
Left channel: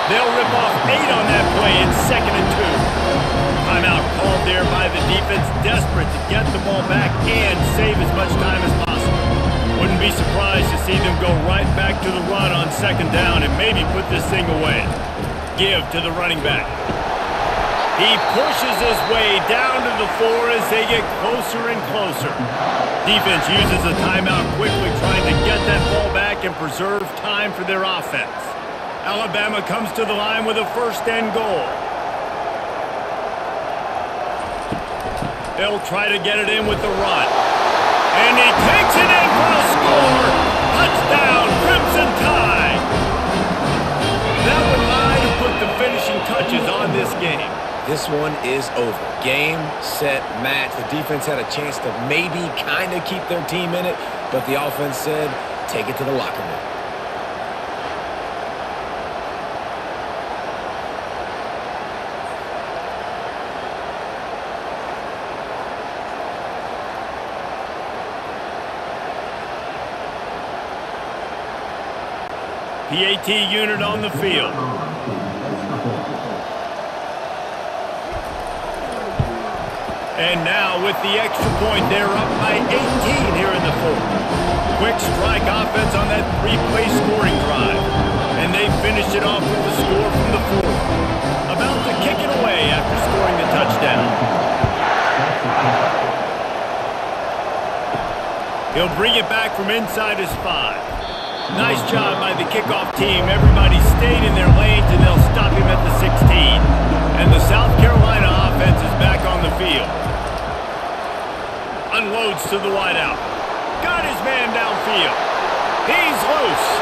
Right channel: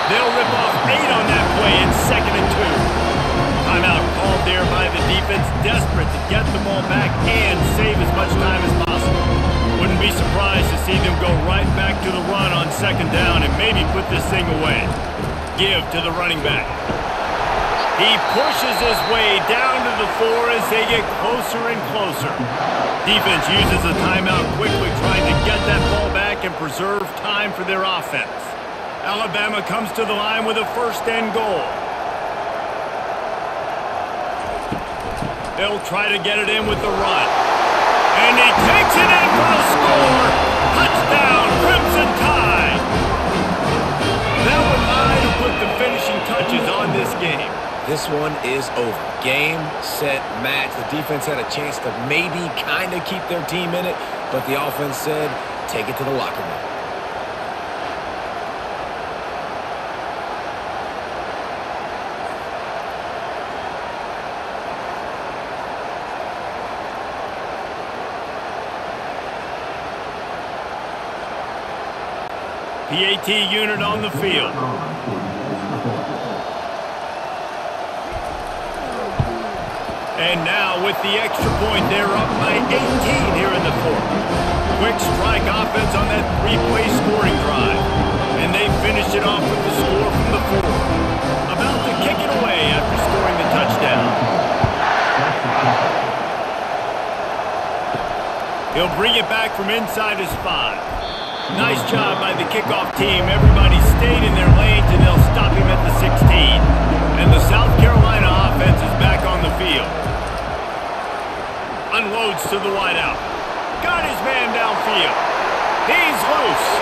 They'll rip off 8 on that play in 2nd and 2. Timeout called there by the defense, desperate to get the ball back and save as much time as possible. Wouldn't be surprised to see them go right back to the run on 2nd down and maybe put this thing away. Give to the running back. He pushes his way down to the 4 as they get closer and closer. Defense uses a timeout quickly, trying to get that ball back and preserve time for their offense. Alabama comes to the line with a 1st and goal. They'll try to get it in with the run. And he takes it in for the score. Touchdown, Crimson Tide. That one might have put the finishing touches on this game. This one is over. Game, set, match. The defense had a chance to maybe kind of keep their team in it, but the offense said, take it to the locker room. PAT unit on the field. And now with the extra point, they're up by 18 here in the 4th. Quick strike offense on that 3-play scoring drive. And they finished it off with the score from the 4. About to kick it away after scoring the touchdown. He'll bring it back from inside his 5. Nice job by the kickoff team. Everybody stayed in their lanes, and they'll stop him at the 16. And the South Carolina offense is back on the field. Unloads to the wideout. Got his man downfield. He's loose.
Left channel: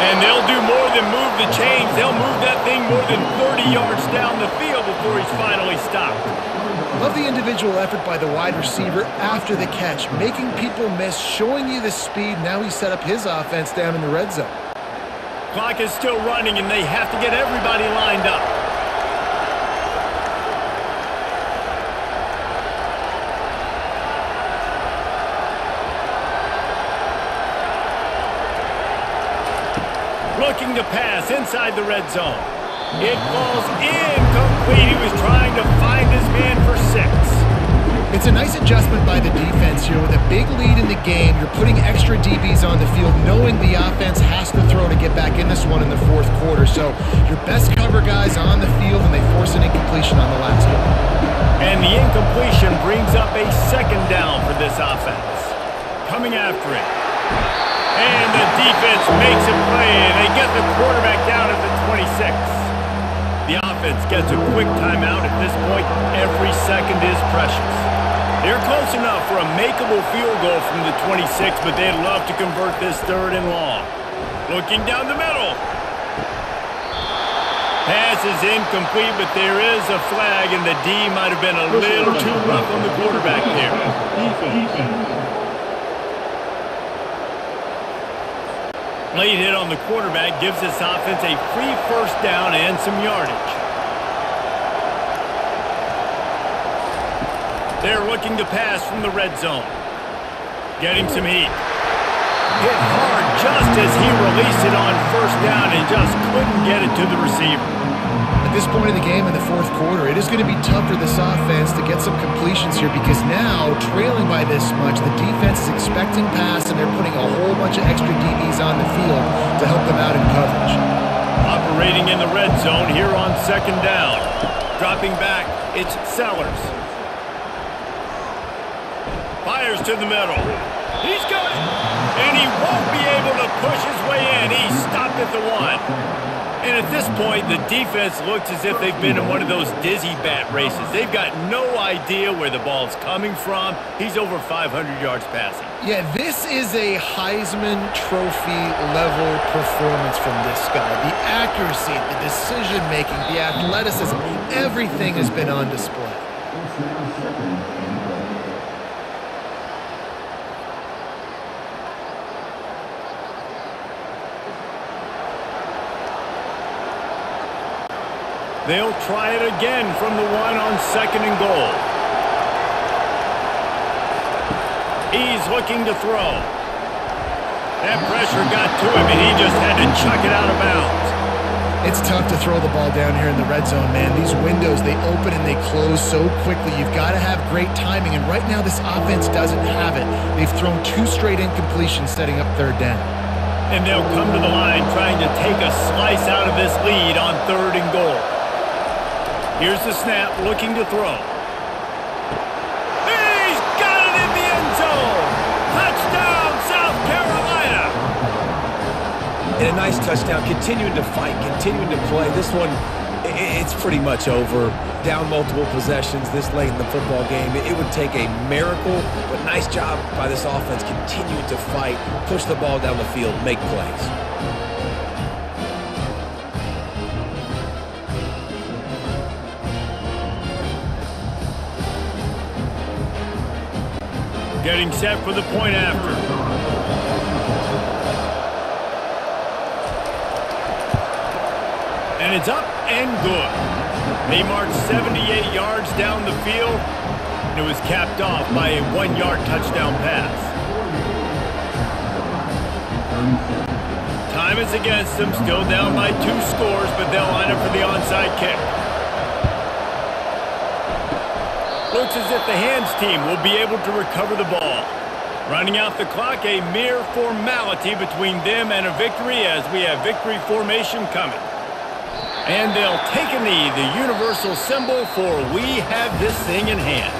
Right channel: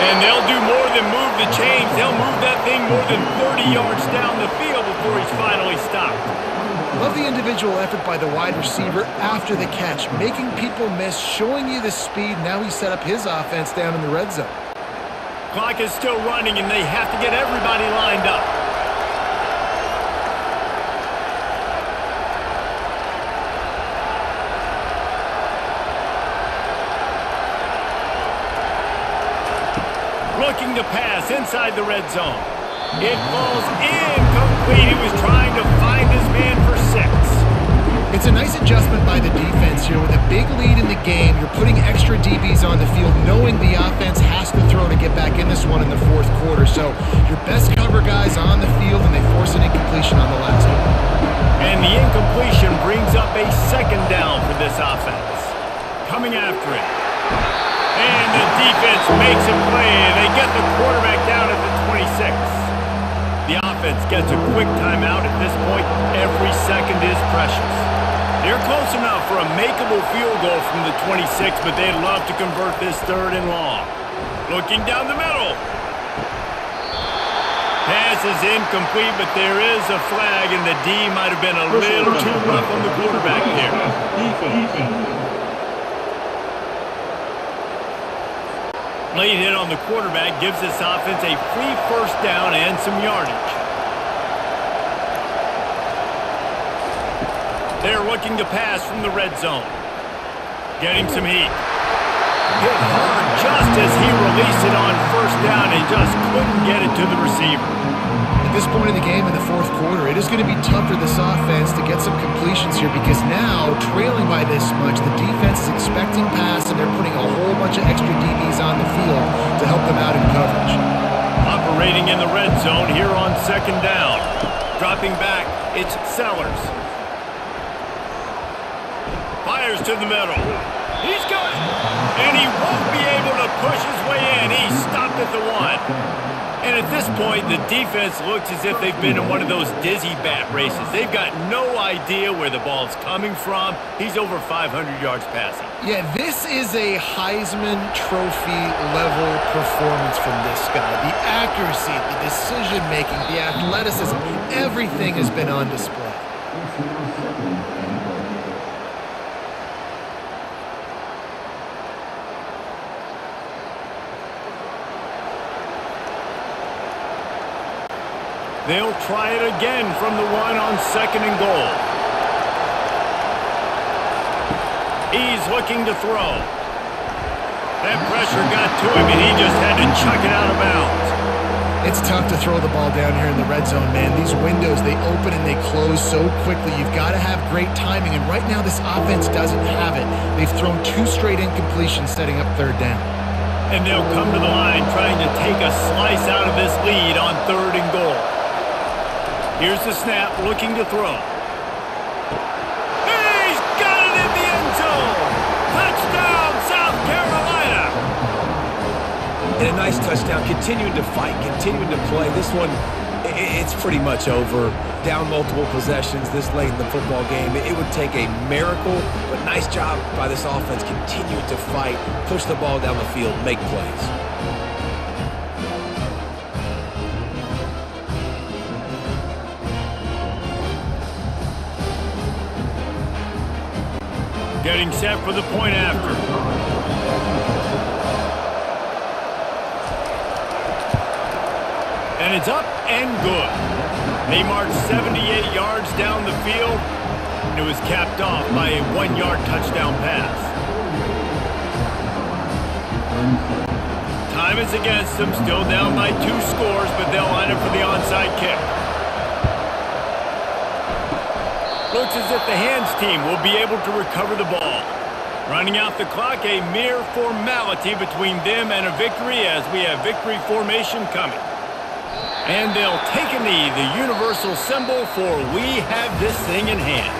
And they'll do more than move the chains. They'll move that thing more than 30 yards down the field before he's finally stopped. Love the individual effort by the wide receiver after the catch, making people miss, showing you the speed. Now he set up his offense down in the red zone. Clock is still running, and they have to get everybody lined up. Looking to pass inside the red zone. It falls incomplete. He was trying to find his man for 6. It's a nice adjustment by the defense here. With a big lead in the game, you're putting extra DBs on the field, knowing the offense has to throw to get back in this one in the fourth quarter. So your best cover guys on the field, and they force an incompletion on the last one. And the incompletion brings up a second down for this offense. Coming after it. And the defense makes a play. They get the quarterback down at the 26. The offense gets a quick timeout. At this point, every second is precious. They're close enough for a makeable field goal from the 26, but they'd love to convert this 3rd and long. Looking down the middle. Pass is incomplete, but there is a flag, and the D might have been a little too rough on the quarterback there. Late hit on the quarterback gives this offense a free first down and some yardage. They're looking to pass from the red zone. Getting some heat. Hit hard just as he released it on first down and just couldn't get it to the receiver. At this point in the game in the fourth quarter, it is going to be tough for this offense to get some completions here, because now, trailing by this much, the defense is expecting pass, and they're putting a whole bunch of extra DBs on the field to help them out in coverage. Operating in the red zone here on 2nd down. Dropping back, it's Sellers. Fires to the middle. He's got it. And he won't be able to push his way in. He stopped at the 1. And at this point, the defense looks as if they've been in one of those dizzy bat races. They've got no idea where the ball's coming from. He's over 500 yards passing. Yeah, this is a Heisman Trophy level performance from this guy. The accuracy, the decision-making, the athleticism, everything has been on display. It's now 2nd and goal. They'll try it again from the 1 on 2nd and goal. He's looking to throw. That pressure got to him, and he just had to chuck it out of bounds. It's tough to throw the ball down here in the red zone, man. These windows, they open and they close so quickly. You've got to have great timing, and right now this offense doesn't have it. They've thrown 2 straight incompletions setting up 3rd down. And they'll come to the line trying to take a slice out of this lead on 3rd and goal. Here's the snap, looking to throw. He's got it in the end zone! Touchdown, South Carolina! And a nice touchdown, continuing to fight, continuing to play. This one, it's pretty much over. Down multiple possessions this late in the football game. It would take a miracle, but nice job by this offense continuing to fight, push the ball down the field, make plays. Getting set for the point after. And it's up and good. They marched 78 yards down the field. And it was capped off by a 1-yard touchdown pass. Time is against them, still down by 2 scores, but they'll line up for the onside kick. Looks as if the hands team will be able to recover the ball. Running out the clock, a mere formality between them and a victory, as we have victory formation coming. And they'll take a knee, the universal symbol for we have this thing in hand.